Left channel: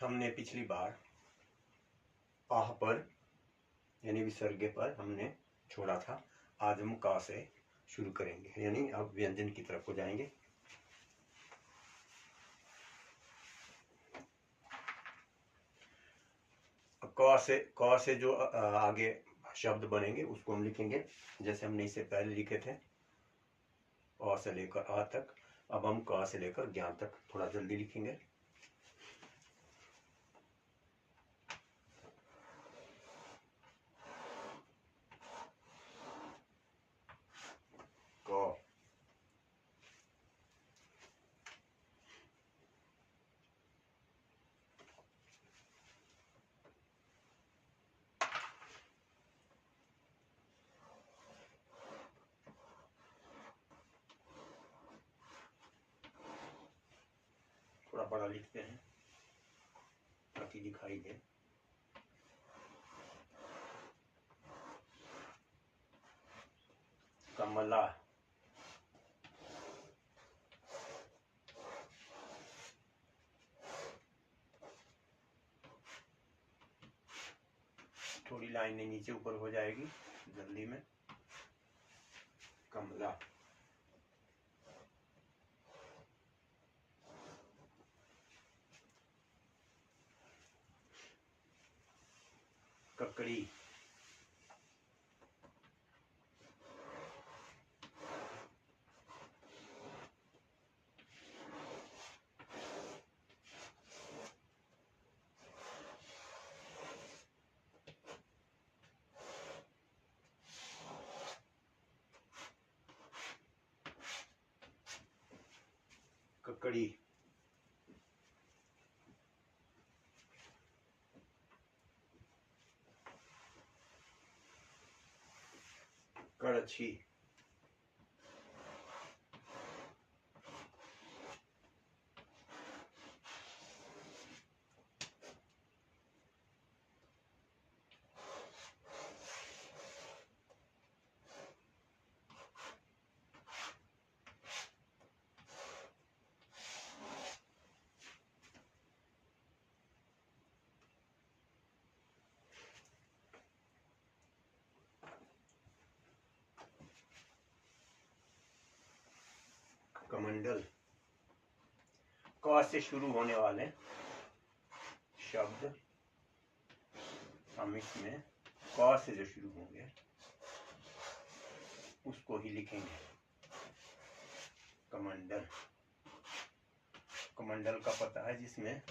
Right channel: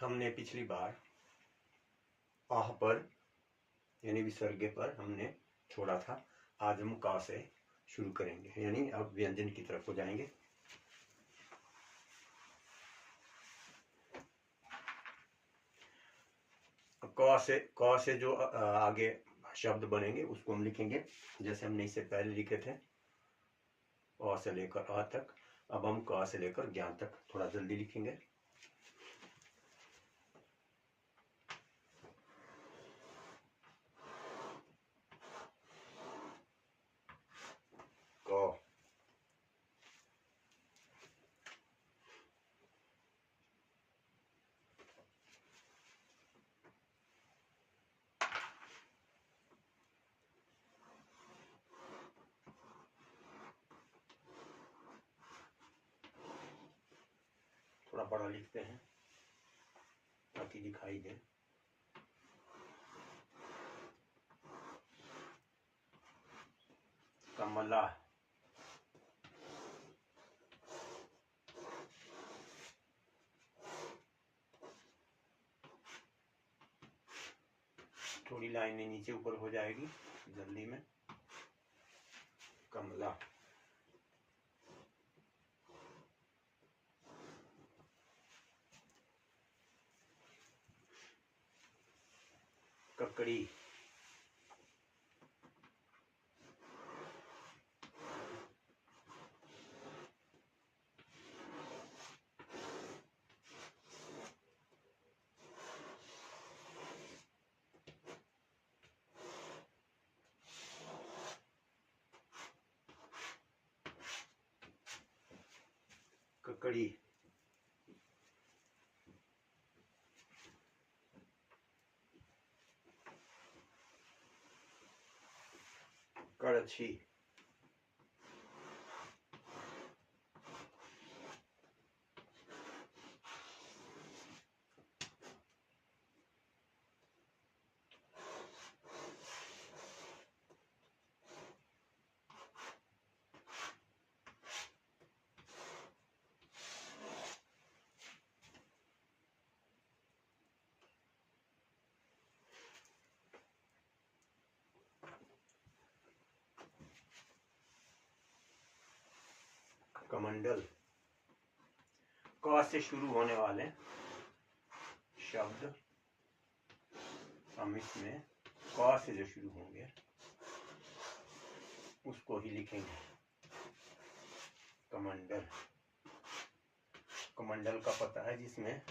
हमने पिछली बार आह पर यानी विसर्ग पर हमने छोड़ा था। आज हम का से शुरू करेंगे, यानी अब व्यंजन की तरफ हो जाएंगे। क से जो आगे शब्द बनेंगे उसको हम लिखेंगे जैसे हमने इससे पहले लिखे थे, अ से लेकर आ तक। अब हम क से लेकर ज्ञान तक थोड़ा जल्दी लिखेंगे। क, थोड़ा बड़ा लिखते हैं ताकि दिखाई दे। कमला, थोड़ी लाइनें नीचे ऊपर हो जाएगी जल्दी में। कमला, ककड़ी, ककड़ी, कड़छी, कमंडल। क से शुरू होने वाले शब्द हम इसमें क से जो शुरू होंगे उसको ही लिखेंगे। कमंडल, कमंडल का पता है जिसमें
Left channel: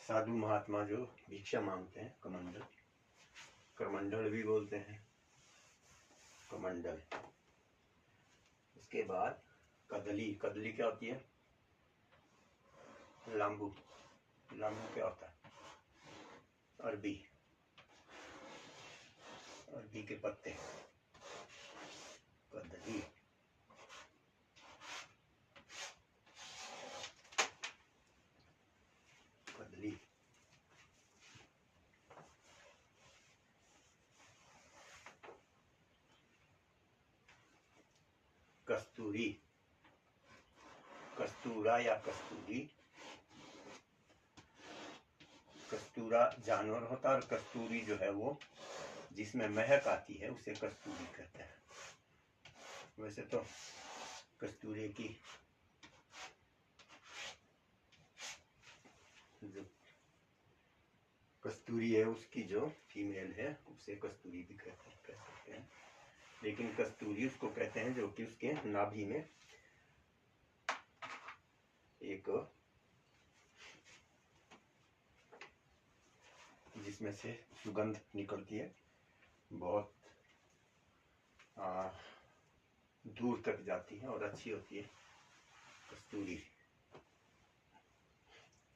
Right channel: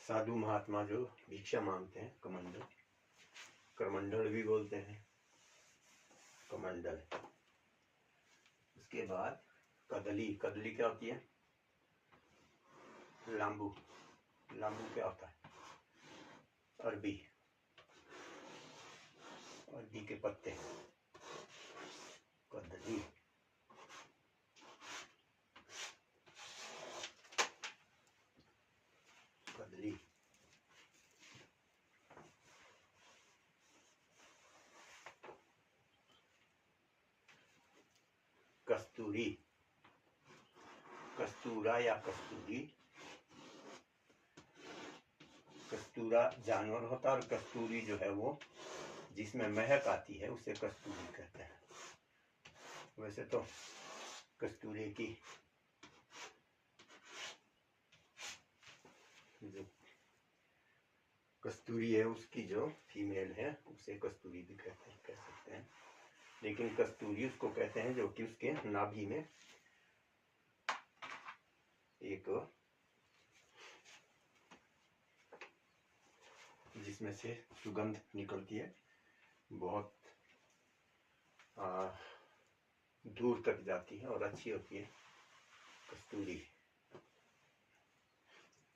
साधु महात्मा जो भिक्षा मांगते हैं, कमंडल, करमंडल भी बोलते हैं, कमंडल। उसके बाद कदली, कदली क्या होती है? लांबू, लांबू क्या होता है? अरबी, अरबी के पत्ते, कदली। कदली, कस्तूरी, कस्तूरा या कस्तूरी। कस्तूरा जानवर होता है और कस्तूरी जो है वो जिसमें महक आती है उसे कस्तूरी कहते हैं। वैसे तो कस्तूरी की जो कस्तूरी है उसकी जो फीमेल है उसे कस्तूरी भी कह सकते हैं, लेकिन कस्तूरी उसको कहते हैं जो कि उसके नाभि में एक जिसमें से सुगंध निकलती है, बहुत दूर तक जाती है और अच्छी होती है कस्तूरी।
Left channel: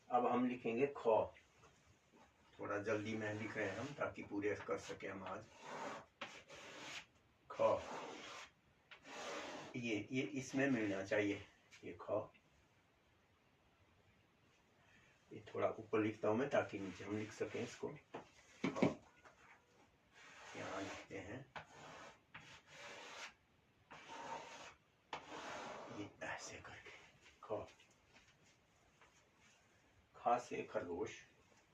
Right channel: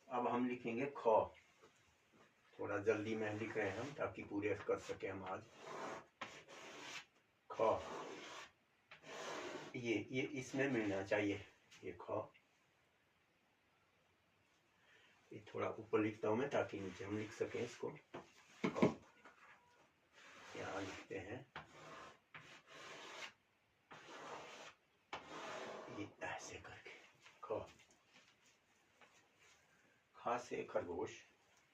अब हम लिखेंगे ख। थोड़ा जल्दी में लिख रहे हैं हम ताकि पूरे कर सके हम आज। ख, ये इसमें मिलना चाहिए ये ख। ये थोड़ा ऊपर लिखता हूं मैं ताकि नीचे हम लिख सकें इसको। यहाँ लिखते हैं ये ऐसे करके ख। खा से खरगोश,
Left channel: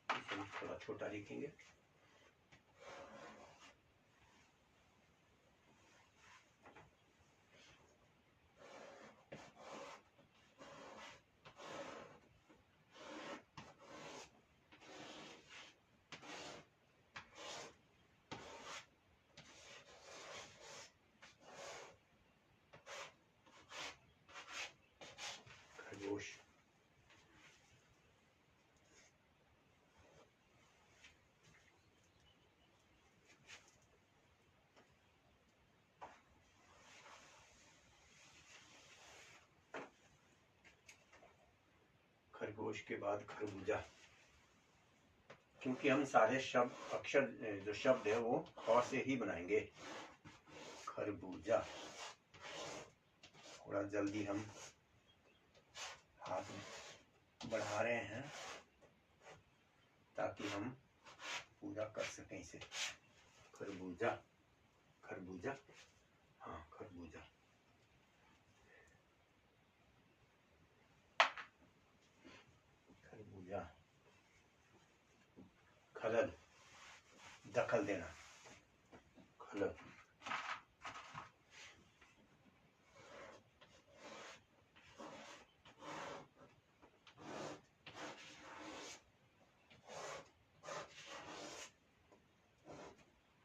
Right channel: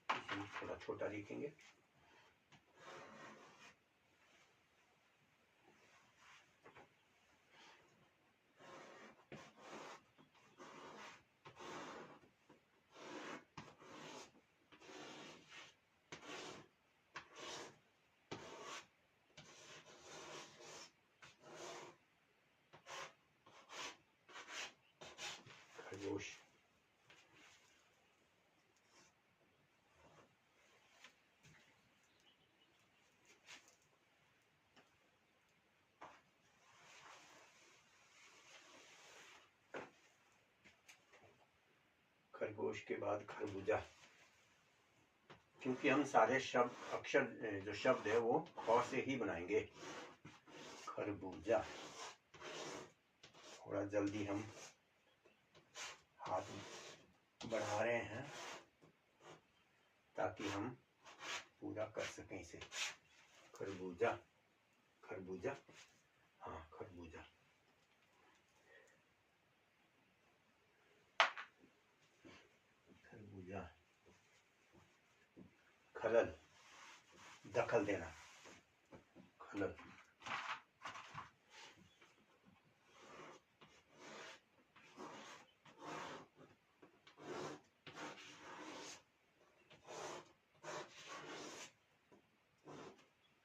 इसे हम थोड़ा छोटा लिखेंगे। खरगोश। खरगोश के बाद खरबूजा, क्योंकि हम सारे शब्द अक्षर जो शब्द है वो ख से ही बनाएंगे। खरबूजा। थोड़ा जल्दी हम हाथ बढ़ा रहे हैं ताकि हम पूरा कर सकें इसे। खरबूजा, खरबूजा, हाँ खरबूजा। खरबूजा। खलल, दखल देना। खलल।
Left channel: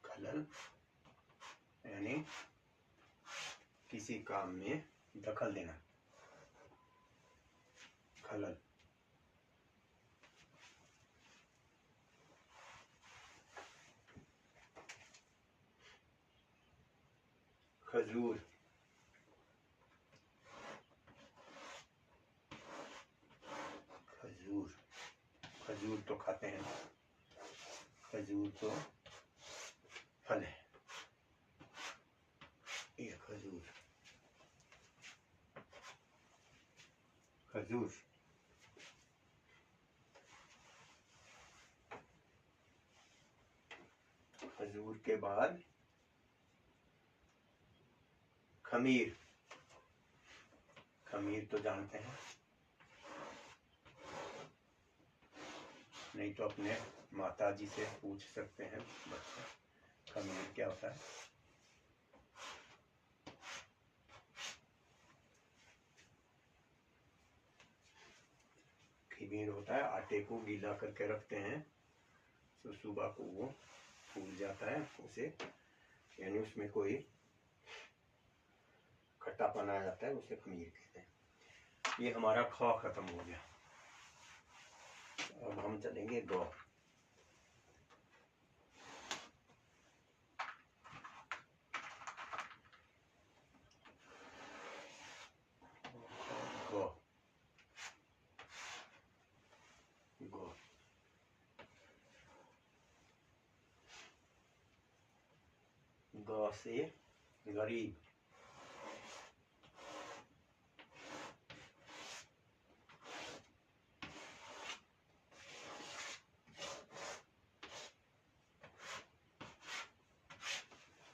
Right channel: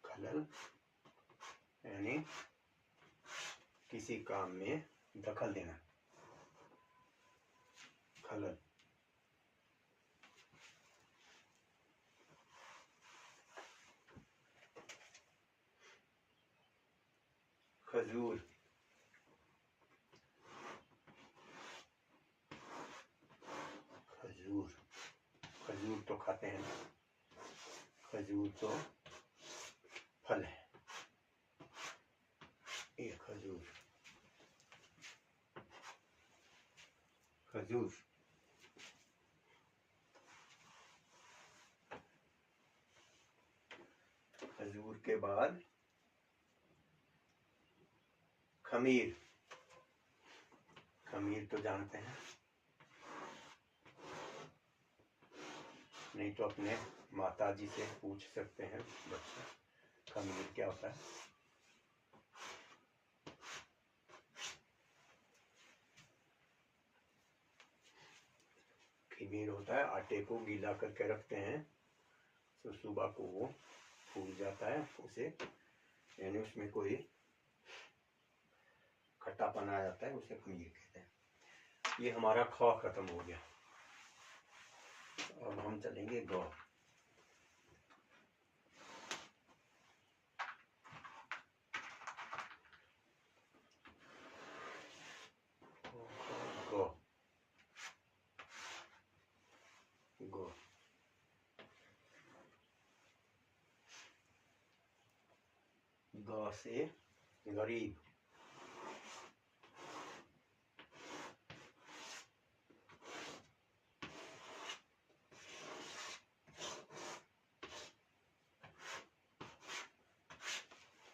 खलल यानी किसी काम में दखल देना। खलल। खजूर। खजूर, खजूर तो खाते हैं, खजूर तो फल है। ये खजूर। खजूर। खजूर के बाद खमीर। खमीर तो जानते हैं, नहीं तो अपने माताजी से पूछ सकते हैं बच्चा, खमीर क्या होता है। खमीर होता है, आटे को गीला करके रखते हैं तो सुबह को वो फूल जाता है, उसे यानी उसमें कोई खट्टापन आ जाता है, उसे खमीर कहते हैं। ये हमारा ख खत्म हो गया। अब हम चलेंगे ग। ग। ग। ग से गरीब।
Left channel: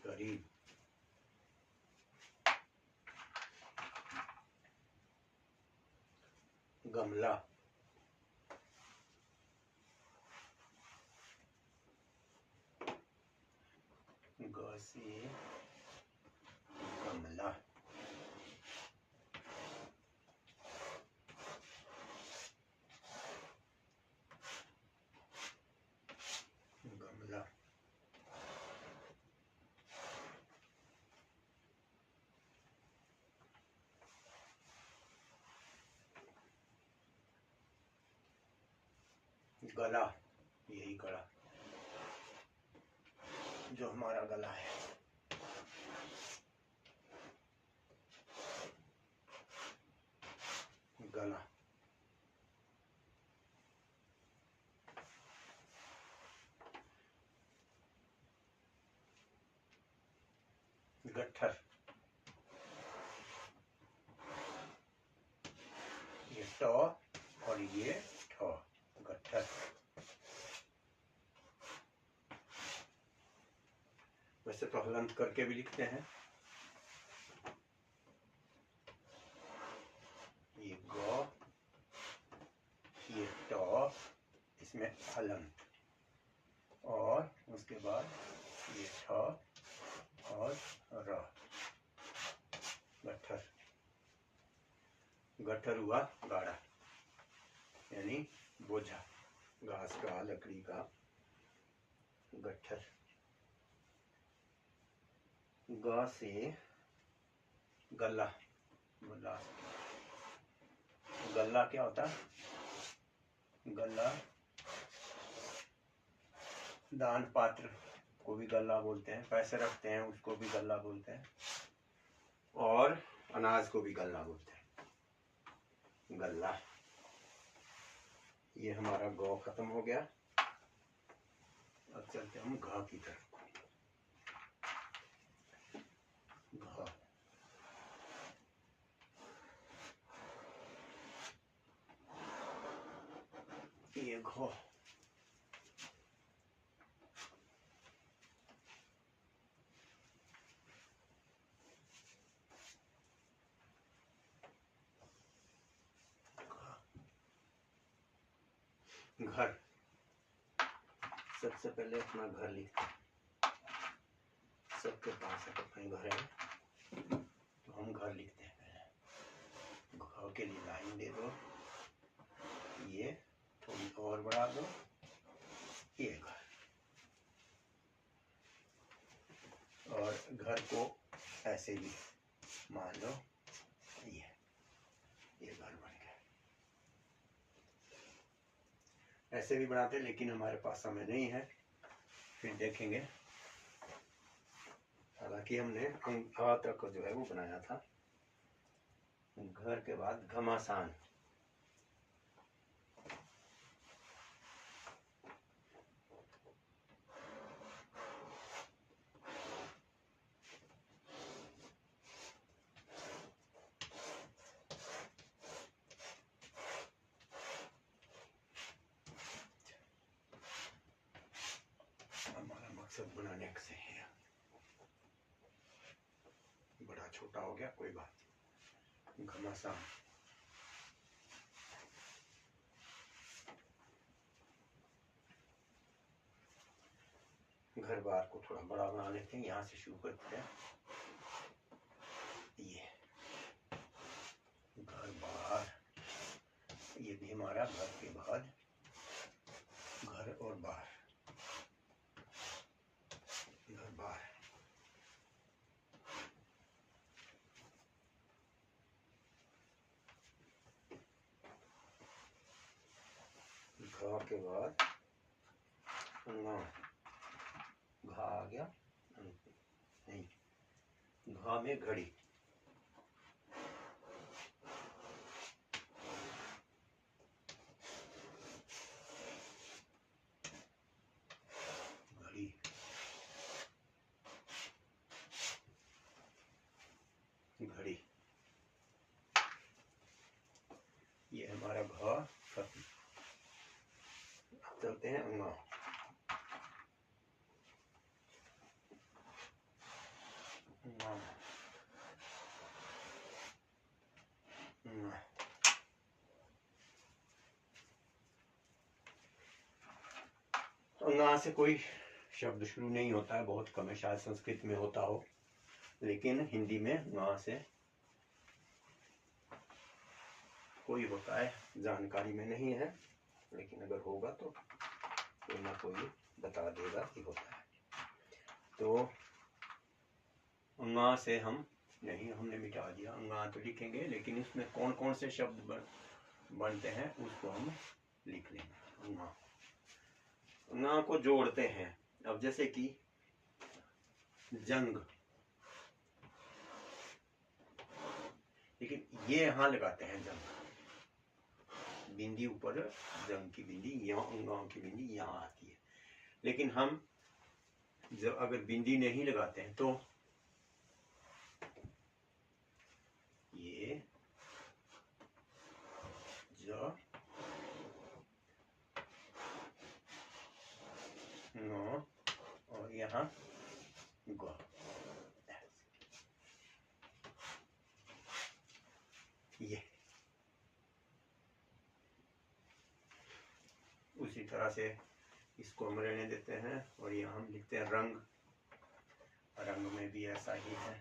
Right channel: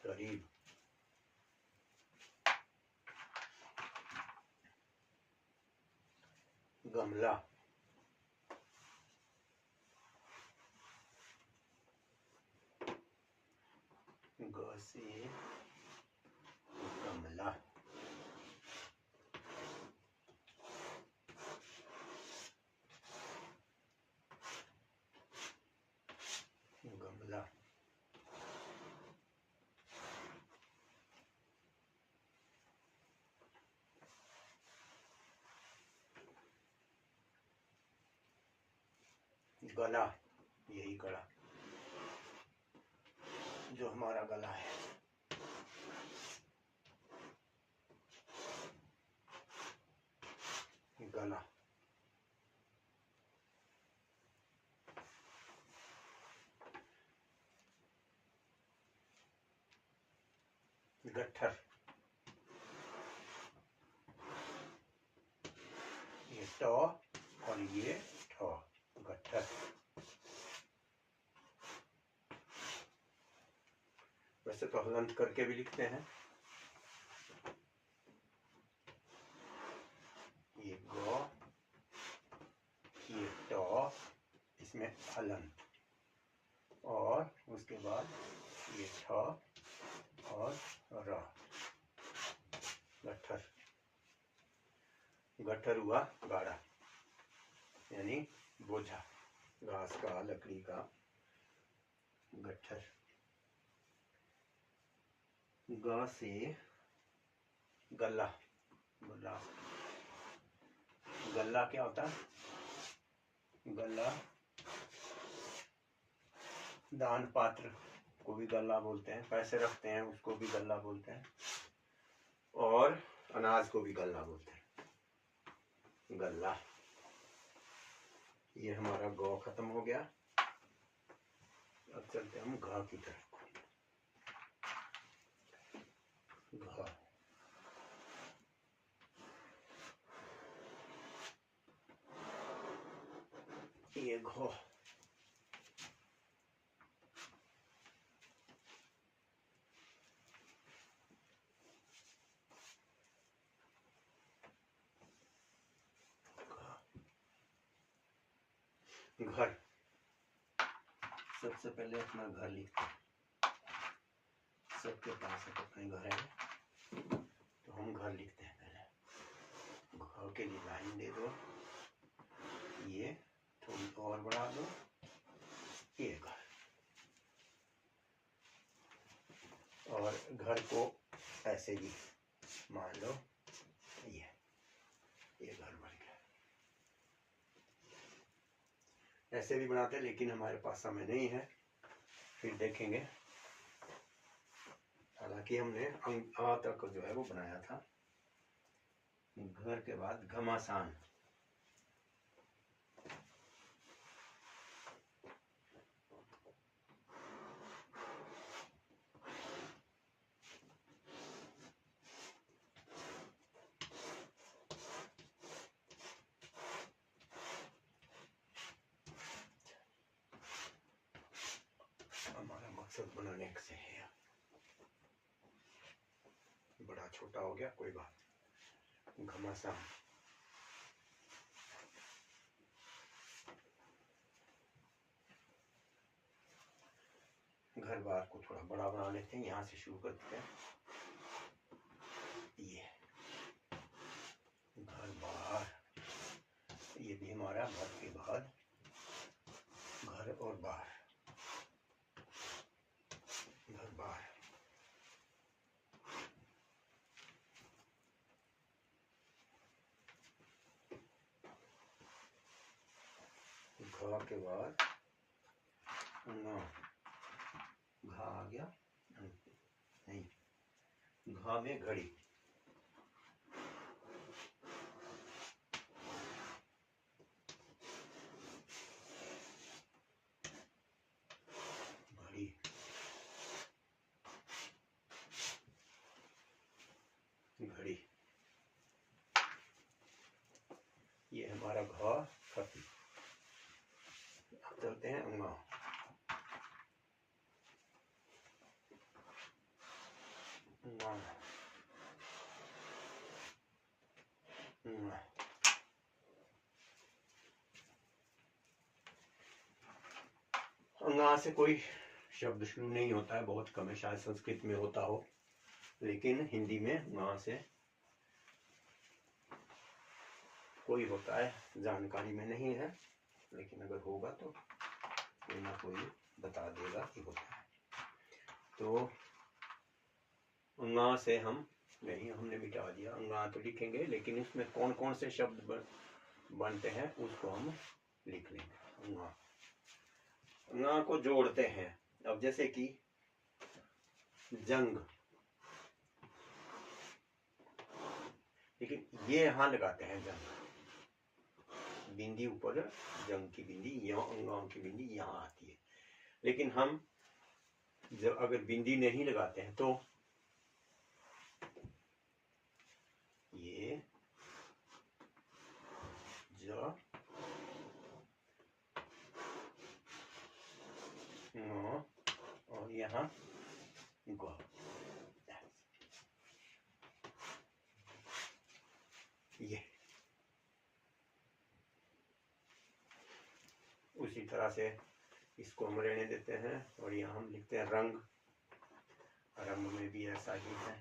गरीब। गमला। ग से गमला। गमला। गला, यही गला जो हमारा गला है। गला। गट्ठर, ये ट और ये ठ, गट्ठर। वैसे तो हलंत करके भी लिखते हैं। ये ग, ये ट, इसमें हलंत, और उसके बाद ये ठ और र, गट्ठर। गट्ठर हुआ गाढ़ा, यानी बोझा, घास का, लकड़ी का गट्ठर। ग से गला, गला, गला क्या होता है? गला दान पात्र को भी गल्ला बोलते हैं, पैसे रखते हैं उसको भी गल्ला बोलते हैं, और अनाज को भी गल्ला बोलते हैं, गल्ला। ये हमारा गौ खत्म हो गया। अब चलते हम घा की तरफ। घा, ये घो, घर। सबसे पहले अपना घर लिखते हैं, सबके पास अपने घर है, तो हम घर लिखते हैं। पहले घर के लिए लाइन दे दो, ये थोड़ी और बढ़ा दो, ये घर। और घर को ऐसे भी मान लो, ये घर बन गया। ऐसे भी बनाते, लेकिन हमारे पास समय नहीं है, फिर देखेंगे। हालांकि हमने आ तक जो है वो बनाया था। घर के बाद घमासान, हमारा मकसद बनाने से है, बड़ा छोटा हो गया, कोई बात नहीं। घमासान, घर बार को थोड़ा बड़ा बना लेते हैं, यहाँ से शुरू करते हैं। ये घर बार, ये भी हमारा घर के बाद घर और बार, घर बार। घ के बाद न, घा आ गया, नहीं, घा में घड़ी, घड़ी, घड़ी। ये हमारा घा खत्म। अब चलते हैं अंगा। अंगा से कोई शब्द शुरू नहीं होता है, बहुत कम है, शायद संस्कृत में होता हो, लेकिन हिंदी में अंगा से कोई होता है, जानकारी में नहीं है, लेकिन अगर होगा तो कोई ना कोई बता देगा कि होता है। तो अंगा से हम नहीं, हमने मिटा दिया, अंगा तो लिखेंगे, लेकिन इसमें कौन कौन से शब्द बनते हैं उसको हम लिख लेंगे। अंगा, अंगा को जोड़ते हैं। अब जैसे कि जंग, लेकिन ये यहां लगाते हैं जंग, बिंदी ऊपर, जंग की बिंदी यहाँ, अंगाओं की बिंदी यहाँ आती है। लेकिन हम जब अगर बिंदी नहीं लगाते हैं तो ये ज, न, और यहाँ ग, ये उसी तरह से इसको हम रहने देते हैं और यहाँ हम लिखते हैं रंग। रंग में भी ऐसा ही है,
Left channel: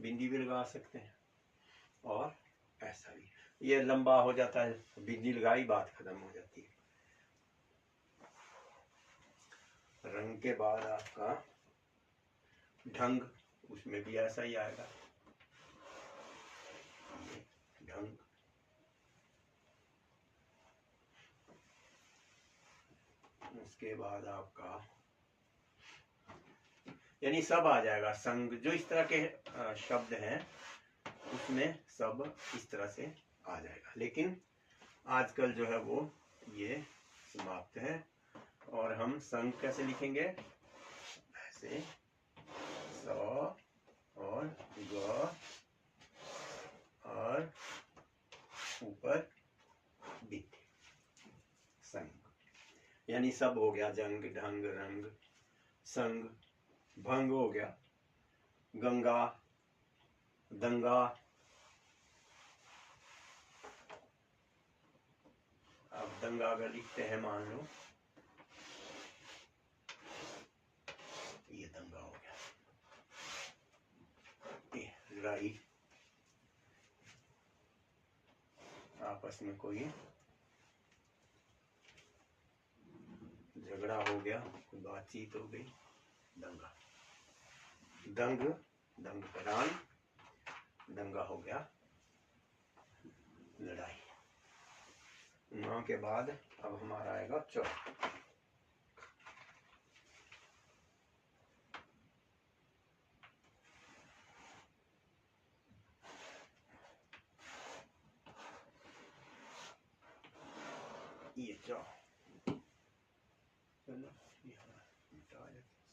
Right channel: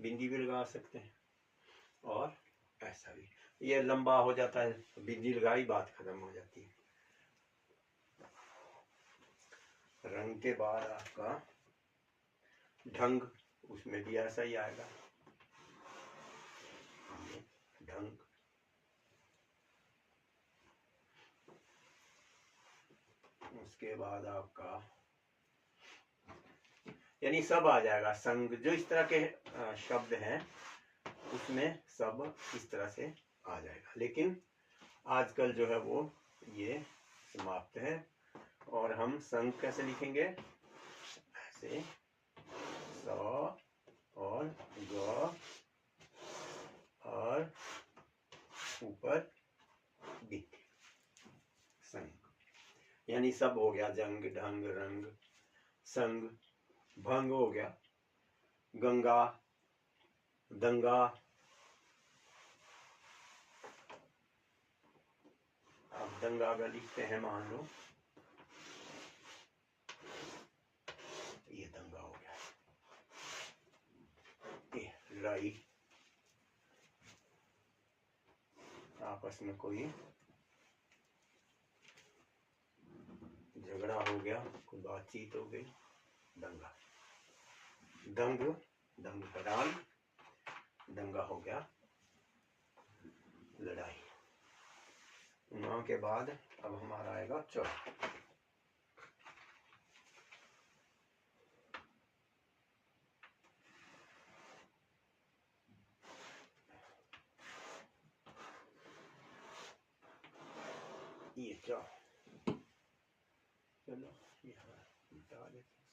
बिंदी भी लगा सकते हैं और ऐसा भी। ये लंबा हो जाता है, बिंदी लगाई बात खत्म हो जाती है। रंग के बाद आपका ढंग, उसमें भी ऐसा ही आएगा, ढंग। उसके बाद आपका यानी सब आ जाएगा। संग, जो इस तरह के शब्द हैं उसमें सब इस तरह से आ जाएगा। लेकिन आजकल जो है वो ये समाप्त है। और हम संग कैसे लिखेंगे? ऐसे स और ग और ऊपर बिंदी, संग। यानी सब हो गया, जंग, ढंग, रंग, संग, भंग हो गया, गंगा, दंगा। अब दंगा अगर लिखते हैं, मान लो ये दंगा हो गया, ये लड़ाई, आपस में कोई झगड़ा हो गया, कोई बातचीत हो गई, दंगा। दंग, दंग करान, दंगा हो गया लड़ाई। न के बाद अब हमारा आएगा च। ये च, चलो ये मिटा देते हैं,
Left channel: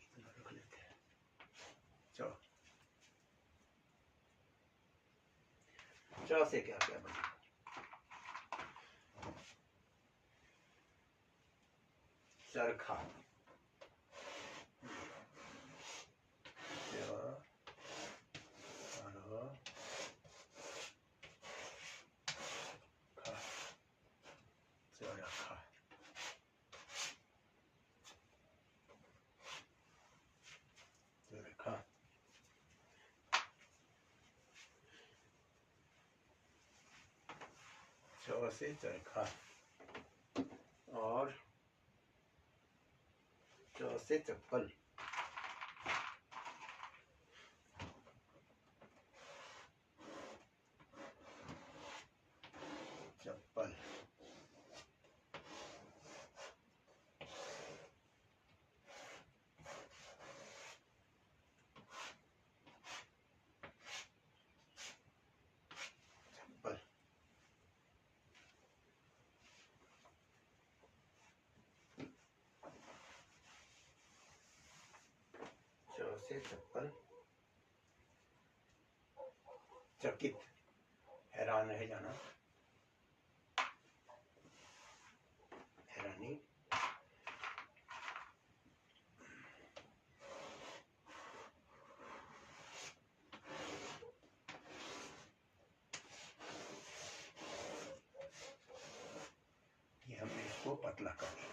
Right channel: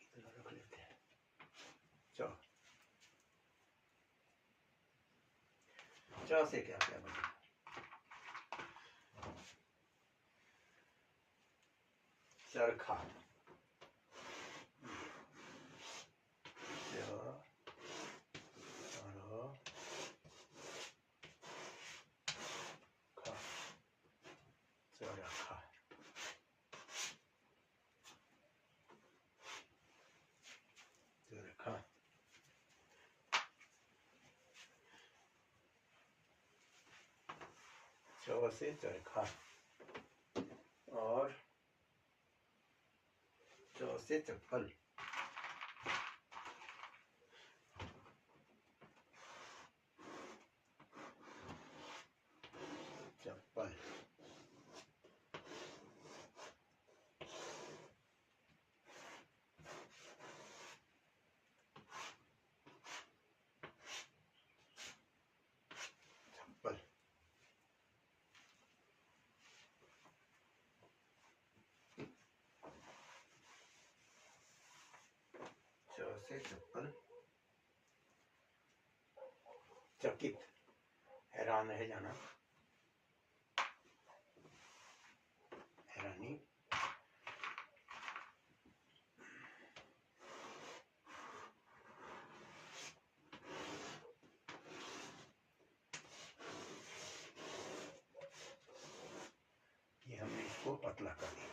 इसको इतना रख लेते हैं। च, च से क्या क्या बनेगा? चरखा, चरखा, चरखा। च से चरखा और च से चप्पल। चप्पल, चप्पल। च से चप्पल। चकित, हैरान रह जाना, हैरानी। ये हमने इसको पतला कर दिया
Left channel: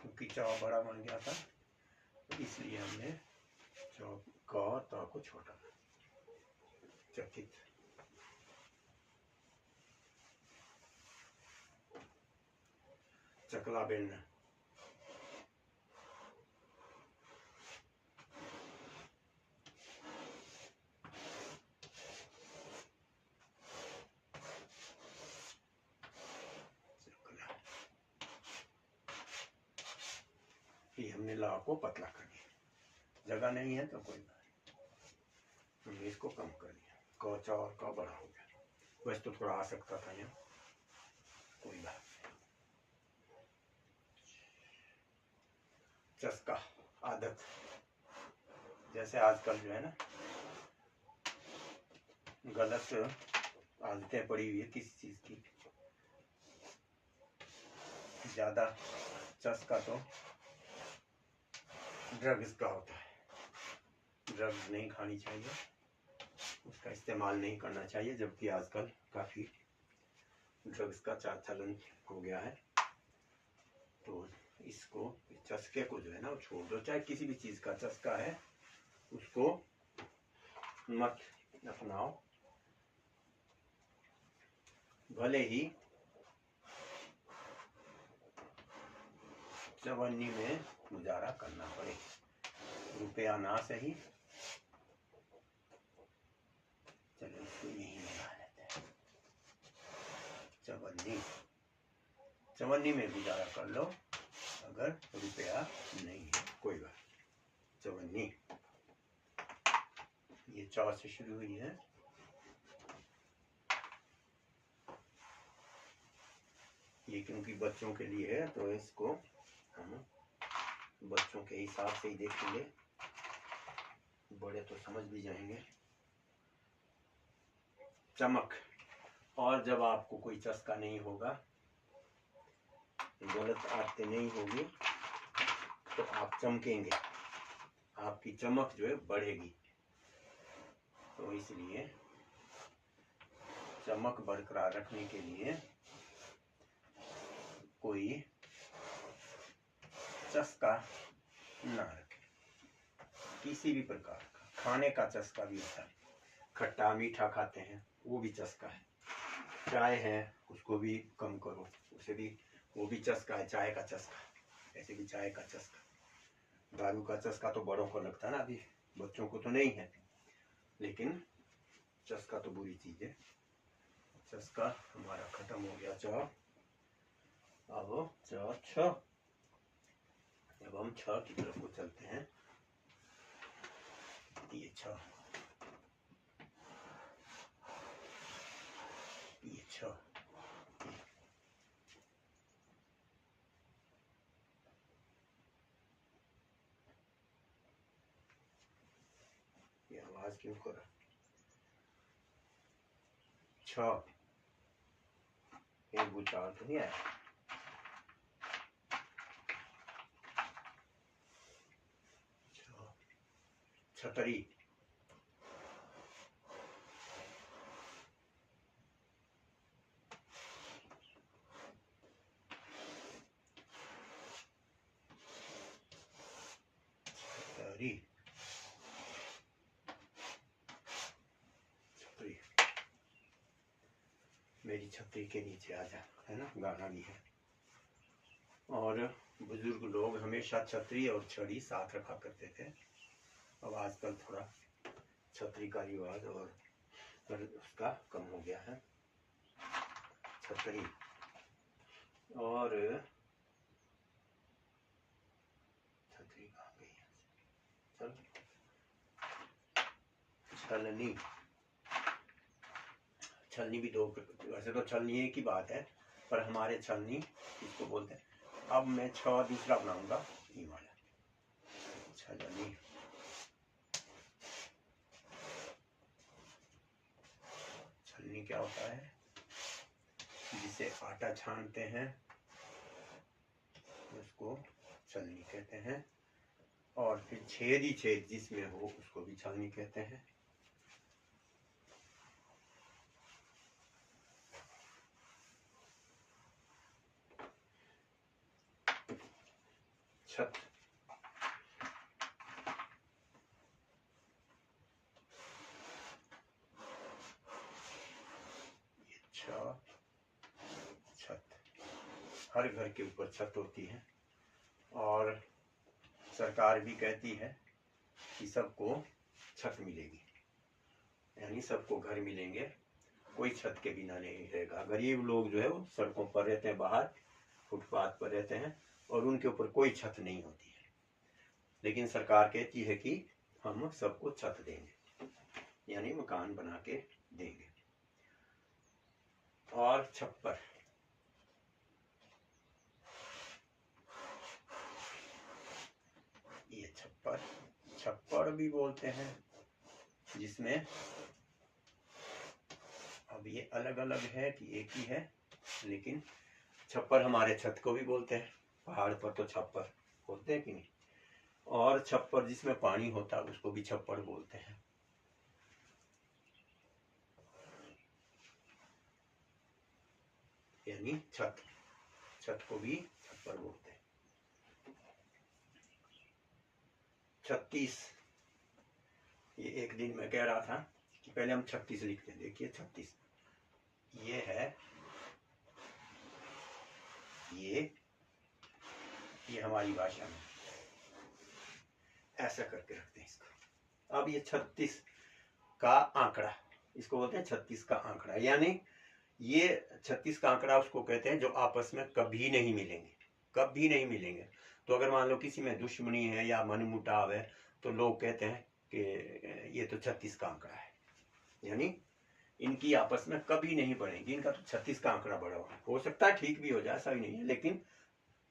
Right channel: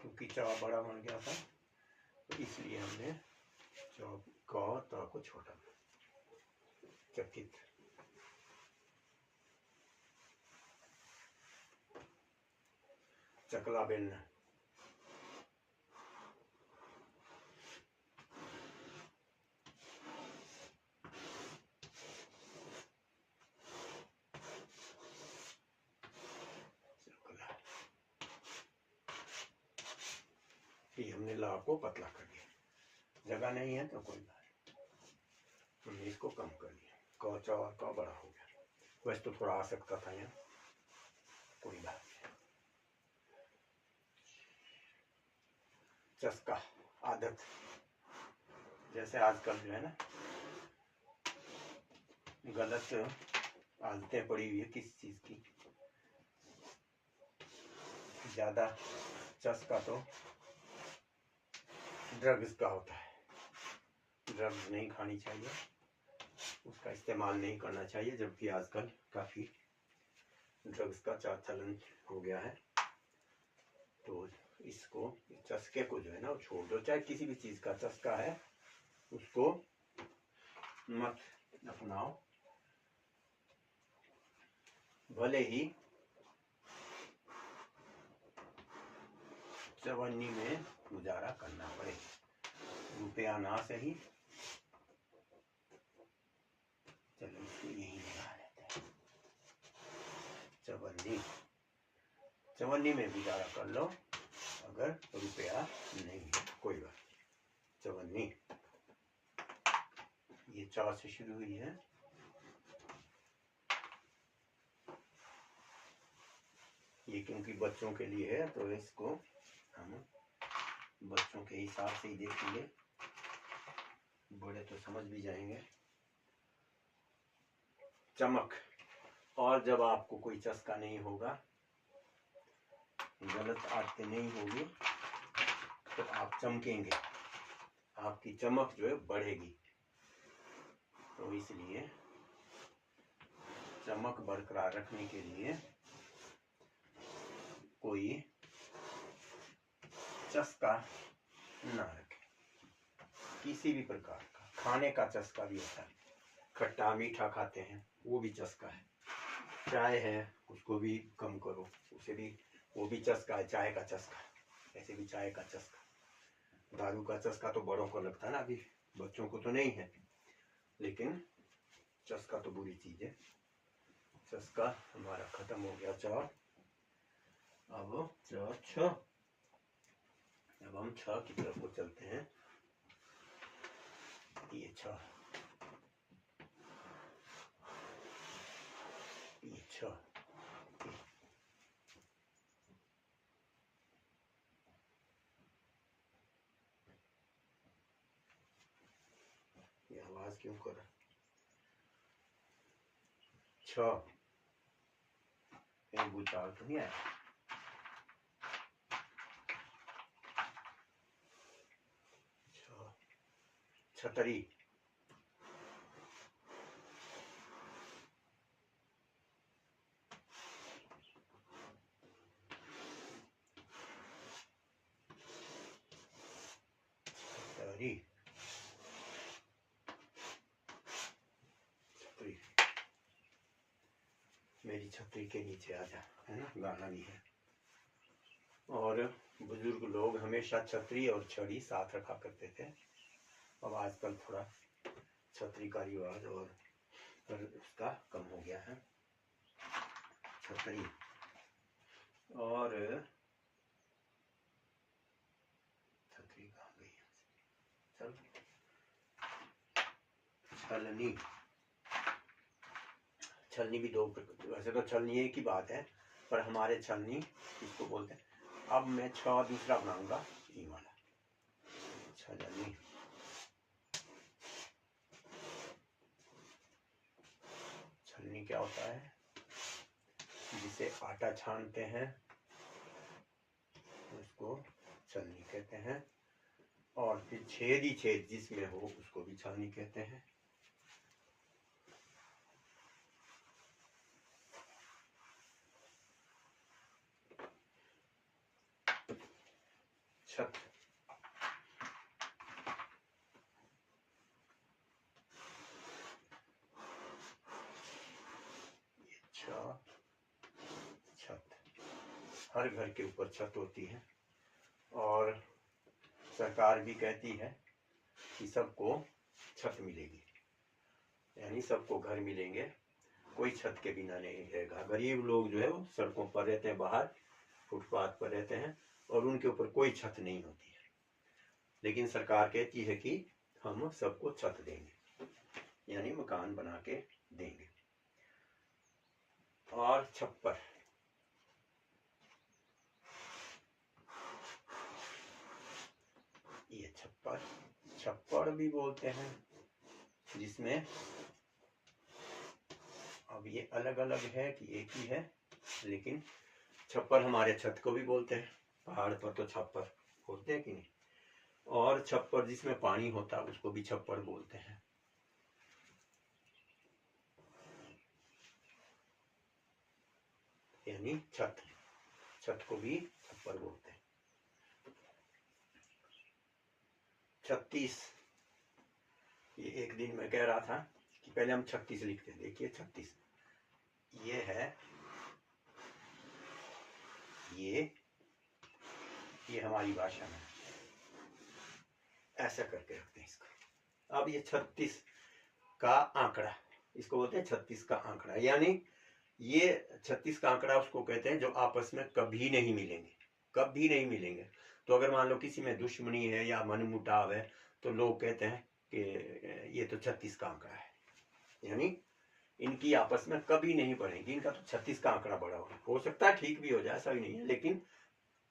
क्योंकि च बड़ा बन गया था, तो इसलिए हमने च क त को छोटा कर। चकित, चकला बेलना, चकला। ये हमने ला को पतला कर दिया। जगह नहीं है तो कोई बात नहीं, हमने इसको कम कर दिया। क च और क बड़ा हो गया। वैसे तो थोड़ा आ सकता था यहाँ, कोई बात नहीं। चस्का, आदत। जैसे आजकल जो है ना गलत आदतें पड़ी हुई है किसी चीज की, ज्यादा चस्का तो ड्रग्स का होता है। ड्रग्स नहीं खानी चाहिए, उसका इस्तेमाल नहीं करना चाहिए, जबकि आजकल काफी ड्रग्स का चलन हो गया है। तो इसको, चस्के को जो है ना, छोड़ दो। चाहे किसी भी चीज का चस्का है उसको मत अपनाओ। भले ही चवन्नी में गुजारा करना पड़े, रुपया ना सही। चलो इसको यही लगा लेते हैं। चवन्नी में गुजारा कर लो, अगर रुपया नहीं है कोई बात। चवन्नी ये 4 से शुरू हुई है। ये क्योंकि बच्चों के लिए है तो इसको हम बच्चों के हिसाब से ही देखेंगे, बड़े तो समझ भी जाएंगे। चमक। और जब आपको कोई चस्का नहीं होगा, गलत आदतें नहीं होगी, तो आप चमकेंगे, आपकी चमक जो है बढ़ेगी। तो इसलिए चमक बरकरार रखने के लिए कोई चस्का ना रखे, किसी भी प्रकार का। खाने का चस्का भी होता है, खट्टा मीठा खाते हैं वो भी चस्का है। चाय है उसको भी कम करो, उसे भी, वो भी चस्का है, चाय का चस्का। ऐसे भी चाय का चस्का। दारू का चस्का तो बड़ों को लगता है ना, अभी बच्चों को तो नहीं है, लेकिन चस्का तो बुरी चीज है। चस्का हमारा खत्म हो गया। अब हम 6 की तरफ को चलते हैं। ये 6, ये 6, ये आवाज क्यों कर रहा? 6 एक भूचाल तो नहीं आया। छतरी। छतरी, छतरी। मेरी छतरी के नीचे आ जा, है ना, गाना भी है। और बुजुर्ग लोग हमेशा छतरी और छड़ी साथ रखा करते थे। अब आजकल थोड़ा छतरी का रिवाज और उसका कम हो गया है। छतरी और छतरी कहाँ गई? चल, छलनी। छलनी भी 2, वैसे तो छलनी एक ही बात है, पर हमारे छलनी इसको बोलते हैं। अब मैं 6 दूसरा बनाऊंगा, ये वाला छलनी। छलनी क्या होता है? जिसे आटा छानते हैं उसको छलनी कहते हैं, और फिर छेद ही छेद जिसमें हो उसको भी छलनी कहते हैं। छत। छत, हर घर के ऊपर छत होती है, और सरकार भी कहती है कि सबको छत मिलेगी, यानी सबको घर मिलेंगे, कोई छत के बिना नहीं रहेगा। गरीब लोग जो है वो सड़कों पर रहते हैं, बाहर फुटपाथ पर रहते हैं, और उनके ऊपर कोई छत नहीं होती है। लेकिन सरकार कहती है कि हम सबको छत देंगे, यानी मकान बना के देंगे। और छप्पर। ये छप्पर, छप्पर भी बोलते हैं, जिसमें अब ये अलग अलग है कि एक ही है, लेकिन छप्पर हमारे छत को भी बोलते हैं। पहाड़ पर तो छप्पर होते हैं कि नहीं। और छप्पर जिसमें पानी होता है उसको भी छप्पर बोलते हैं। यानी छत, छत को भी छप्पर बोलते हैं। 36, ये एक दिन मैं कह रहा था कि पहले हम 36 लिखते हैं। देखिए 36 ये है, ये हमारी भाषा में ऐसा करके रखते हैं इसको। अब ये 36 का आंकड़ा, इसको बोलते हैं 36 का आंकड़ा, यानी ये 36 का आंकड़ा उसको कहते हैं जो आपस में कभी नहीं मिलेंगे, कभी नहीं मिलेंगे। तो अगर मान लो किसी में दुश्मनी है या मनमुटाव है तो लोग कहते हैं कि ये तो 36 का आंकड़ा है, यानी इनकी आपस में कभी नहीं बढ़ेगी, इनका तो 36 का आंकड़ा बढ़ा हुआ हो सकता है, ठीक भी हो जाए, ऐसा ही नहीं है, लेकिन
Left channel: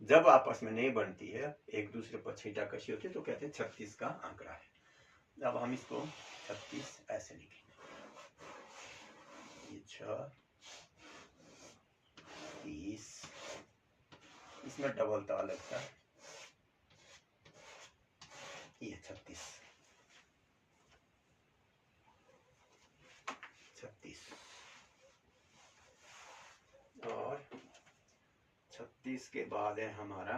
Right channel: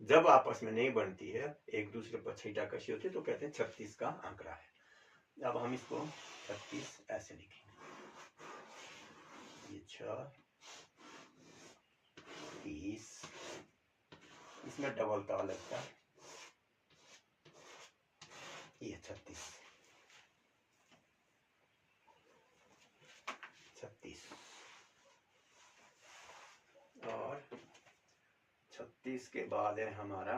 जब आपस में नहीं बनती है, एक दूसरे पर छींटाकशी होती है, तो कहते हैं 36 का आंकड़ा है। अब हम इसको 36 ऐसे लिखेंगे, ये 6 30, इसमें डबल ता लगता है, ये 36 और 36 के बाद है हमारा,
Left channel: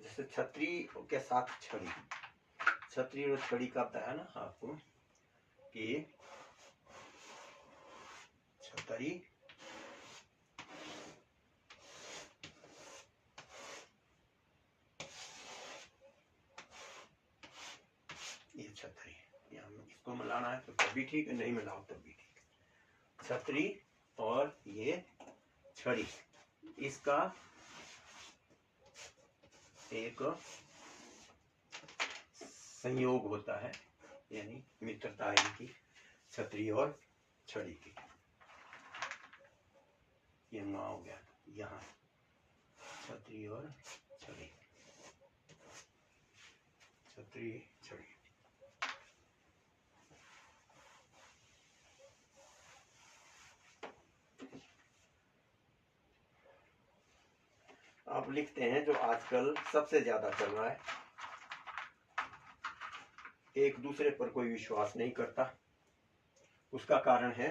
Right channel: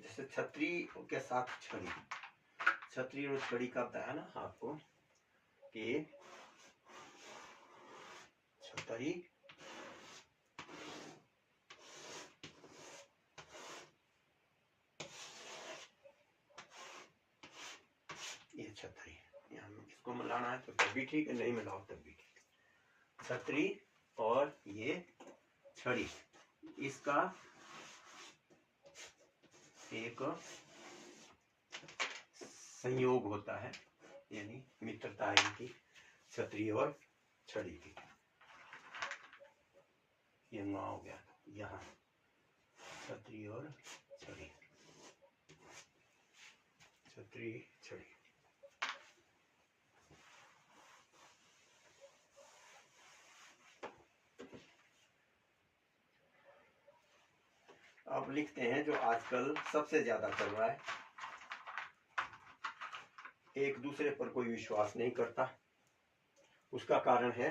जैसे छतरी के साथ छड़ी, छतरी और छड़ी का बताया ना आपको कि छतरी ये छतरी, यहाँ इसको मिलाना है तो तब भी ठीक है, नहीं मिलाओ तब भी ठीक है। छतरी और ये छड़ी, इसका एक संयोग होता है, यानी मित्रता है इनकी, छतरी और छड़ी की। ये ना हो गया, यहाँ छतरी और छड़ी, छतरी छड़ी। अब लिखते हैं जो आजकल सबसे ज्यादा चल रहा है, एक दूसरे पर कोई विश्वास नहीं करता, उसका कारण है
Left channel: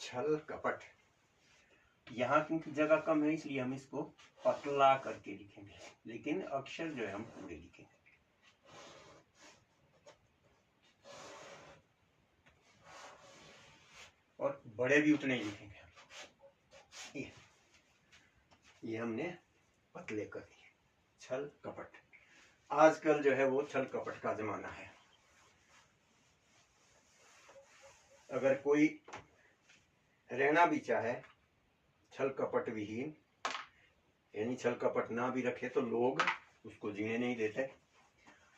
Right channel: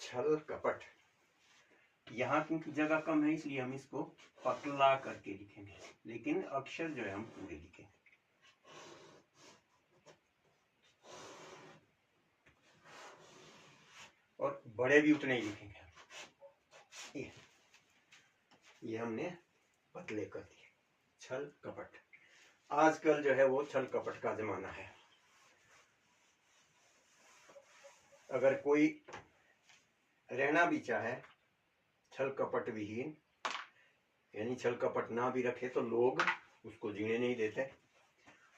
छल कपट। यहाँ क्योंकि जगह कम है इसलिए हम इसको पतला करके लिखेंगे, लेकिन अक्षर जो है हम पूरे लिखेंगे। और बड़े भी उतने ही लिखेंगे। ये हमने पतले कर दिए। छल कपट, आजकल जो है वो छल कपट का जमाना है। अगर कोई रहना भी चाहे छल कपट विहीन, यानी छल कपट ना भी रखे तो लोग उसको जीने नहीं देते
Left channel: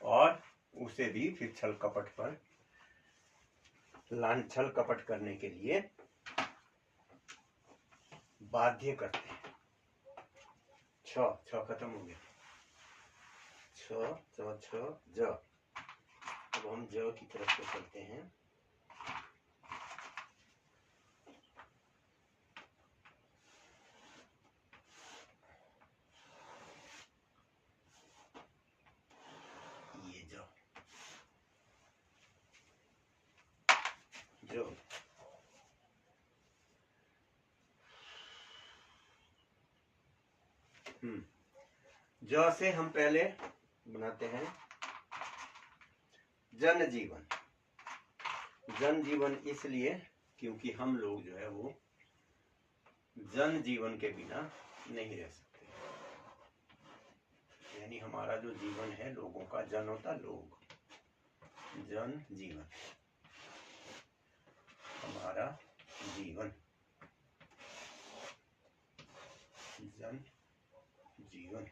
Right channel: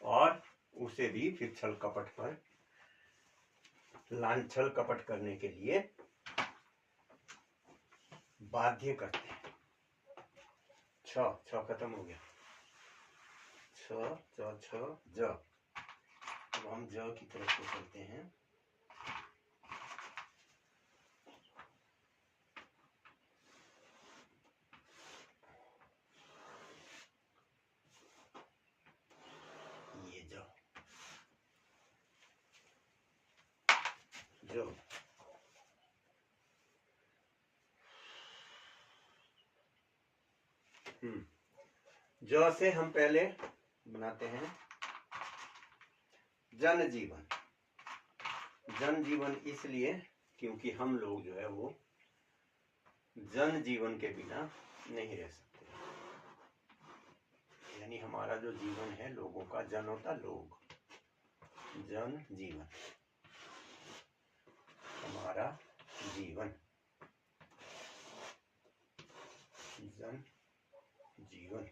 और उसे भी फिर छल कपट पर छल कपट करने के लिए बाध्य करते हैं। छ खत्म हो गया, छ ज। अब हम ज की तरफ को चलते हैं। ये ज ज से हम पहले बनाते हैं जन जीवन। जन जीवन इसलिए क्योंकि हम लोग जो है वो जन जीवन के बिना नहीं रह सकते, यानी हमारा जो जीवन है लोगों का, जन होता लोग, जन जीवन, हमारा जीवन, जन जीवन।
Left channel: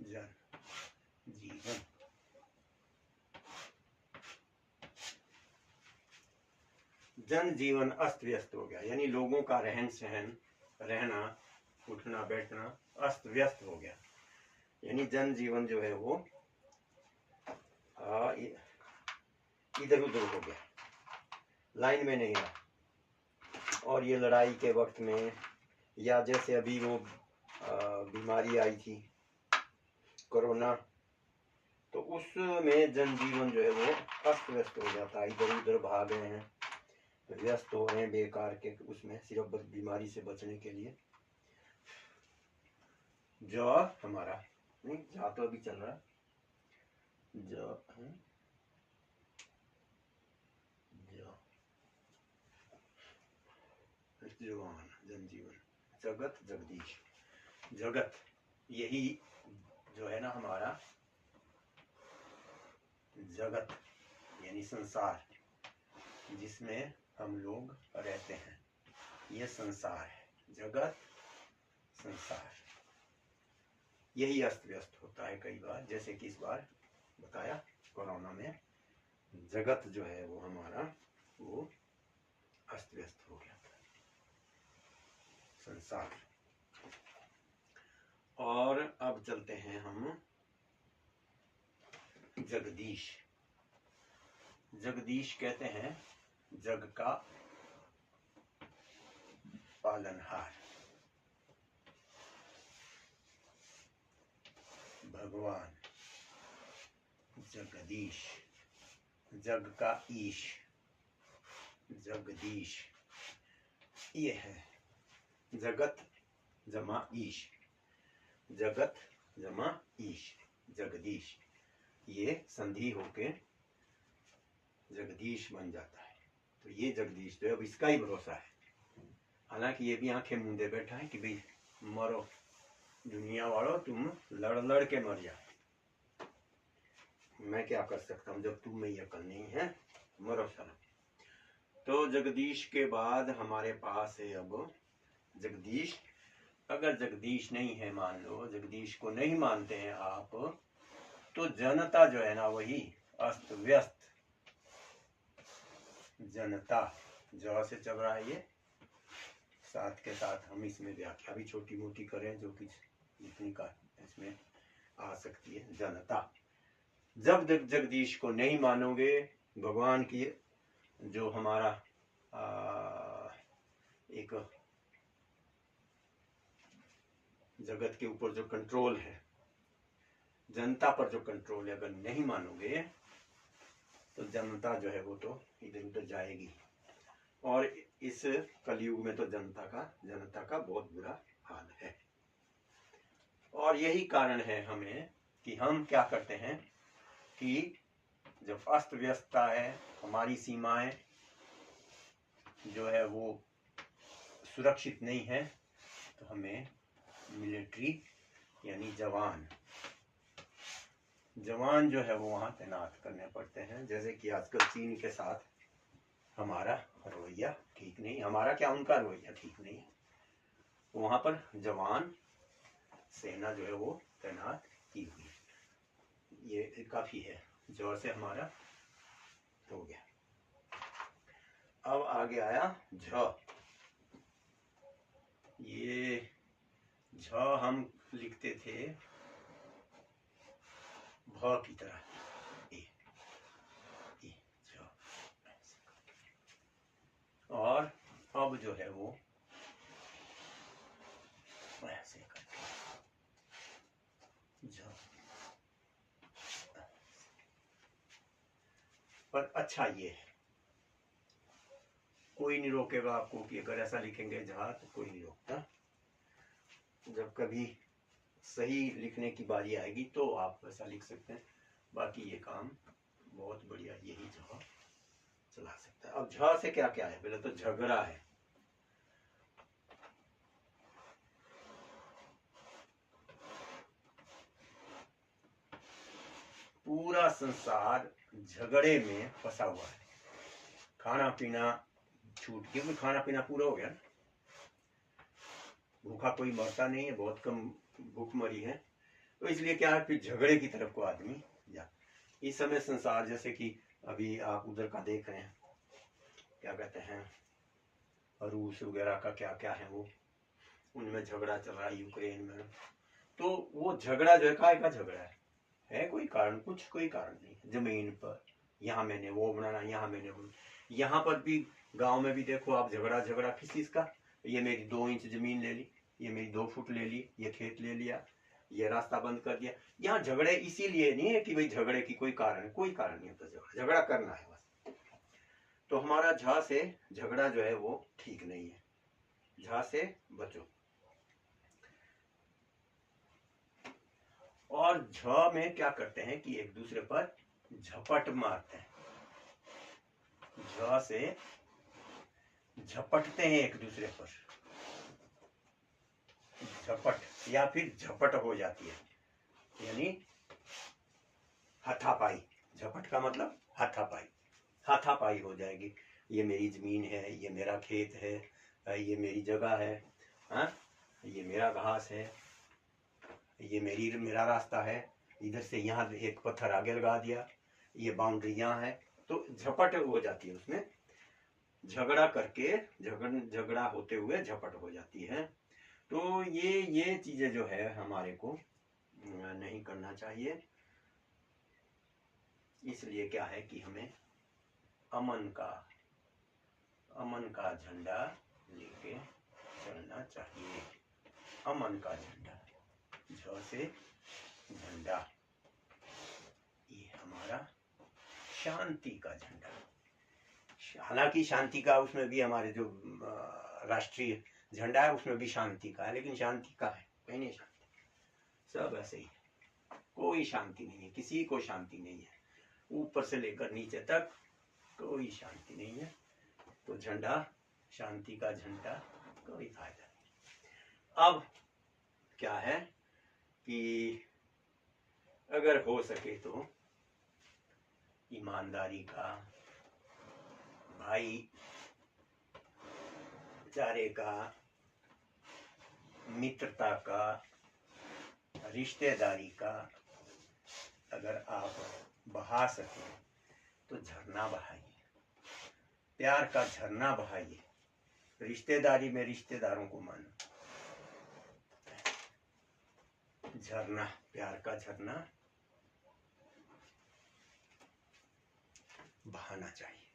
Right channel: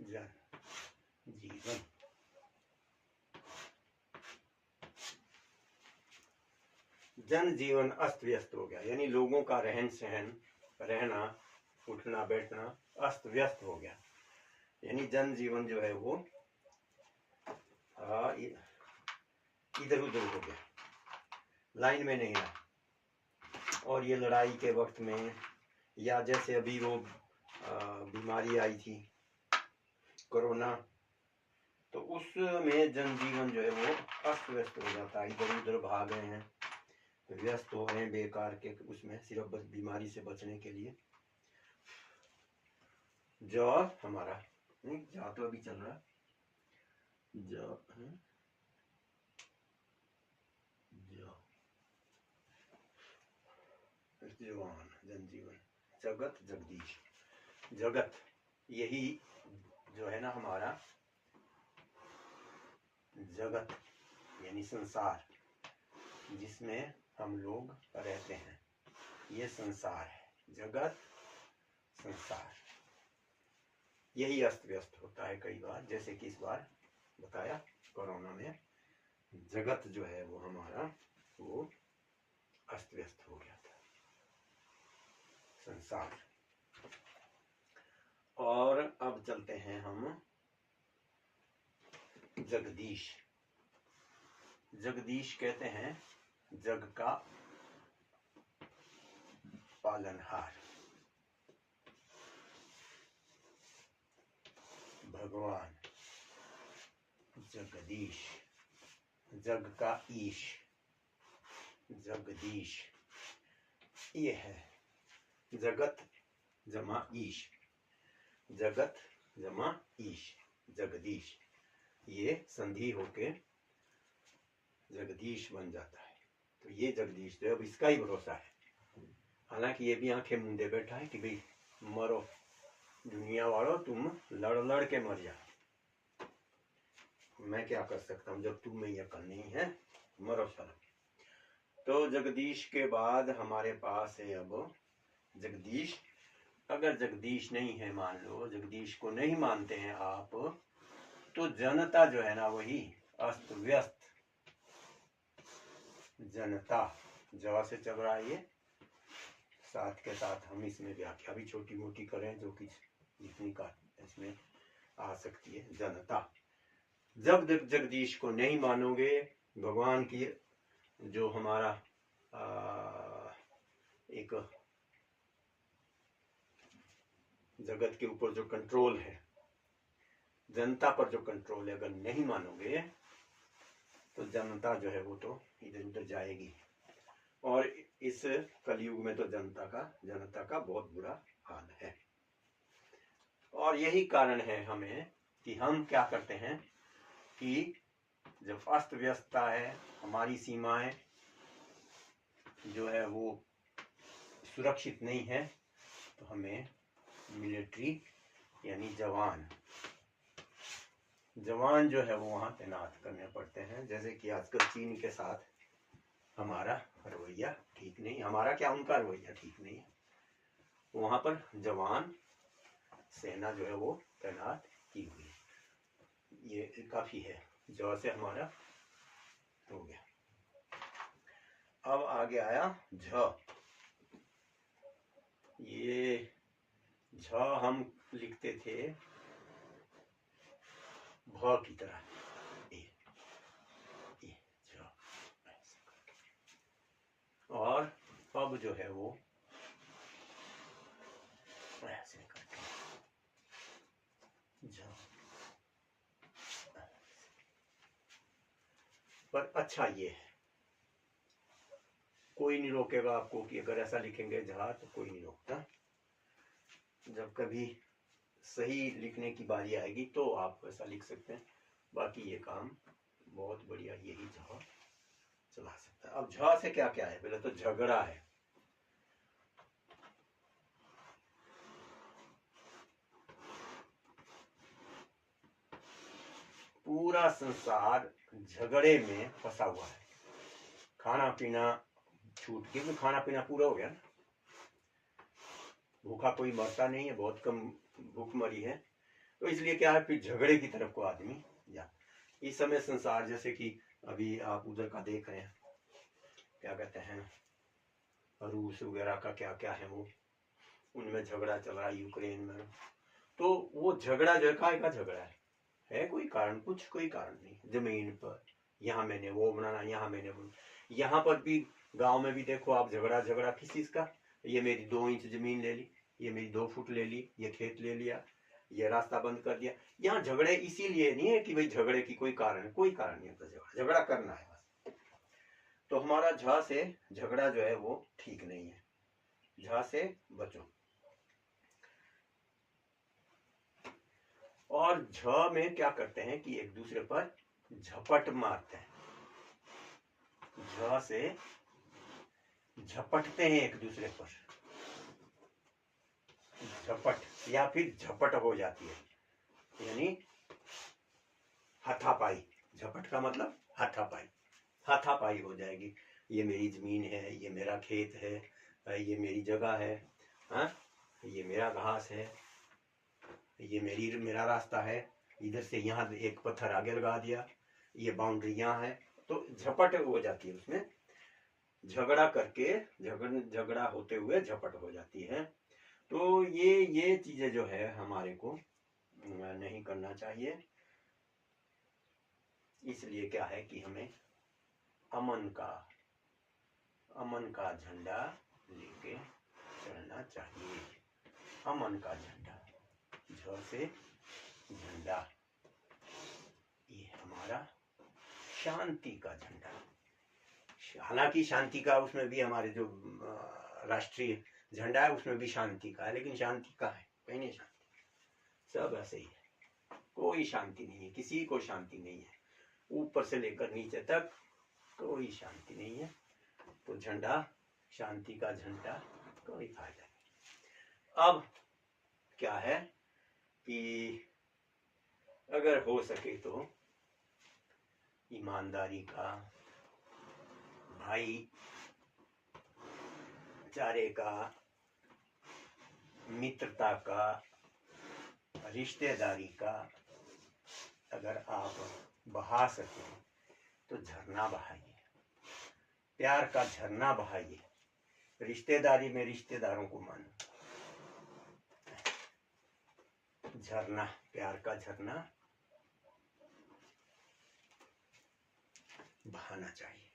जन जीवन, जन जीवन अस्त व्यस्त हो गया, यानी लोगों का रहन सहन, रहना उठना बैठना अस्त व्यस्त हो गया, यानी जनजीवन जो है वो इधर उधर हो गया, लाइन में नहीं रहा। और ये लड़ाई के वक्त में, या जैसे अभी वो बीमारी आई थी कोरोना, तो उसमें जनजीवन जो है वो अस्त व्यस्त हो जाता है, इधर उधर भाग रहे हैं, व्यस्त हो रहे हैं बेकार के उसमें, सिर्फ बीमारी से बचने के लिए। जो हमारा नहीं जा तो अभी चल रहा है, जो जीवन जनजीवन जगत जगदीश। जगत यही जो है ना हमारा जगत, यानी संसार जिसमें हम लोग रहते हैं, ये संसार है। जगत संसार यही अस्त व्यस्त होता है कई बार, जैसे कि इस बार बताया कोरोना में जगत जो है वो हमारा वो अस्त व्यस्त हो गया था, संसार। और अब चलते हैं हम जगदीश। जगदीश कहते हैं जग का पालनहार, भगवान जगदीश, जग का ईश, जगदीश ये है। जगत जमा ईश, जगत जमा ईश, जगदीश, ये संधि होके जगदीश बन जाता है। तो ये जगदीश जो है अब इसका ही भरोसा है, हालांकि ये भी आंखें मूंदे बैठा है कि भाई मरो दुनिया वालों, तुम लड़ लड़ के मर जाओ, मैं क्या कर सकता हूँ जब तुम में ये अकल नहीं है, मरो साला। तो जगदीश के बाद हमारे पास है अब जगदीश। अगर जगदीश नहीं है, मान लो जगदीश को नहीं मानते हैं आप, तो जनता जो है ना वही अस्त व्यस्त। जनता जवा से चल रहा है, ये साथ के साथ हम इसमें व्याख्या भी छोटी मोटी करें जो कि जितनी का इसमें आ सकती है। जनता, जब जगदीश को नहीं मानोगे, भगवान की जो हमारा एक जगत के ऊपर जो कंट्रोल है, जनता पर जो कंट्रोल है, अगर नहीं मानोगे तो जनता जो है वो तो इधर उधर जाएगी। और इस कलयुग में तो जनता का बहुत बुरा हाल है। और यही कारण है हमें कि हम क्या करते हैं कि जब अस्त व्यस्तता है, हमारी सीमाएं जो है वो सुरक्षित नहीं है, तो हमें मिलिट्री यानी जवान जो है वो वहाँ तैनात करने पड़ते हैं। जैसे कि आजकल चीन के साथ हमारा रवैया ठीक नहीं, हमारा क्या उनका रवैया ठीक नहीं है, वहाँ पर जवान सेना जो है वो तैनात की हुई, ये काफी है। जो से हमारा हो गया। अब आगे आया झ। ये झ हम लिखते थे भ की तरह, ए झ। और अब जो है वो ऐसे करके झ। पर अच्छा ये है, कोई नहीं रोकेगा आपको कि अगर ऐसा लिखेंगे झ तो कोई नहीं रोकता। जब कभी सही लिखने की बारी आएगी तो आप ऐसा लिख सकते हैं, बाकी ये काम बहुत बढ़िया यही झ चला सकता है। अब झ से क्या क्या है, पहले तो झगड़ा है। पूरा संसार झगड़े में फंसा हुआ है, खाना पीना छूट, क्योंकि खाना पीना पूरा हो गया, भूखा कोई मरता नहीं है, बहुत कम भूखमरी है, तो इसलिए क्या है फिर झगड़े की तरफ को आदमी जा। इस समय संसार जैसे कि अभी आप उधर का देख रहे हैं, क्या कहते हैं रूस वगैरह का क्या क्या है वो, उनमें झगड़ा चल रहा है यूक्रेन में, तो वो झगड़ा जो है काय का झगड़ा है कोई कारण, कुछ कोई कारण नहीं। जमीन पर यहाँ मैंने वो बनाना, यहाँ मैंने वो, यहाँ पर भी गांव में भी देखो आप, झगड़ा झगड़ा किस चीज का, ये मेरी 2 इंच जमीन ले ली, ये मेरी 2 फुट ले ली, ये खेत ले लिया, ये रास्ता बंद कर दिया। यहाँ झगड़े इसीलिए नहीं है कि भाई झगड़े की कोई कारण है, कोई कारण नहीं होता, झगड़ा करना है बस। तो हमारा झ से झगड़ा जो है वो ठीक नहीं है, झ से बचो। और झ में क्या करते हैं कि एक दूसरे पर झपट मारते हैं, झ से झपटते हैं एक दूसरे पर, झपट या फिर झपट हो जाती है, यानी हाथापाई। झपट का मतलब हाथापाई, हाथापाई हो जाएगी। ये मेरी जमीन है, ये मेरा खेत है, ये मेरी जगह है, हाँ, ये मेरा घास है, ये मेरा रास्ता है, इधर से यहाँ एक पत्थर आगे लगा दिया, ये बाउंड्री यहाँ है, तो झपट हो जाती है उसमें। झगड़ा करके झगड़ा होते हुए झपट हो जाती है। तो ये चीजें जो है हमारे को नहीं करना चाहिए। इसलिए क्या है कि हमें अमन का झंडा लेके चलना चाहिए। अमन का झंडा, झ से झंडा, ये हमारा शांति का झंडा। हालांकि शांति का उसमें भी हमारे जो राष्ट्रीय झंडा है उसमें भी शांति का है, लेकिन शांति का है कहीं नहीं, शांति सब ऐसे ही है, कोई शांति नहीं है, किसी को शांति नहीं है, ऊपर से लेकर नीचे तक कोई शांति नहीं है। तो झंडा, शांति का झंडा, कोई फायदा नहीं। अब क्या है कि अगर हो सके तो ईमानदारी का, भाईचारे का, मित्रता का, रिश्तेदारी का अगर आप बहा सके तो झरना बहाइए, प्यार का झरना बहाइए। रिश्तेदारी में रिश्तेदारों को मानो, झरना, प्यार का झरना बहाना चाहिए,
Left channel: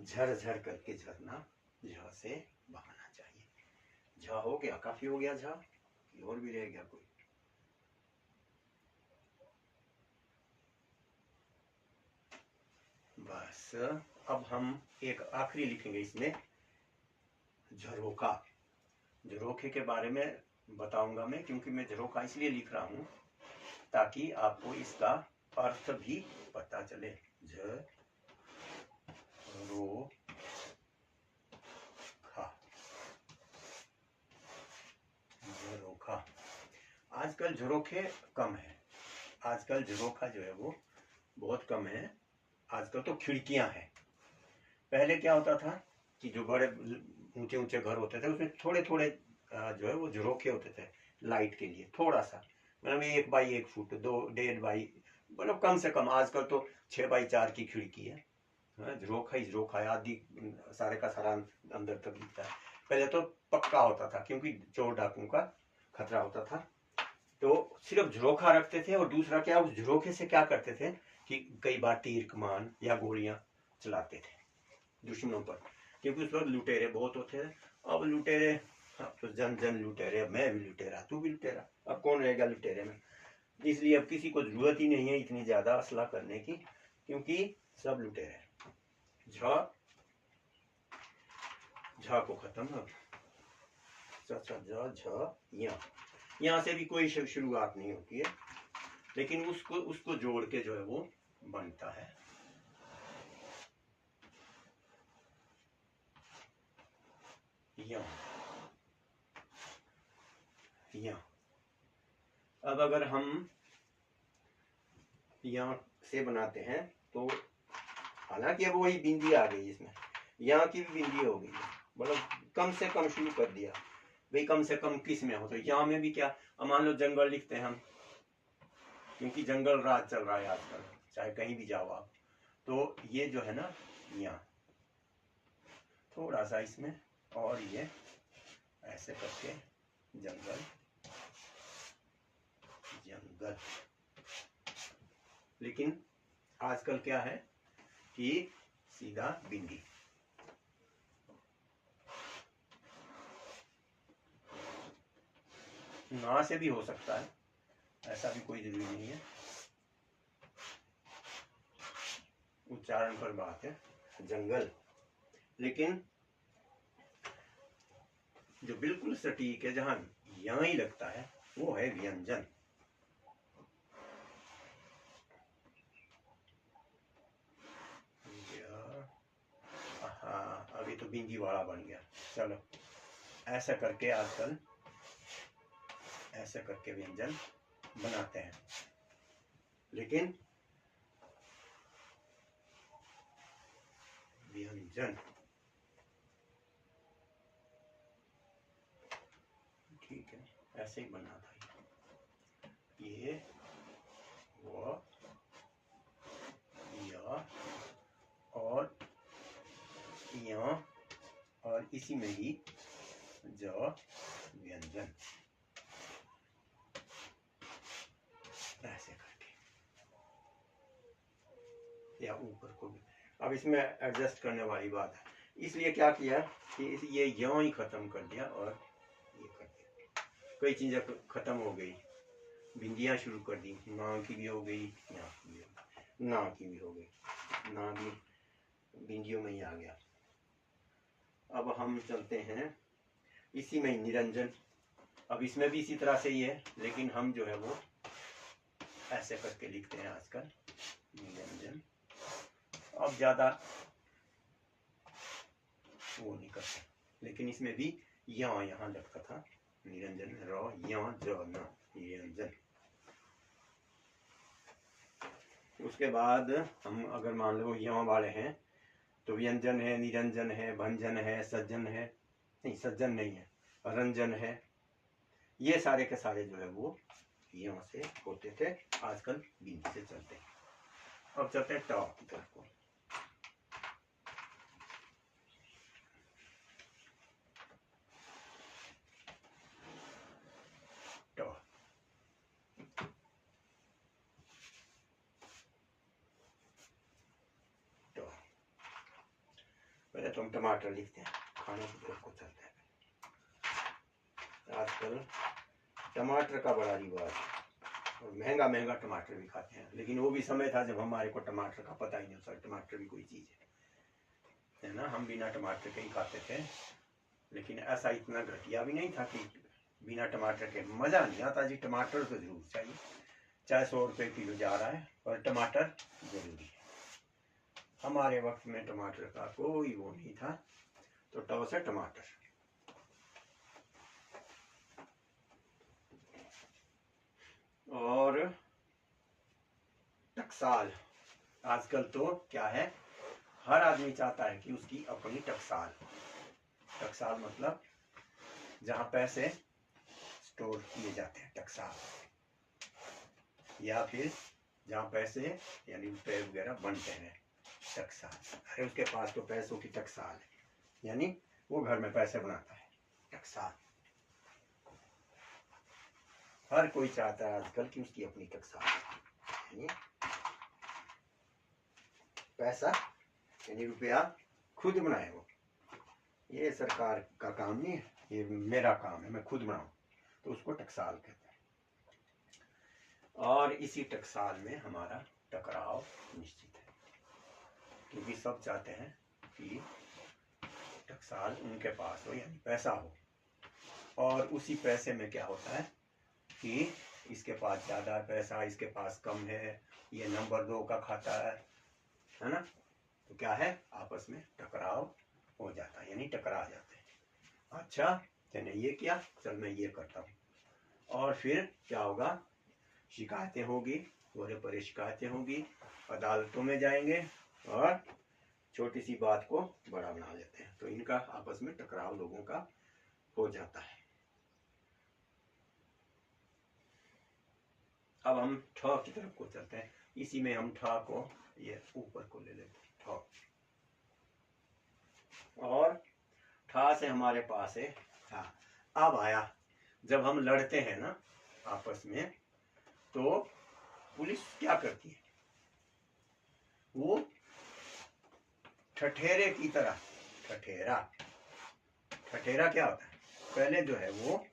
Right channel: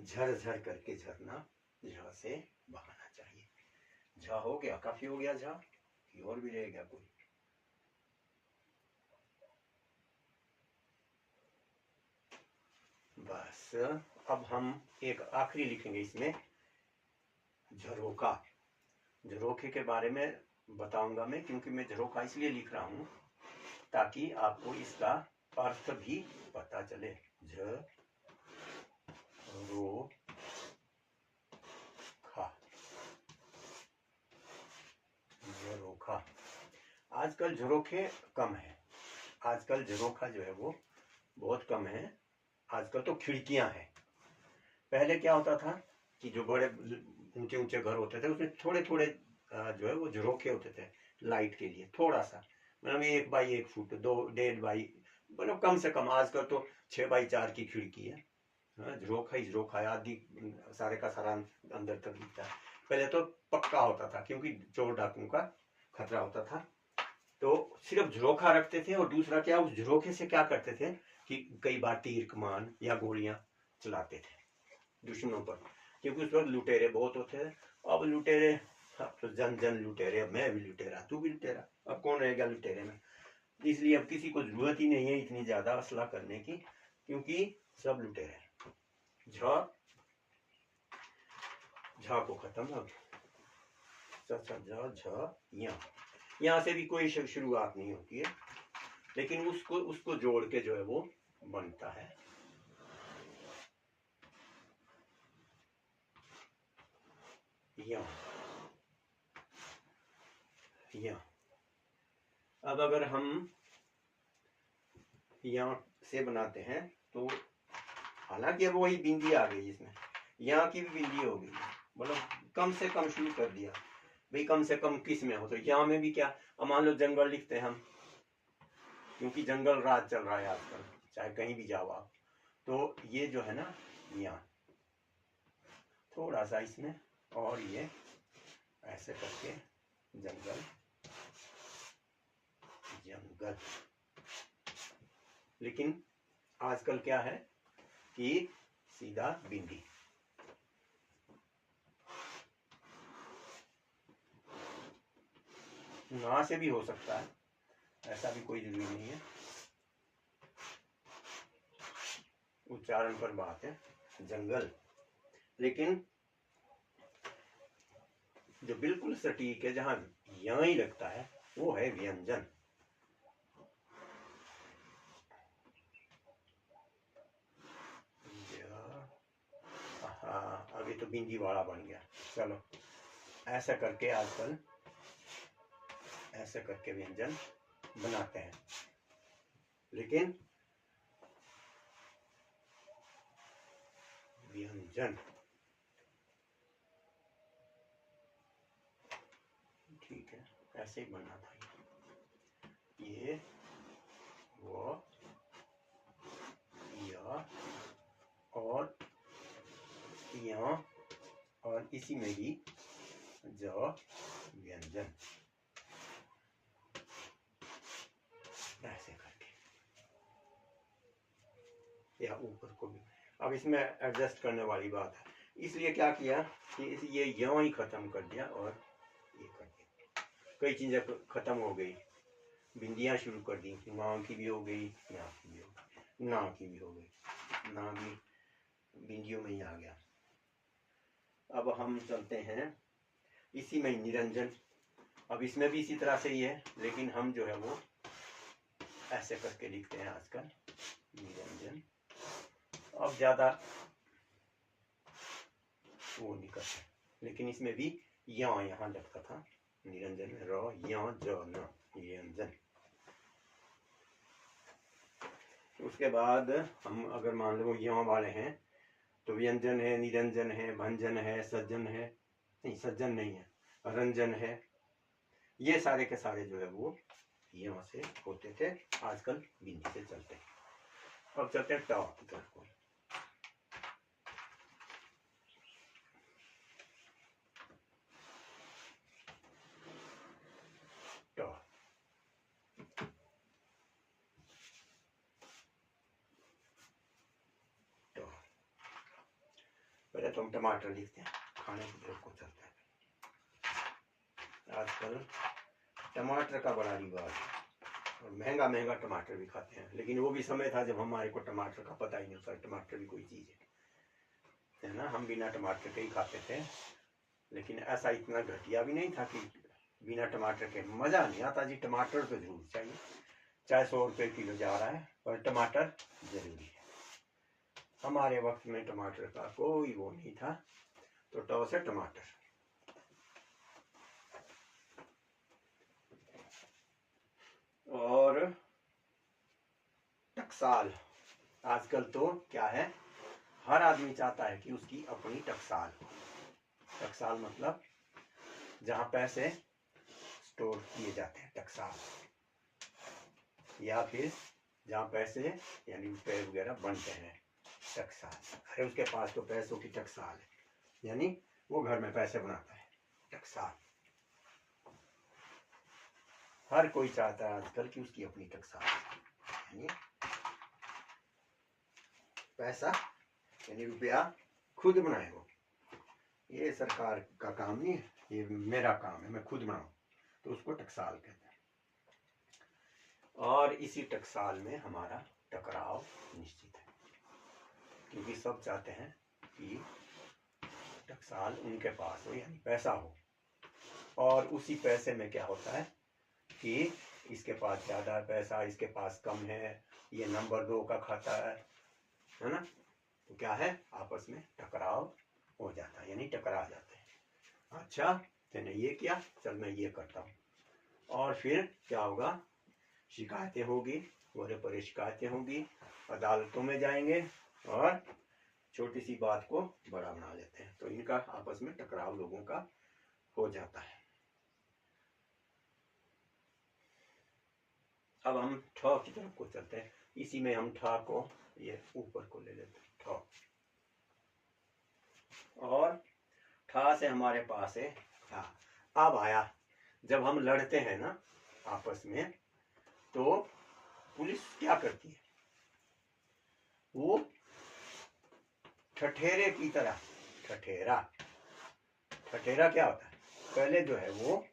झर झर करके झरना झ से बहाना चाहिए। झ हो गया, काफी हो गया झ, कि और भी रह गया कोई? बस अब हम एक आखिरी लिखेंगे इसमें, झरोखा। झरोखे के बारे में बताऊंगा मैं, क्योंकि मैं झरोखा इसलिए लिख रहा हूं ताकि आपको इसका अर्थ भी पता चले। झरोखा। आजकल झरोखे कम है, आजकल झरोखा जो है वो बहुत कम है। आजकल तो खिड़कियां हैं। पहले क्या होता था कि जो बड़े ऊंचे ऊंचे घर होते थे उसमें थोड़े थोड़े जो है वो झरोखे होते थे लाइट के लिए, थोड़ा सा, मतलब 1 बाई 1 फुट, 2.5 बाई, मतलब कम से कम। आजकल तो 6 बाई 4 की खिड़की है, झरोखा ही झरोखा है, आदि सारे का सारा अंदर तक दिखता है। पहले तो पक्का होता था क्योंकि चोर डाकुओं का खतरा होता था, तो सिर्फ झरोखा रखते थे। और दूसरा क्या, उस झरोखे से क्या करते थे कि कई बार तीर कमान या गोलियां चलाते थे दुश्मनों पर, क्योंकि उस वक्त लुटेरे बहुत होते थे। अब लुटेरे, तो जन जन लुटेरे, अब मैं भी लुटेरा, तू भी लुटेरा, अब कौन रहेगा लुटेरे में? इसलिए अब किसी को जरूरत ही नहीं है इतनी ज्यादा असला करने की, क्योंकि सब लुटेरे। झ को खत्म, अब यहाँ से भी कोई शुरुआत नहीं होती है, लेकिन उसको जोड़ के जो है वो बनता है। अब अगर हम यहाँ से बनाते हैं तो हालांकि अब वही बिंदी आ गई इसमें, यहाँ की भी बिंदी हो गई, मतलब कम से कम शुरू कर दिया भाई, कम से कम किस में हो। तो यहाँ में भी क्या, मान लो जंगल लिखते हैं हम, क्योंकि जंगल राज चल रहा है आजकल, चाहे कहीं भी जाओ आप। तो ये जो है ना, यहाँ थोड़ा सा इसमें, और ये ऐसे करके जंगल जंगल। लेकिन आजकल क्या है कि सीधा बिंदी। ना से भी हो सकता है, ऐसा भी कोई जरूरी नहीं है, उच्चारण पर बात है। जंगल। लेकिन जो बिल्कुल सटीक है, जहां यहाँ ही लगता है, वो है व्यंजन। हाँ, अभी तो बिंदी वाला बन गया। चलो, ऐसा करके आजकल ऐसा करके व्यंजन बनाते हैं। लेकिन व्यंजन ठीक है, ऐसे ही बनना था। ये वो या और यहाँ और इसी में ही ज व्यंजन, ऐसे करके, या ऊपर को भी। अब इसमें एडजस्ट करने वाली बात है, इसलिए क्या किया कि ये यहाँ ही खत्म कर दिया और ये कर दिया। कई चीजें खत्म हो गई, बिंदियां शुरू कर दी, ना की भी हो गई, यहाँ की भी हो गई, ना की भी हो गई, ना भी बिंदियों में ही आ गया। अब हम चलते हैं इसी में निरंजन। अब इसमें भी इसी तरह से ही है, लेकिन हम जो है वो ऐसे करके लिखते हैं आजकल, निरंजन। अब ज्यादा वो नहीं करते, लेकिन इसमें भी यहाँ लगता था निरंजन में, र यहाँ ज न, निरंजन। उसके बाद हम अगर मान लो यहाँ वाले हैं तो व्यंजन है, निरंजन है, भंजन है, सज्जन है, नहीं सज्जन नहीं है, रंजन है। ये सारे के सारे जो है वो यहाँ से होते थे, आजकल बिंदी से चलते हैं। अब चलते हैं ट की तरफ को। पहले तो हम टमाटर लिखते हैं, खाने की तरफ को चलते हैं। आजकल टमाटर का बड़ा रिवाज है और महंगा महंगा टमाटर भी खाते हैं, लेकिन वो भी समय था जब हमारे को टमाटर का पता ही नहीं था, टमाटर भी कोई चीज है ना। हम बिना टमाटर के ही खाते थे, लेकिन ऐसा इतना घटिया भी नहीं था कि बिना टमाटर के मजा नहीं आता जी। टमाटर तो जरूर चाहिए, चाहे 100 रुपये किलो जा रहा है, पर टमाटर जरूरी है। हमारे वक्त में टमाटर का कोई वो नहीं था, तो टॉस है टमाटर। और टकसाल, आजकल तो क्या है, हर आदमी चाहता है कि उसकी अपनी टकसाल। टकसाल मतलब जहां पैसे स्टोर किए जाते हैं, टकसाल। या फिर जहां पैसे यानी रुपए वगैरह बनते हैं, टकसाल। अरे उसके पास तो पैसों की टकसाल है, यानी वो घर में पैसे बनाता है, टकसाल। हर कोई चाहता है आजकल कि उसकी अपनी टकसाल, यानी पैसा यानी रुपया खुद बनाए वो। ये सरकार का काम नहीं है, ये मेरा काम है, मैं खुद बनाऊं, तो उसको टकसाल कहते हैं। और इसी टकसाल में हमारा टकराव निश्चित है, क्योंकि सब चाहते हैं कि टकसाल उनके पास हो, यानी पैसा हो। और उसी पैसे में क्या होता है कि इसके पास ज़्यादा पैसा, इसके पास कम है, ये नंबर 2 का खाता है ना, तो क्या है, आपस में टकराव हो जाता है, यानी टकरा जाते हैं। अच्छा तेने ये किया, चल मैं ये करता हूँ, और फिर क्या होगा, शिकायतें होगी, बड़े बड़े शिकायतें होंगी, अदालतों में जाएंगे और छोटी सी बात को बड़ा बना लेते हैं, तो इनका आपस में टकराव लोगों का हो जाता है। अब हम ठ की तरफ को चलते हैं, इसी में हम ठ को ये ऊपर को ले लेते हैं, ठ। और ठ से हमारे पास है था। अब आया, जब हम लड़ते हैं ना आपस में, तो पुलिस क्या करती है, वो ठठेरे की तरह, ठठेरा, ठठेरा क्या होता है, पहले जो है वो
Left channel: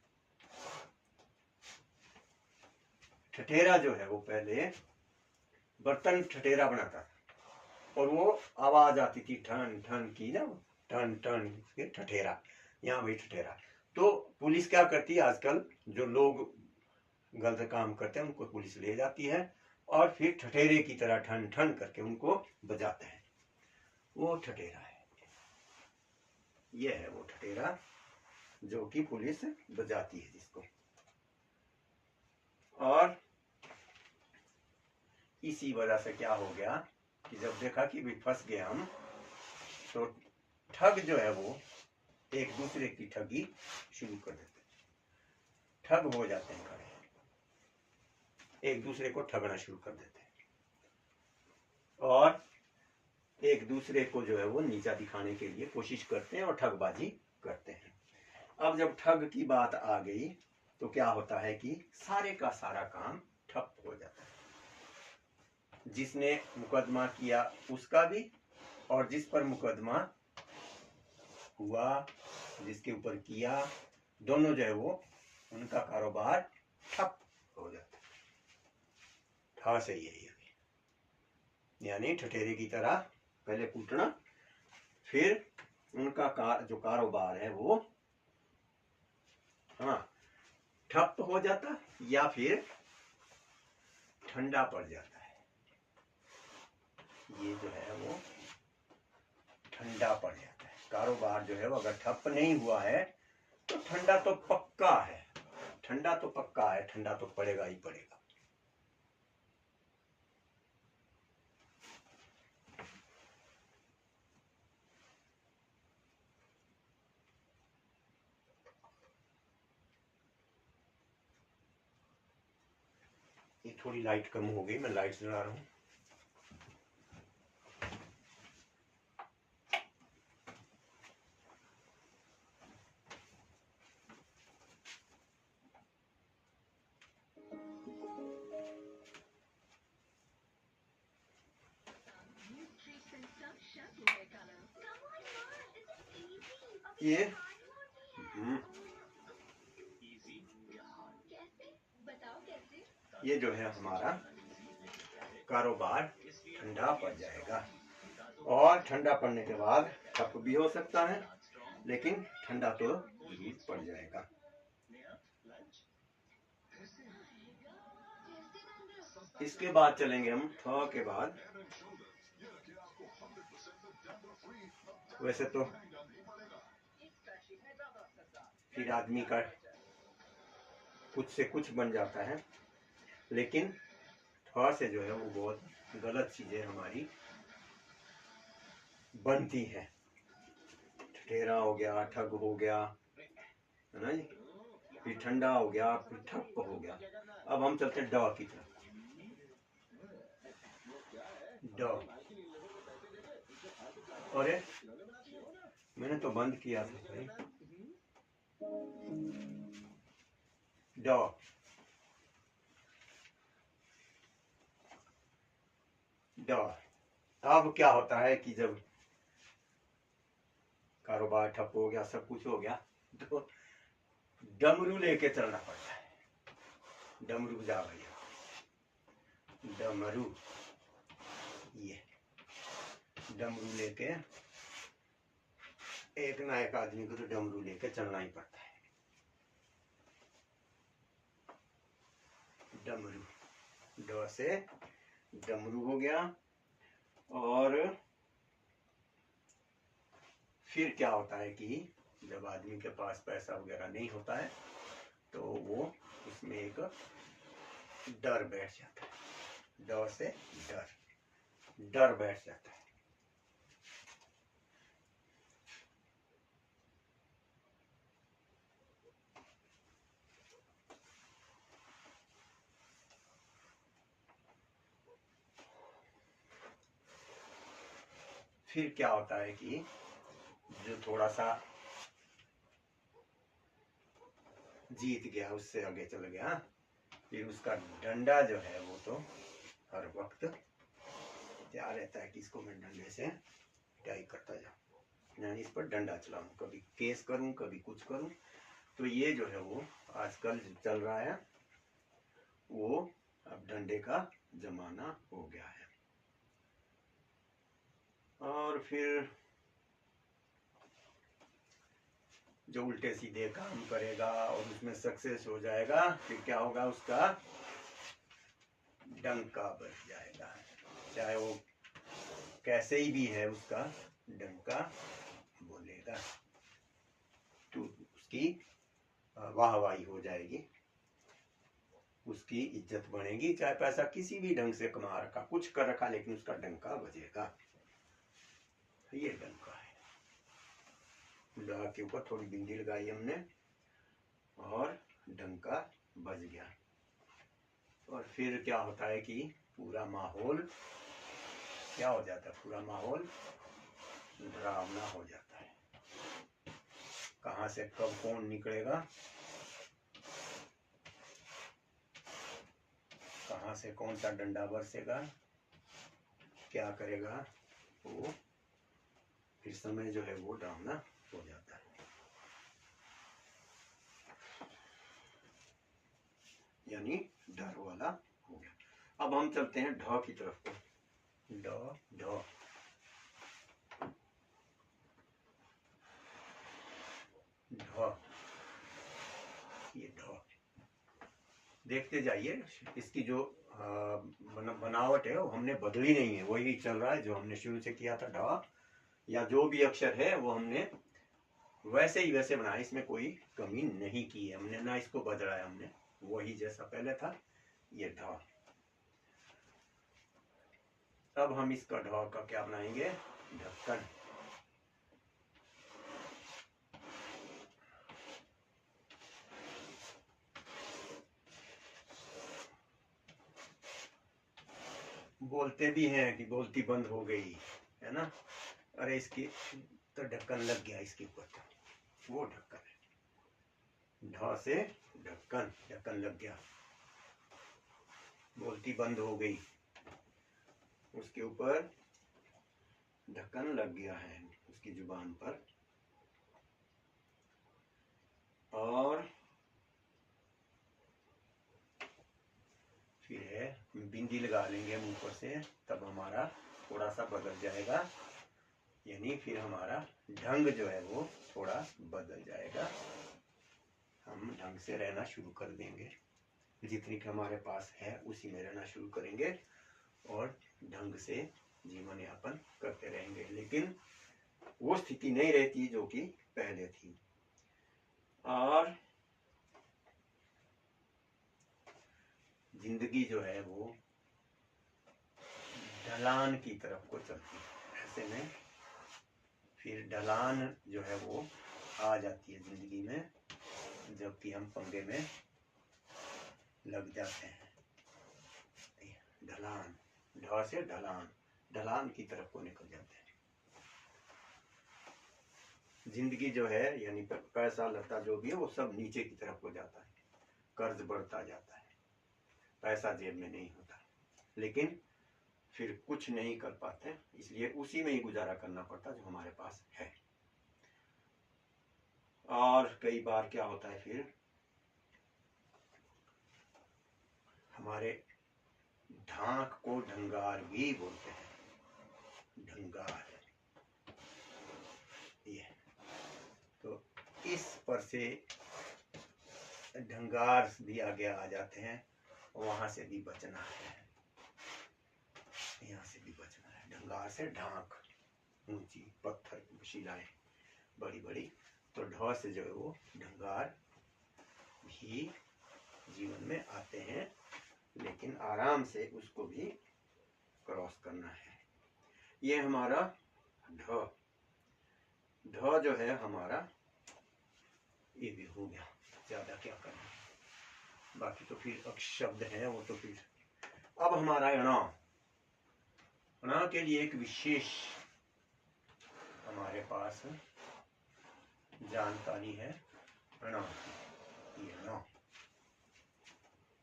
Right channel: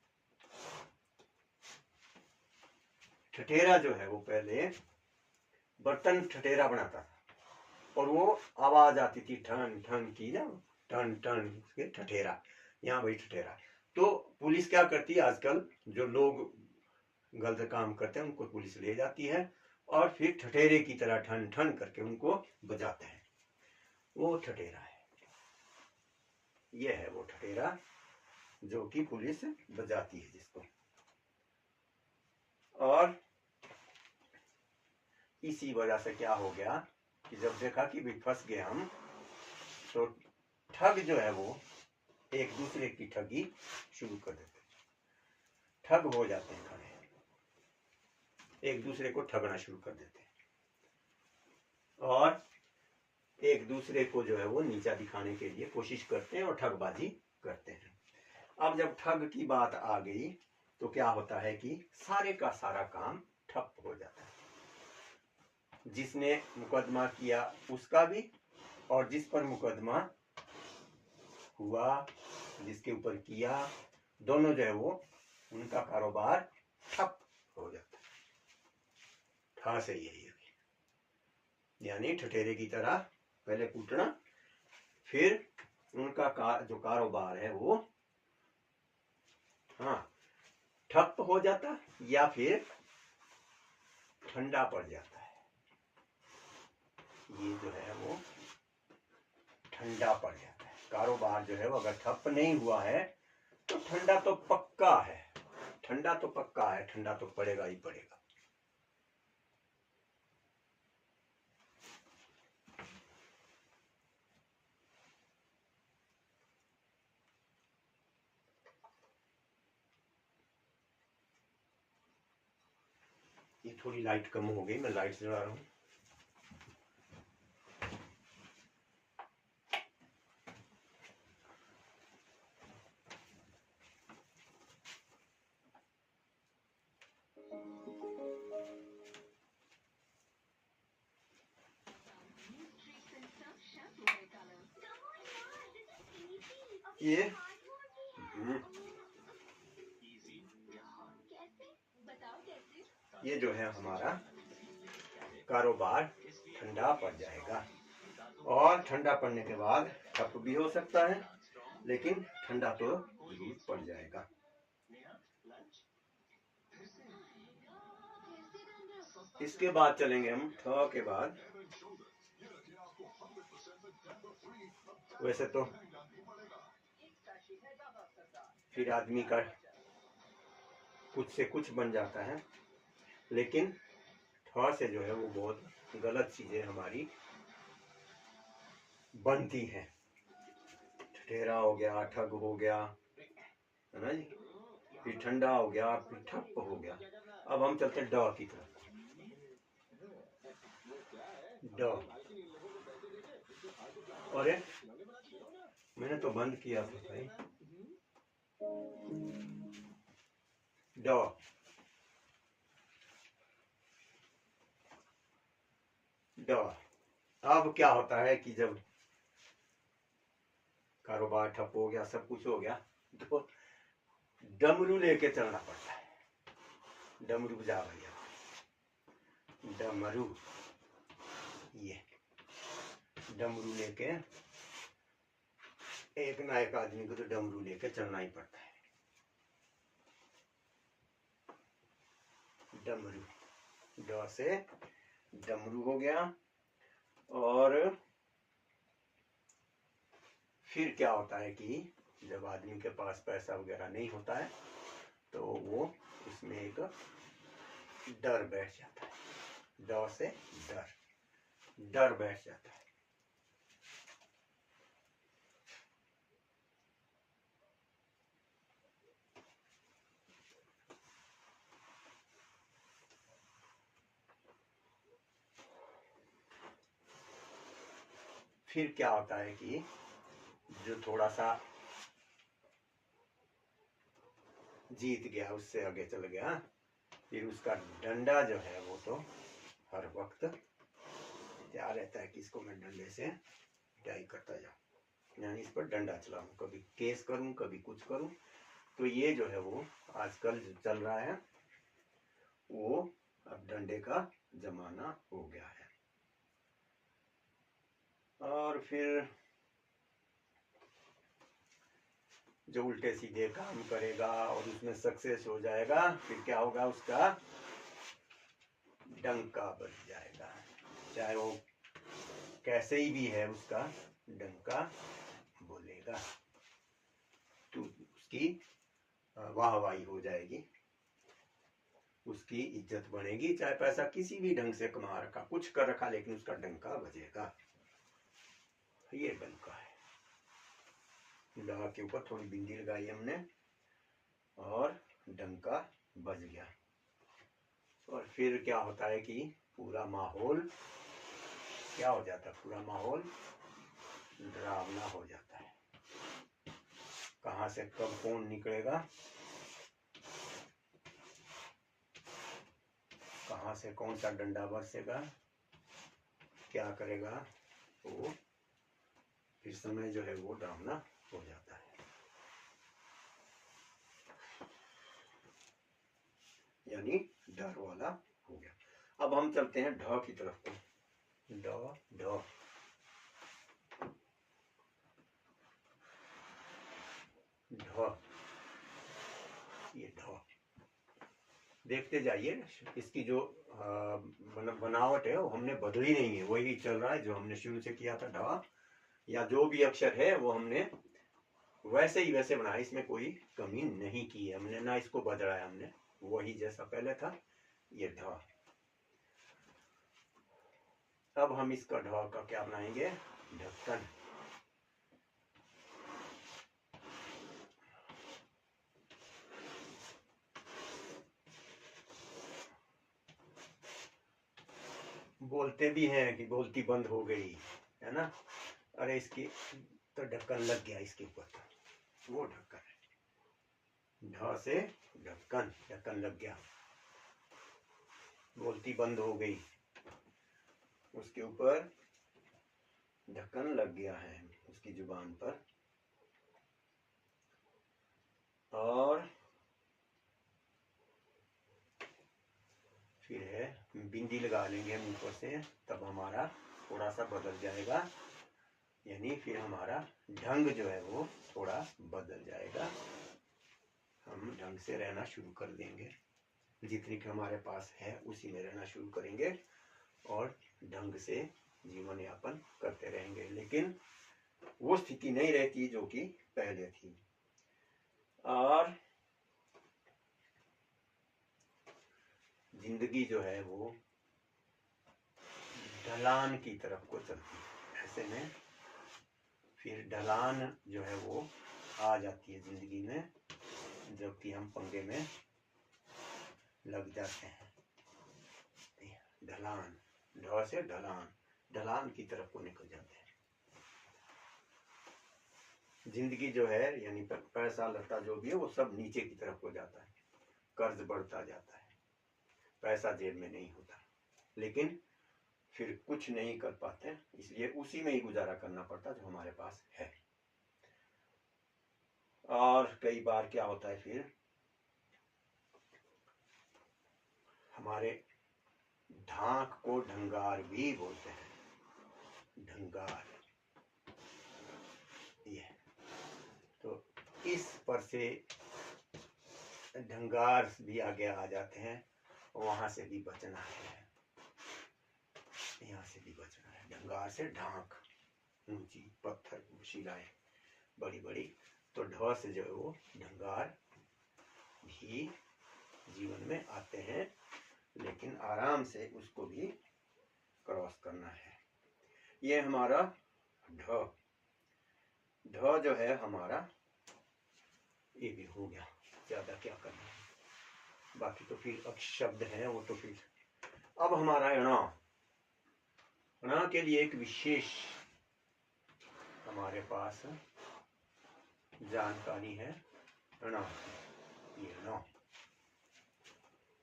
ठठेरा जो है वो पहले बर्तन ठठेरा बनाता था और वो आवाज आती थी ठन ठन की ना, टन टन के ठठेरा, यहाँ वही ठठेरा। तो पुलिस क्या करती है, आजकल जो लोग गलत काम करते हैं उनको पुलिस ले जाती है और फिर ठठेरे की तरह ठन ठन करके उनको बजाते हैं, वो ठठेरा है। ये है वो ठठेरा जो कि पुलिस बजाती है जिसको। और इसी वजह से क्या हो गया कि जब देखा कि भी फंस गए हम, तो ठग जो है वो एक दूसरे की ठगी शुरू कर देते, ठग हो जाते हैं खड़े, एक दूसरे को ठगना शुरू कर देते हैं और एक दूसरे को जो है वो नीचा दिखाने के लिए कोशिश करते हैं और ठगबाजी करते हैं। अब जब ठग की बात आ गई तो क्या होता है कि सारे का सारा काम ठप हो जाता है, जिसने मुकदमा किया उसका भी, और जिस पर मुकदमा हुआ, जिसके ऊपर किया, दोनों जो है वो उनका कारोबार ठप हो जाता है। ठा से यही है, यानी ठठेरे की तरह पहले कूटना, फिर उनका जो कारोबार है वो ठप हो जाता या फिर ठंडा पड़ जाता है। ये जो है वो ठंडा पड़ जाता है, कारोबार जो है वो अगर ठप नहीं हुआ है तो ठंडा तो पक्का है, ठंडा तो पक्का है, ठंडा तो पड़ेगा ही पड़ेगा। ये थोड़ी लाइट कम हो गई, मैं लाइट जला रहा हूँ। ये ये जो है हमारा कारोबार ठंडा पड़ जाएगा, और ठंडा पड़ने के बाद ठप भी हो सकता है, लेकिन ठंडा तो जरूर पड़ जाएगा। इसके बाद चलेंगे हम ठ के बाद। वैसे तो फिर आदमी का कुछ से कुछ बन जाता है, लेकिन ठ से जो है वो बहुत गलत चीजें हमारी बनती हैं। ठठेरा हो गया, ठग हो गया, है ना जी, फिर ठंडा हो गया, फिर ठप हो गया। अब हम चलते हैं ड की तरफ। ड, अरे मैंने तो बंद किया था भाई। ड, ड। अब क्या होता है कि जब कारोबार ठप हो गया, सब कुछ हो गया, तो डमरू लेके चलना पड़ता है। डमरू बजा भैया, डमरू, ये डमरू लेके एक ना एक आदमी को तो डमरू लेके चलना ही पड़ता है। डमरू, ड से डमरू हो गया। और फिर क्या होता है कि जब आदमी के पास पैसा वगैरह नहीं होता है तो वो इसमें एक डर बैठ जाता है। ड से डर, डर बैठ जाता है। फिर क्या होता है कि जो थोड़ा सा जीत गया, उससे आगे चल गया। फिर उसका डंडा जो है वो तो हर वक्त तैयार रहता है कि इसको मैं डंडे से पिटाई करता जाऊँ, यानी इस पर डंडा चलाऊँ, कभी केस करूँ कभी कुछ करूँ। तो ये जो है वो आजकल जो चल रहा है वो अब डंडे का जमाना हो गया है। और फिर जो उल्टे सीधे काम करेगा और उसमें सक्सेस हो जाएगा, फिर क्या होगा, उसका डंका बज जाएगा, चाहे वो कैसे ही भी है, उसका डंका बोलेगा तो उसकी वाहवाही हो जाएगी, उसकी इज्जत बनेगी, चाहे पैसा किसी भी ढंग से कमा रखा, कुछ कर रखा, लेकिन उसका डंका बजेगा। ये डंका है। ड के ऊपर थोड़ी बिंदी लगाई हमने और डंका बज गया। और फिर क्या होता है कि पूरा माहौल क्या हो जाता है, पूरा माहौल डरावना हो जाता है। कहां से कब कौन निकलेगा, कहां से कौन सा डंडा बरसेगा, क्या करेगा, वो फिर समय जो है वो डरावना हो जाता है। यानी डर वाला हो गया। अब हम चलते हैं ढ की तरफ को। ढ ढ ढ, ये ढ देखते जाइए, इसकी जो बनावट है वो हमने बदली नहीं है, वही चल रहा है जो हमने शुरू से किया था। ढ या जो भी अक्षर है वो हमने वैसे ही वैसे बनाया, इसमें कोई कमी नहीं की है हमने, ना इसको बदला हमने, वही जैसा पहले था ये ढ। अब हम इसका ढ का क्या बनाएंगे, ढक्कन। बोलते भी हैं कि बोलती बंद हो गई है ना, अरे इसकी तो ढक्कन लग गया इसके ऊपर, वो ढक्कन है। ढ से ढक्कन, ढक्कन लग गया, बोलती बंद हो गई, उसके ऊपर ढक्कन लग गया है उसकी जुबान पर। और फिर है बिंदी लगा लेंगे हम ऊपर से, तब हमारा थोड़ा सा बदल जाएगा, यानी फिर हमारा ढंग जो है वो थोड़ा बदल जाएगा, हम ढंग से रहना शुरू कर देंगे, जितनी कि हमारे पास है उसी में रहना शुरू करेंगे और ढंग से जीवन यापन करते रहेंगे। लेकिन वो स्थिति नहीं रहती जो कि पहले थी। और जिंदगी जो है वो ढलान की तरफ को चलती है, ऐसे में फिर ढलान जो है वो आ जाती है जिंदगी में, जबकि हम पंगे में लग जाते हैं। ढलान, ढ से ढलान, ढलान की तरफ को निकल जाते हैं। जिंदगी जो है यानी पैसा लता जो भी है वो सब नीचे की तरफ को जाता है, कर्ज बढ़ता जाता है, पैसा जेब में नहीं होता, लेकिन फिर कुछ नहीं कर पाते, इसलिए उसी में ही गुजारा करना पड़ता जो हमारे पास है। और कई बार क्या होता है, फिर हमारे ढाक को ढंगार भी बोलते हैं, ढंगार, ये तो इस पर से ढंगार भी आगे आ जाते हैं, वहां से भी बचना है, यहाँ से भी बचना है। ढंगार से ढाक, ऊंची पत्थर शिलाएं बड़ी बड़ी, तो ढ से जो है वो ढंगार भी जीवन में आते हैं, लेकिन आराम से उसको भी क्रॉस करना है। ये हमारा ढ, ढ जो है हमारा ये भी हो गया, ज्यादा क्या करना है, बाकी तो फिर शब्द हैं वो तो फिर। अब हमारा ण, ण के लिए एक विशेष हमारे पास जानकारी है ण की। ये ण।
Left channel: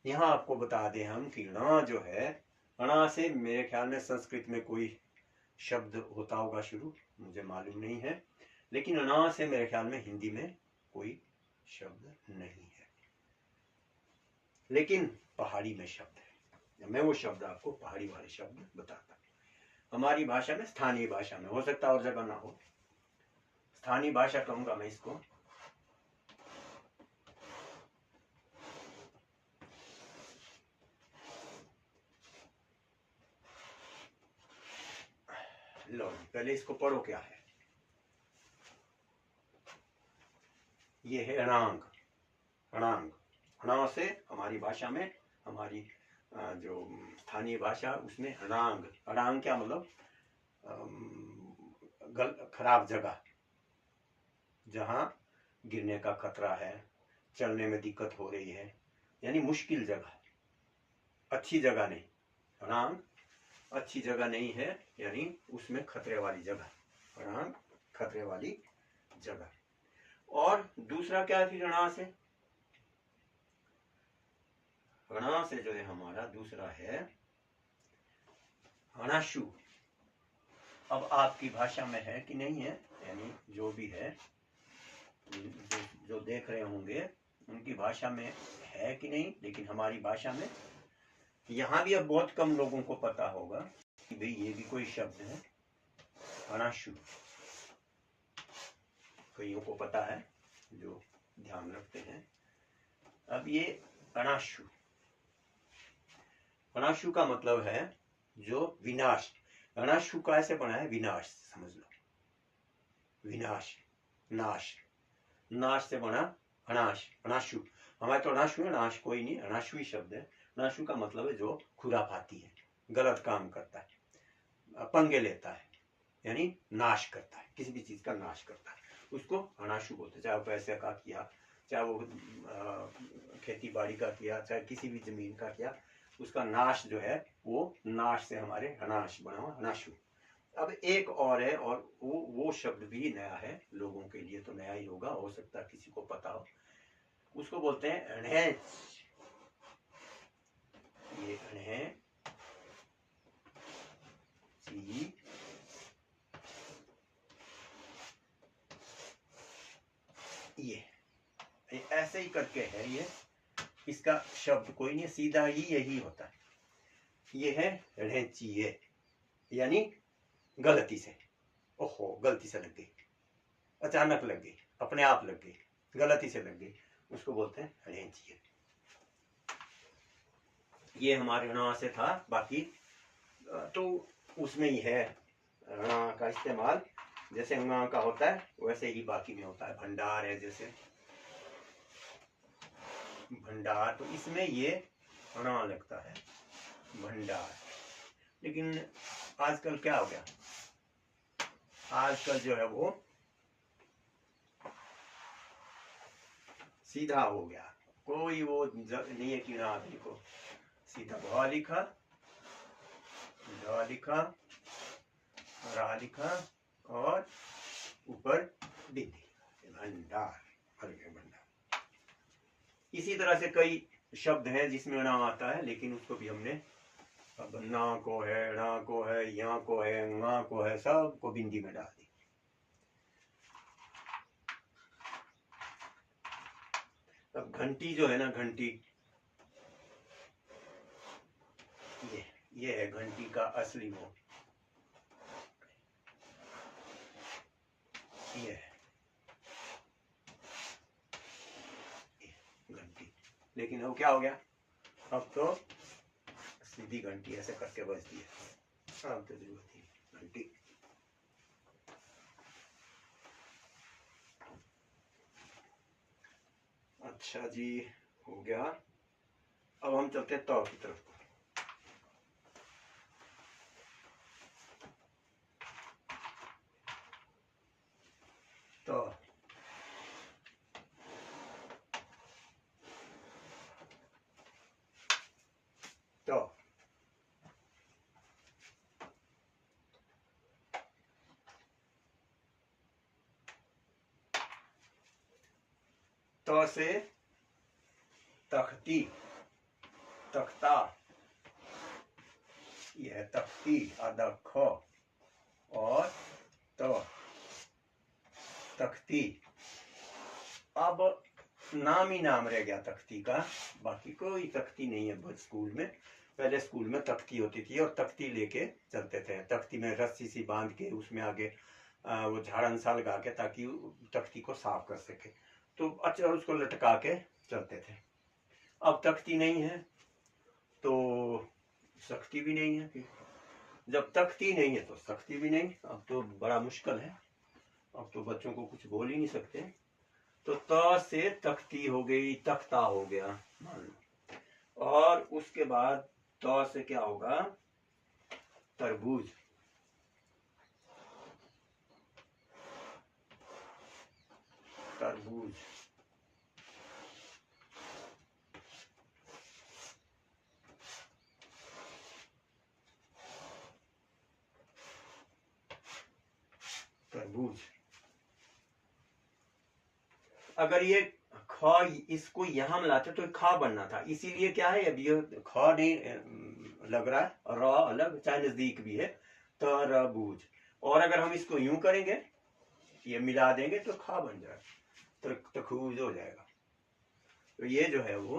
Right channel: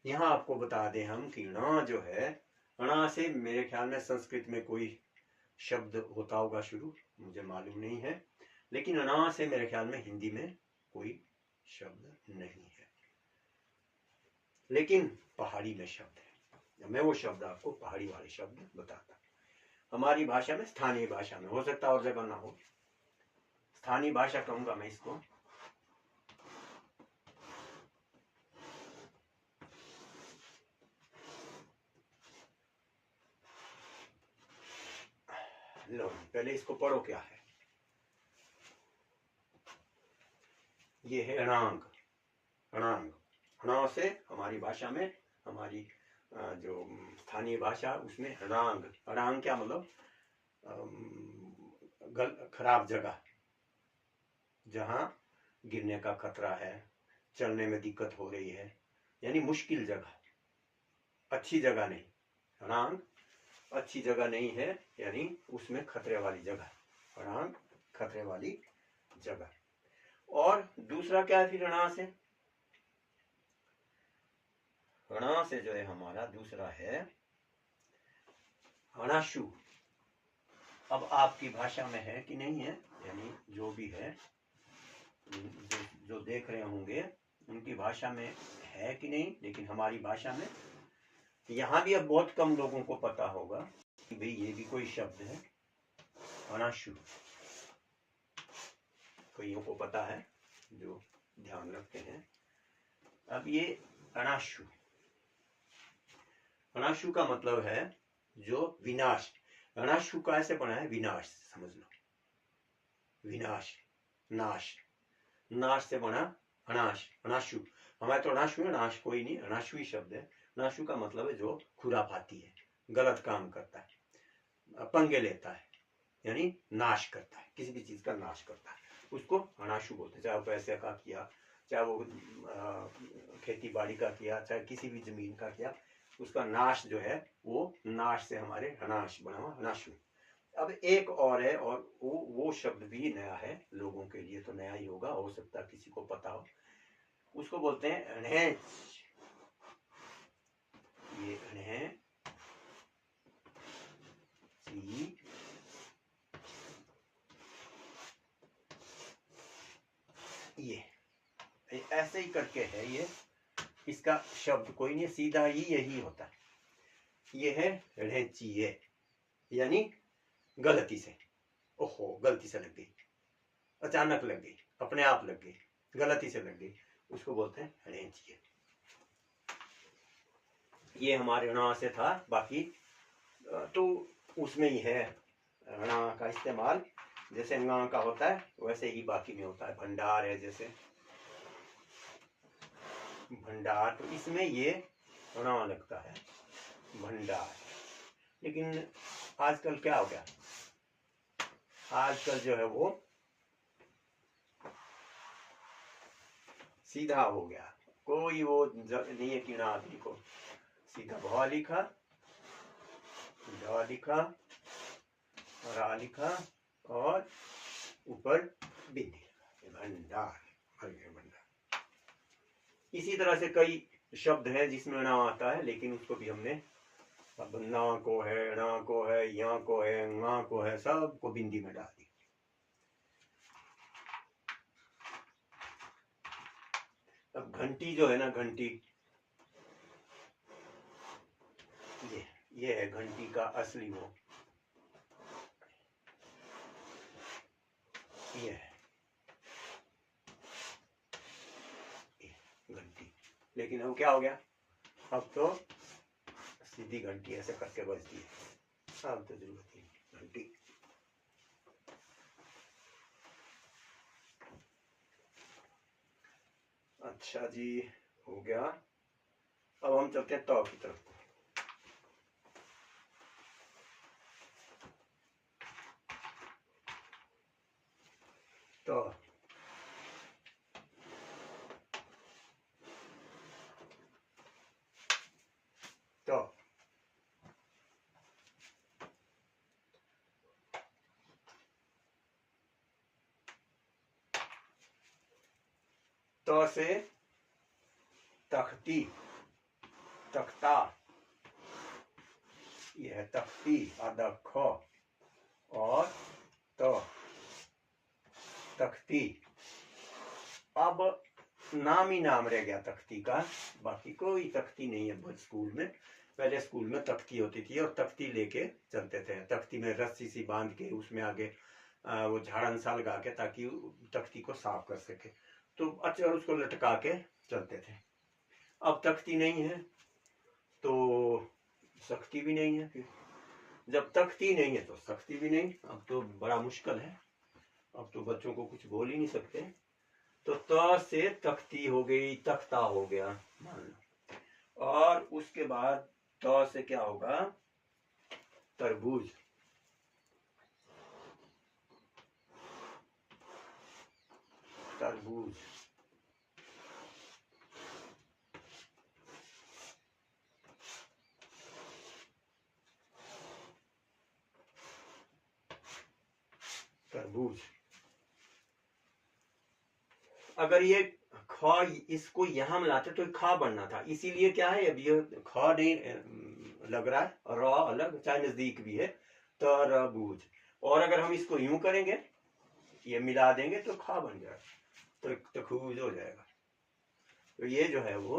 यहाँ आपको बता दें हम कि ण जो है, ण से मेरे ख्याल में संस्कृत में कोई शब्द होता होगा शुरू, मुझे मालूम नहीं है, लेकिन ण से मेरे ख्याल में हिंदी में कोई शब्द नहीं है, लेकिन पहाड़ी में शब्द है। मैं वो शब्द आपको पहाड़ी वाले शब्द बताता हूँ। हमारी भाषा में, स्थानीय भाषा में, हो सकता और जगह ना हो, स्थानीय भाषा कहूंगा मैं इसको। लो पहले इसको पढ़ो क्या है। ये है अणांग। अणांग, ण से हमारी भाषा में, हमारी जो स्थानीय भाषा उसमें अणांग। अणांग क्या मतलब? खराब जगह, जहां गिरने का खतरा है, चलने में दिक्कत हो रही है, यानी मुश्किल जगह, अच्छी जगह नहीं। अणांग अच्छी जगह नहीं है, यानी उसमें खतरे वाली जगह, अणांग खतरे वाली जगह। और दूसरा क्या है फिर णा से? णा से जो है हमारा दूसरा है अणाशु। अब आपकी भाषा में है कि नहीं है, यानी जो भी है, जो देख रहे होंगे उनकी भाषा में है कि नहीं, लेकिन हमारी भाषा में यहाँ भी अब बहुत कम लोगों को पता होगा कि भाई ये भी कोई शब्द है, अणाशु। कईयों को पता है जो ध्यान रखते हैं। अब ये अणाशु, अणाशु का मतलब है जो विनाश। अणाशु का ऐसे बना है विनाश, समझ लो, विनाश, नाश, नाश से बना अनाश, अनाशु। हमारे तो अनाशु है, नाश कोई नहीं, अनाशु ही शब्द है। अनाशु का मतलब है जो खुराफाती है, गलत काम करता है, पंगे लेता है, यानी नाश करता है, किसी भी चीज का नाश करता है, उसको अनाशु बोलते हैं। चाहे वो पैसे का किया, चाहे वो खेती बाड़ी का किया, चाहे किसी भी जमीन का किया, उसका नाश जो है वो नाश से हमारे अनाश बना हुआ अनाशु। अब एक और है, और वो शब्द भी नया है, लोगों के लिए तो नया ही होगा, हो सकता है किसी को पता हो। उसको बोलते हैं अणहेच। ये अणहे सी, ये ऐसे ही करके है। ये इसका शब्द कोई नहीं, सीधा ही यही होता है। ये है ऋचिये, यानी गलती से, ओहो गलती से लग गई, अचानक लग गई, अपने आप लग गई, गलती से लग गई, उसको बोलते हैं ऋचिये। ये हमारे ण से था, बाकी तो उसमें ही है ण का इस्तेमाल, जैसे ङ का होता है वैसे ही बाकी में होता है। भंडार है, जैसे भंडार, तो इसमें ये ण लगता है, भंडार। लेकिन आजकल क्या हो गया, आजकल जो है वो सीधा हो गया, कोई वो नहीं है कि ना आदमी को सीधा भ लिखा, ढ लिखा, रा लिखा और ऊपर बिंदी, भंडार, भंडार। इसी तरह से कई शब्द हैं जिसमें ण आता है, लेकिन उसको भी हमने अब न को है, ण को है, या को है, ङ को है, सबको बिंदी में डाल दी। अब घंटी जो है ना, घंटी, ये है घंटी का असली वो, ये है घंटी। लेकिन अब क्या हो गया, अब तो सीधी घंटी ऐसे करके बजती है, अब तो जरूरत है घंटी। अच्छा जी, हो गया। अब हम चलते हैं तौ की तरफ। तो तो से तख्ती, तख्ता, यह है तख्ती, आधा ख और तो तख्ती। अब नाम ही नाम रह गया तख्ती का, बाकी कोई तख्ती नहीं है स्कूल में। पहले स्कूल में तख्ती होती थी और तख्ती लेके चलते थे, तख्ती में रस्सी सी बांध के उसमें आगे वो झाड़न सा लगा के ताकि तख्ती को साफ कर सके, तो अच्छा उसको लटका के चलते थे। अब तख्ती नहीं है तो सख्ती भी नहीं है, फिर जब तख्ती नहीं है तो सख्ती भी नहीं। अब तो बड़ा मुश्किल है, अब तो बच्चों को कुछ बोल ही नहीं सकते। तो त से तख्ती हो गई, तख्ता हो गया मान लो। और उसके बाद त से क्या होगा, तरबूज, तरबूज। तरबूज, अगर ये ख इसको यहां मिलाते तो खा बनना था, इसीलिए क्या है अब ये ख नहीं लग रहा है, र अलग, चाहे नजदीक भी है, तरबूज। और अगर हम इसको यूं करेंगे, ये मिला देंगे तो खा बन जाएगा, तखूज हो जाएगा। तो ये जो है वो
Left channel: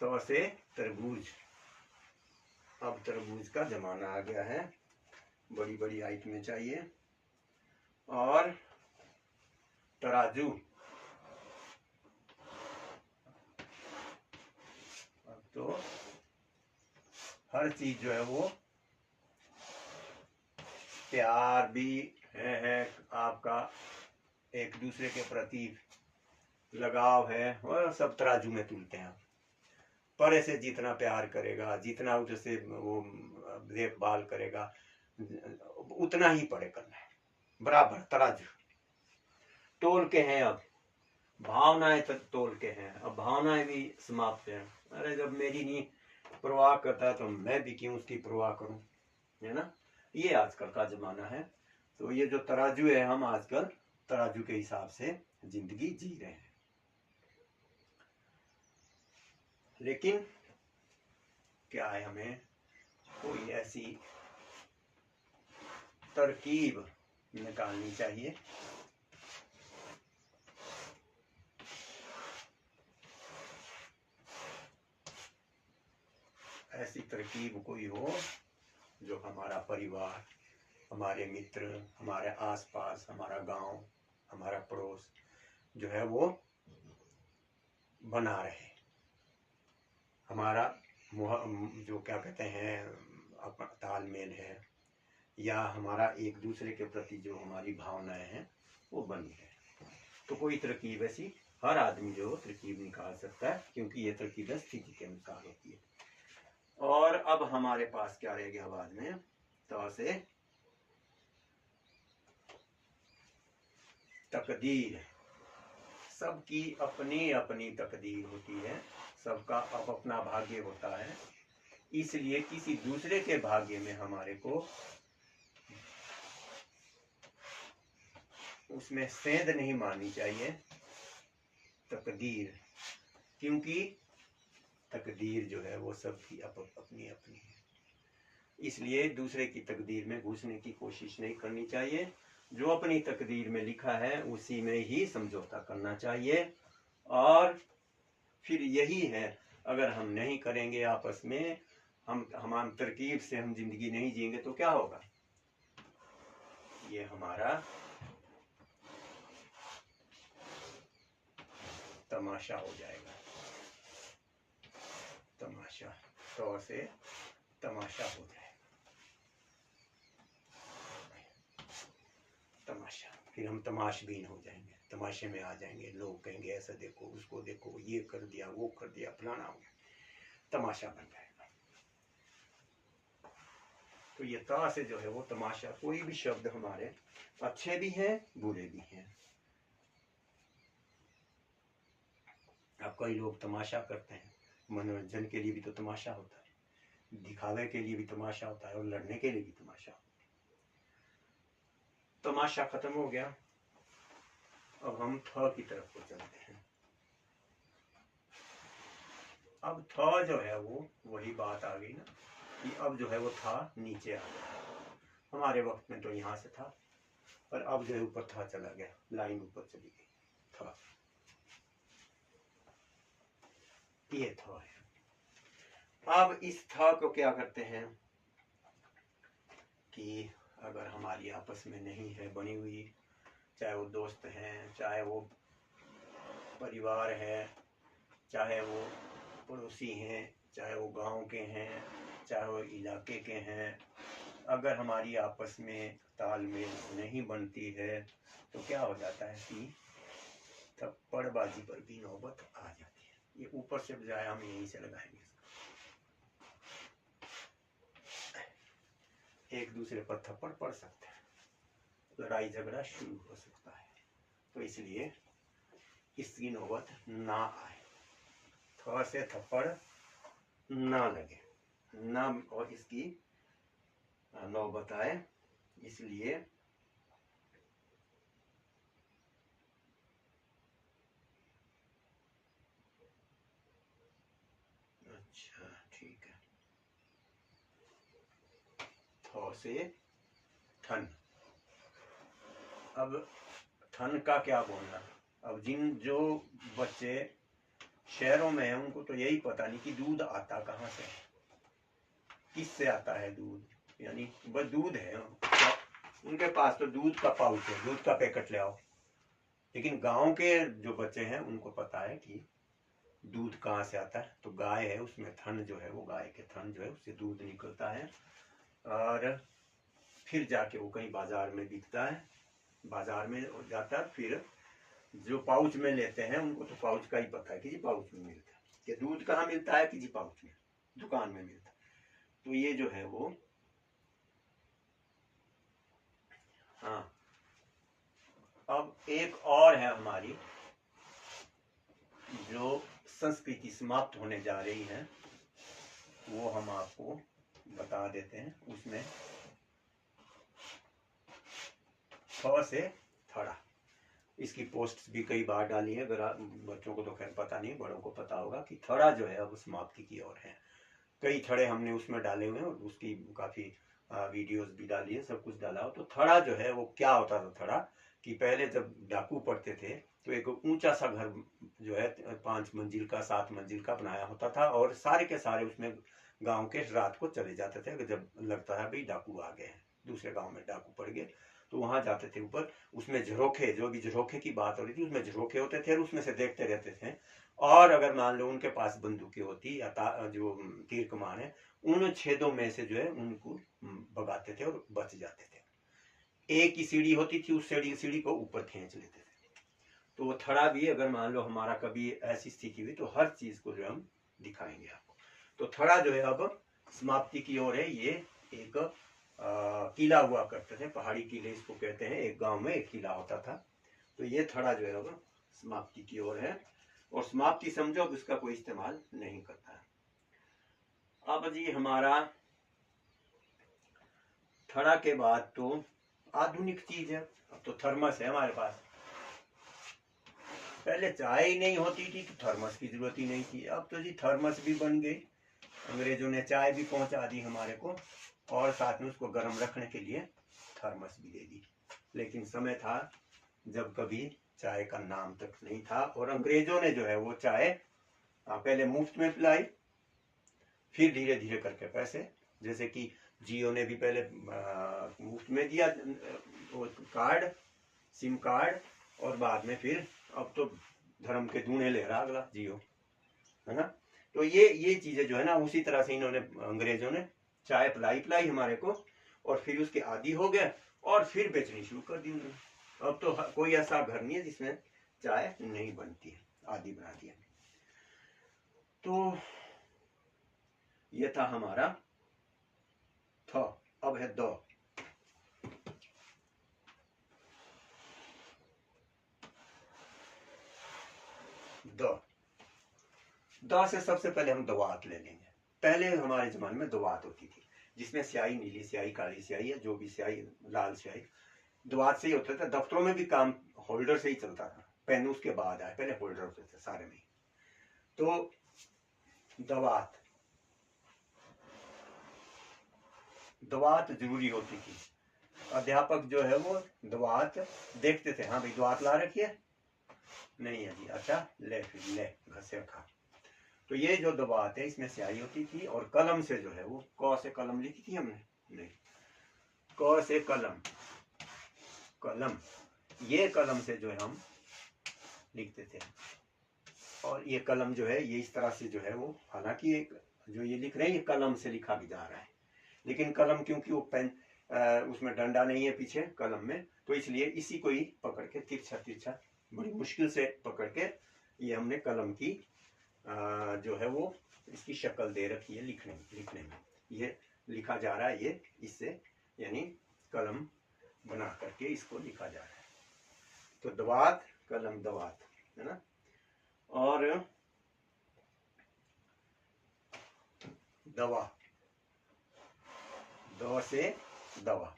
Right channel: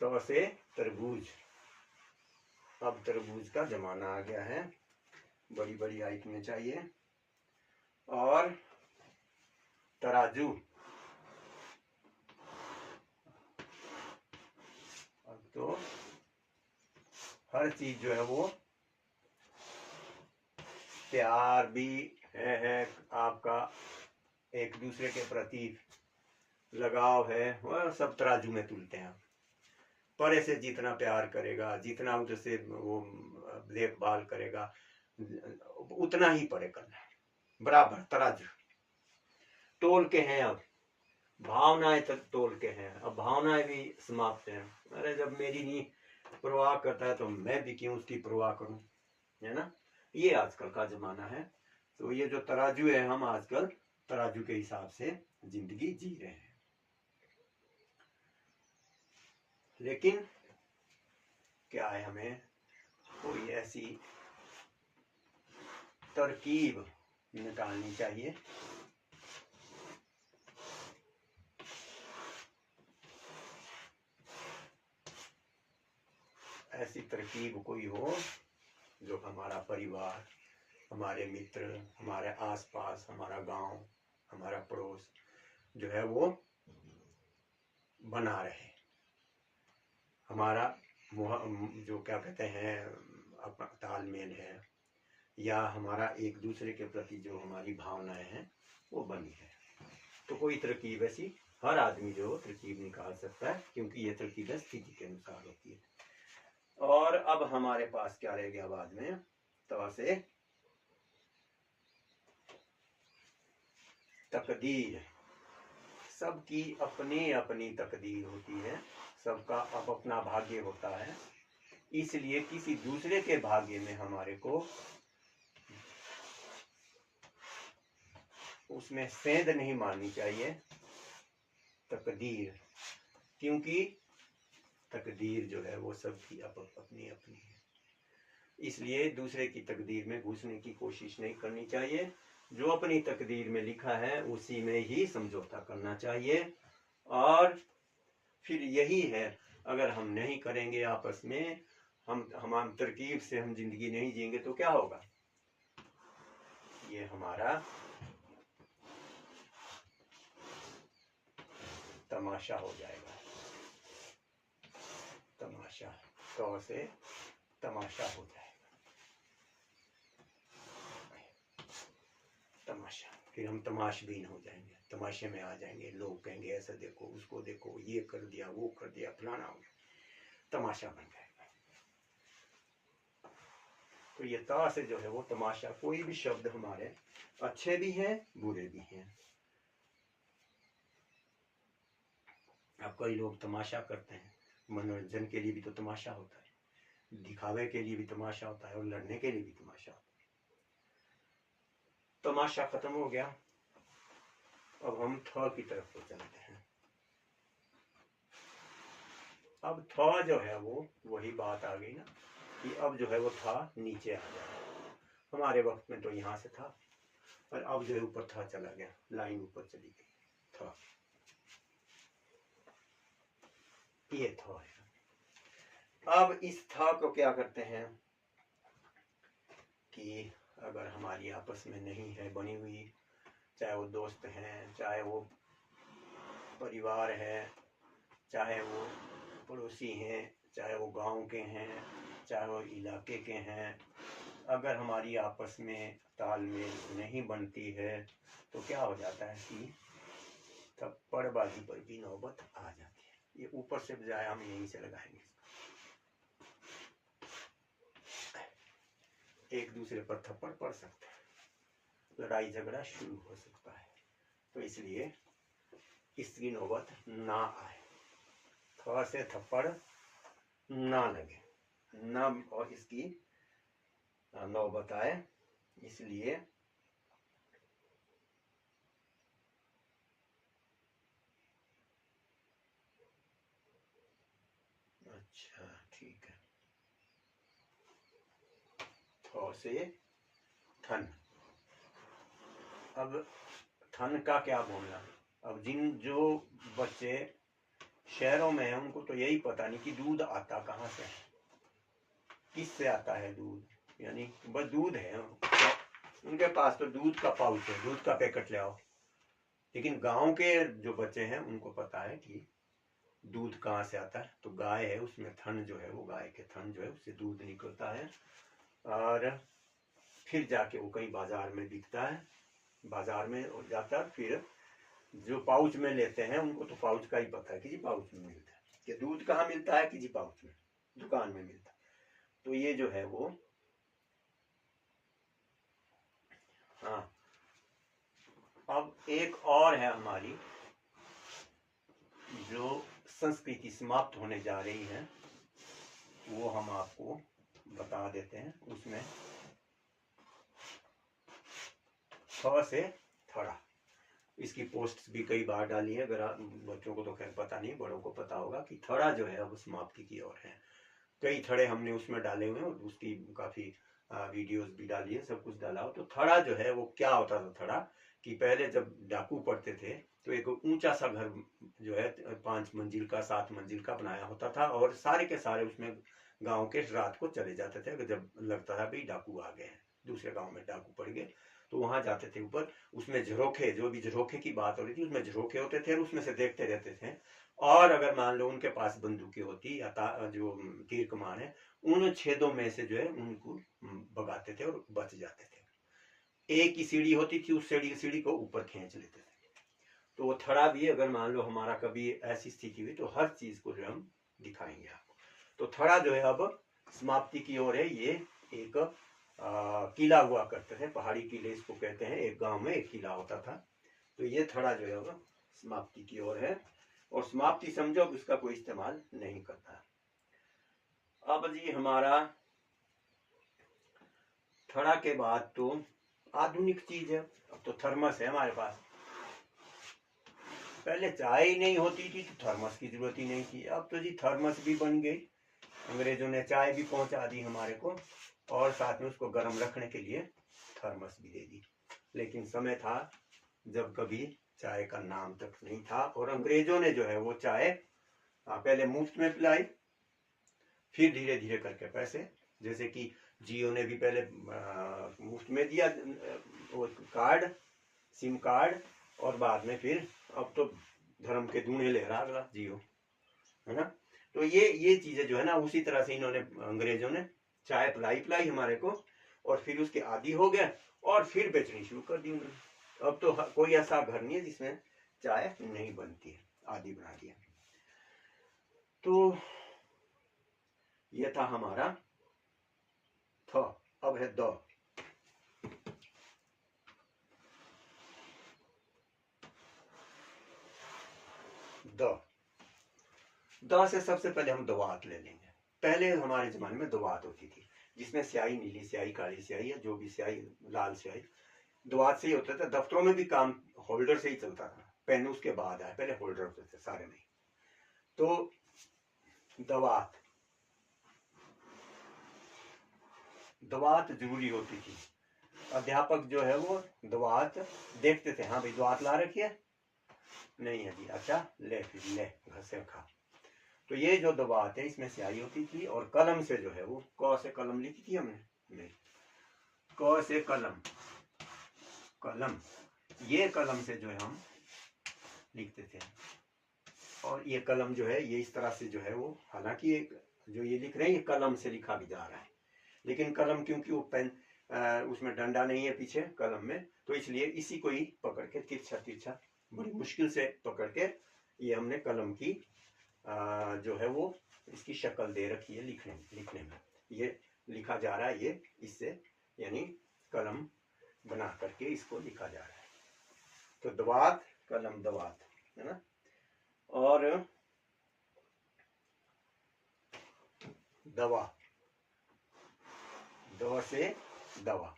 तो से तरबूज। अब तरबूज का जमाना आ गया है, बड़ी बड़ी आइटमें चाहिए। और तराजू, अब तो हर चीज जो है वो, प्यार भी है आपका एक दूसरे के प्रति, लगाव है, और सब तराजू में तुलते हैं। परे से जितना प्यार करेगा, जितना उसे वो देखभाल करेगा, उतना ही परे करना है, बराबर तराजू। तोल के हैं अब भावनाएं, तक तोल के हैं, अब भावनाएं भी समाप्त हैं। अरे जब मेरी नहीं परवाह करता है तो मैं भी क्यों उसकी परवाह करूं, है ना। ये आजकल का जमाना है। तो ये जो तराजू है, हम आजकल तराजू के हिसाब से जिंदगी जी रहे हैं। लेकिन क्या है, हमें कोई ऐसी तरकीब निकालनी चाहिए ऐसी तरकीब कोई हो जो हमारा परिवार, हमारे मित्र, हमारे आसपास, हमारा गांव, हमारा पड़ोस जो है वो बना रहे, हमारा जो क्या कहते हैं अपना तालमेल है, या हमारा एक दूसरे के प्रति जो हमारी भावनाएं हैं वो बनी है। तो कोई तरकीब ऐसी हर आदमी जो तरकीब निकाल सकता है, क्योंकि ये तरकीबें स्थिति के अनुसार होती है। और अब हमारे पास क्या रह गया बाद में, तो से तकदीर। सबकी अपनी अपनी तकदीर होती है, सबका अब अपना भाग्य होता है, इसलिए किसी दूसरे के भाग्य में हमारे को उसमें सेंध नहीं माननी चाहिए, तकदीर, क्योंकि तकदीर जो है वो सबकी अपनी अपनी है। इसलिए दूसरे की तकदीर में घुसने की कोशिश नहीं करनी चाहिए, जो अपनी तकदीर में लिखा है उसी में ही समझौता करना चाहिए। और फिर यही है, अगर हम नहीं करेंगे आपस में, हम तरकीब से हम जिंदगी नहीं जिएंगे तो क्या होगा, ये हमारा तमाशा हो जाएगा, तमाशा, तो से तमाशा हो जाएगा, तमाशा। फिर हम तमाशबीन हो जाएंगे, तमाशे में आ जाएंगे, लोग कहेंगे ऐसा देखो, उसको देखो, ये कर दिया, वो कर दिया, फलाना हो गया, तमाशा बन जाएगा। तो ये ता से जो है वो तमाशा, कोई भी शब्द हमारे अच्छे भी हैं बुरे भी हैं। अब कई लोग तमाशा करते हैं, मनोरंजन के लिए भी तो तमाशा होता है, दिखावे के लिए भी तमाशा होता है, और लड़ने के लिए भी तमाशा होता है। तमाशा खत्म हो गया, अब हम थ की तरफ को चलते हैं। अब था जो है वो वही बात आ गई ना कि अब जो है वो था नीचे आ गया। हमारे वक्त में तो यहाँ से था, पर अब जो है ऊपर था चला गया, लाइन ऊपर चली गई था। ये था है। अब इस था को क्या करते हैं कि अगर हमारी आपस में नहीं है बनी हुई, चाहे वो दोस्त हैं, चाहे वो परिवार है, चाहे वो पड़ोसी हैं, चाहे वो गांव के हैं, चाहे वो इलाके के हैं, अगर हमारी आपस में तालमेल नहीं बनती है तो क्या हो जाता है कि थप्पड़बाजी पर भी नौबत आ जाती है। ये ऊपर से बजाय हम यहीं से लगाएंगे, एक दूसरे पर थप्पड़ पड़ सकते हैं, लड़ाई झगड़ा शुरू हो सकता है। तो इसलिए इसकी नौबत ना आए, थोड़ा से थप्पड़ ना लगे ना, और इसकी नौबत आए, इसलिए अच्छा ठीक है। थौ से थन। अब थन का क्या बोलना, अब जो बच्चे शहरों में हैं उनको तो यही पता नहीं कि दूध आता कहाँ से है, किससे आता है दूध, यानी बस दूध है उनके पास, तो दूध का पाउच है, दूध का पैकेट ले आओ। लेकिन गांव के जो बच्चे हैं उनको पता है कि दूध कहाँ से आता है, तो गाय है उसमें थन जो है वो, गाय के थन जो है उससे दूध निकलता है, और फिर जाके वो कहीं बाजार में बिकता है, बाजार में जाता है। फिर जो पाउच में लेते हैं उनको तो पाउच का ही पता है कि जी पाउच में मिलता है, कि दूध कहाँ मिलता है कि जी पाउच में, दुकान में मिलता है। तो ये जो है वो, हाँ अब एक और है हमारी जो संस्कृति समाप्त होने जा रही है, वो हम आपको बता देते हैं। उसमें थ से थड़ा, इसकी पोस्ट भी कई बार डाली है, अगर बच्चों को तो खैर पता नहीं, बड़ों को पता होगा कि थड़ा जो है वो समाप्ति की ओर है। कई थड़े हमने उसमें डाले हुए हैं और उसकी काफी वीडियोस भी डाली है, सब कुछ डाला हो। तो थड़ा जो है वो क्या होता था, थड़ा कि पहले जब डाकू पड़ते थे तो एक ऊंचा सा घर जो है 5 मंजिल का 7 मंजिल का बनाया होता था, और सारे के सारे उसमें गांव के रात को चले जाते थे। जब लगता था भाई डाकू आ गए हैं, दूसरे गांव में डाकू पड़ गए, तो वहां जाते थे ऊपर। उसमें झरोखे, जो भी झरोखे की बात हो रही थी, उसमें झरोखे होते थे और उसमें से देखते रहते थे। और अगर मान लो उनके पास बंदूकें होती या जो तीर कमान है, उन छेदों में से जो है उनको भगाते थे और बच जाते थे। एक ही सीढ़ी होती थी, उस सीढ़ी को ऊपर खींच लेते थे। तो वो थड़ा भी अगर मान लो हमारा कभी ऐसी स्थिति हुई तो हर चीज को जो हम दिखाएंगे आपको। तो थड़ा जो है अब समाप्ति की ओर है। ये एक किला हुआ करते थे, पहाड़ी किले इसको कहते हैं, एक गांव में एक किला होता था। तो ये थड़ा जो है वो समाप्ति की ओर है, और समाप्ति समझो अब इसका कोई इस्तेमाल नहीं करता। अब जी हमारा थड़ा के बाद तो आधुनिक चीज है, अब तो थर्मस है हमारे पास। पहले चाय ही नहीं होती थी तो थर्मस की जरूरत ही नहीं थी, अब तो जी थर्मस भी बन गई, अंग्रेजों ने चाय भी पहुंचा दी हमारे को, और साथ में उसको गर्म रखने के लिए थर्मस भी दे दी। लेकिन समय था जब कभी चाय का नाम तक नहीं था, और अंग्रेजों ने जो है वो चाय पहले मुफ्त में पिलाई, फिर धीरे धीरे करके पैसे, जैसे कि जियो ने भी पहले मुफ्त में दिया वो कार्ड, सिम कार्ड, और बाद में फिर अब तो धर्म के दूने ले रहा अगला जियो, है ना। तो ये चीजें जो है ना, उसी तरह से इन्होंने अंग्रेजों ने चाय पिलाई हमारे को, और फिर उसके आदी हो गए और फिर बेचनी शुरू कर दी उन्होंने। अब तो कोई ऐसा घर नहीं है जिसमें चाय नहीं बनती है, आदि बना दिया। तो ये था हमारा थ। अब है द। द से सबसे पहले हम दवात ले लेंगे। पहले हमारे जमाने में दवात होती थी, जिसमें स्याही, नीली स्याही, काली स्याही, या जो भी स्याही, लाल स्याही, दवात से ही होता था। दफ्तरों में भी काम होल्डर से ही चलता था, पेन उसके बाद आए, पहले होल्डर होते थे सारे में। तो दवात, दवात जरूरी होती थी। अध्यापक जो है वो दवात देखते थे, हाँ भाई दवात ला रखी है, नहीं है जी, अच्छा ले फिर ले घर से खा। तो ये जो दवात है इसमें स्याही होती थी, और कलम से जो है वो क से कलम लिखी थी हमने, नहीं क से कलम, कलम, ये कलम से जो है हम लिखते थे। और ये कलम जो है ये इस तरह से जो है वो, हालांकि जो ये लिख रहे हैं ये कलम से लिखा भी जा रहा है, लेकिन कलम क्योंकि वो पेन उसमें डंडा नहीं है पीछे कलम में, तो इसलिए इसी को ही पकड़ के तिरछा तिरछा बड़ी मुश्किल से पकड़ के ये हमने कलम की जो है वो इसकी शक्ल दे रखी है लिखने में ये लिखा जा रहा है, ये इससे यानी कलम बना करके इसको लिखा जा रहा है। तो दवात कलम दवात है ना। और दवा, द से दवा,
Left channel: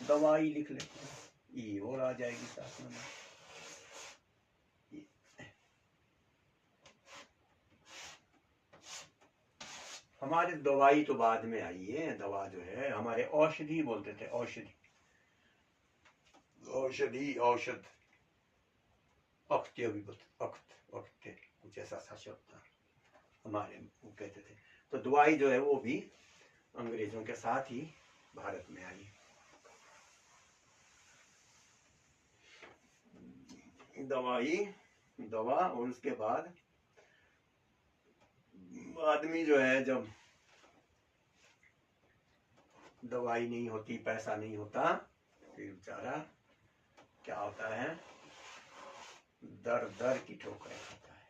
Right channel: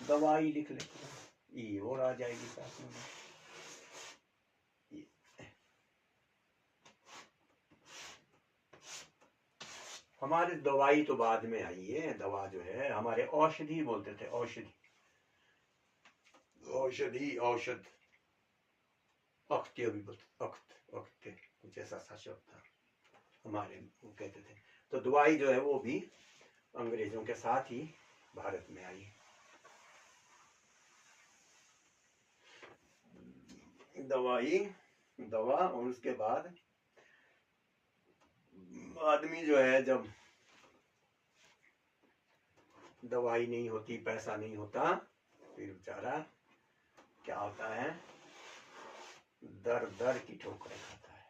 दवाई लिख लेते हैं, ई और आ जाएगी साथ में। हमारे दवाई तो बाद में आई है, दवा जो है हमारे औषधि बोलते थे, औषधि, औषधि, औषध, अख्त्य भी बोलते, अख्त्य कुछ ऐसा सा शब्द था हमारे, वो कहते थे। तो दवाई जो है वो भी अंग्रेजों के साथ ही भारत में आई। दवाई, दवा, और उसके बाद आदमी जो है जब दवाई नहीं होती, पैसा नहीं होता, फिर बेचारा क्या होता है, दर दर की ठोकरें खाता है,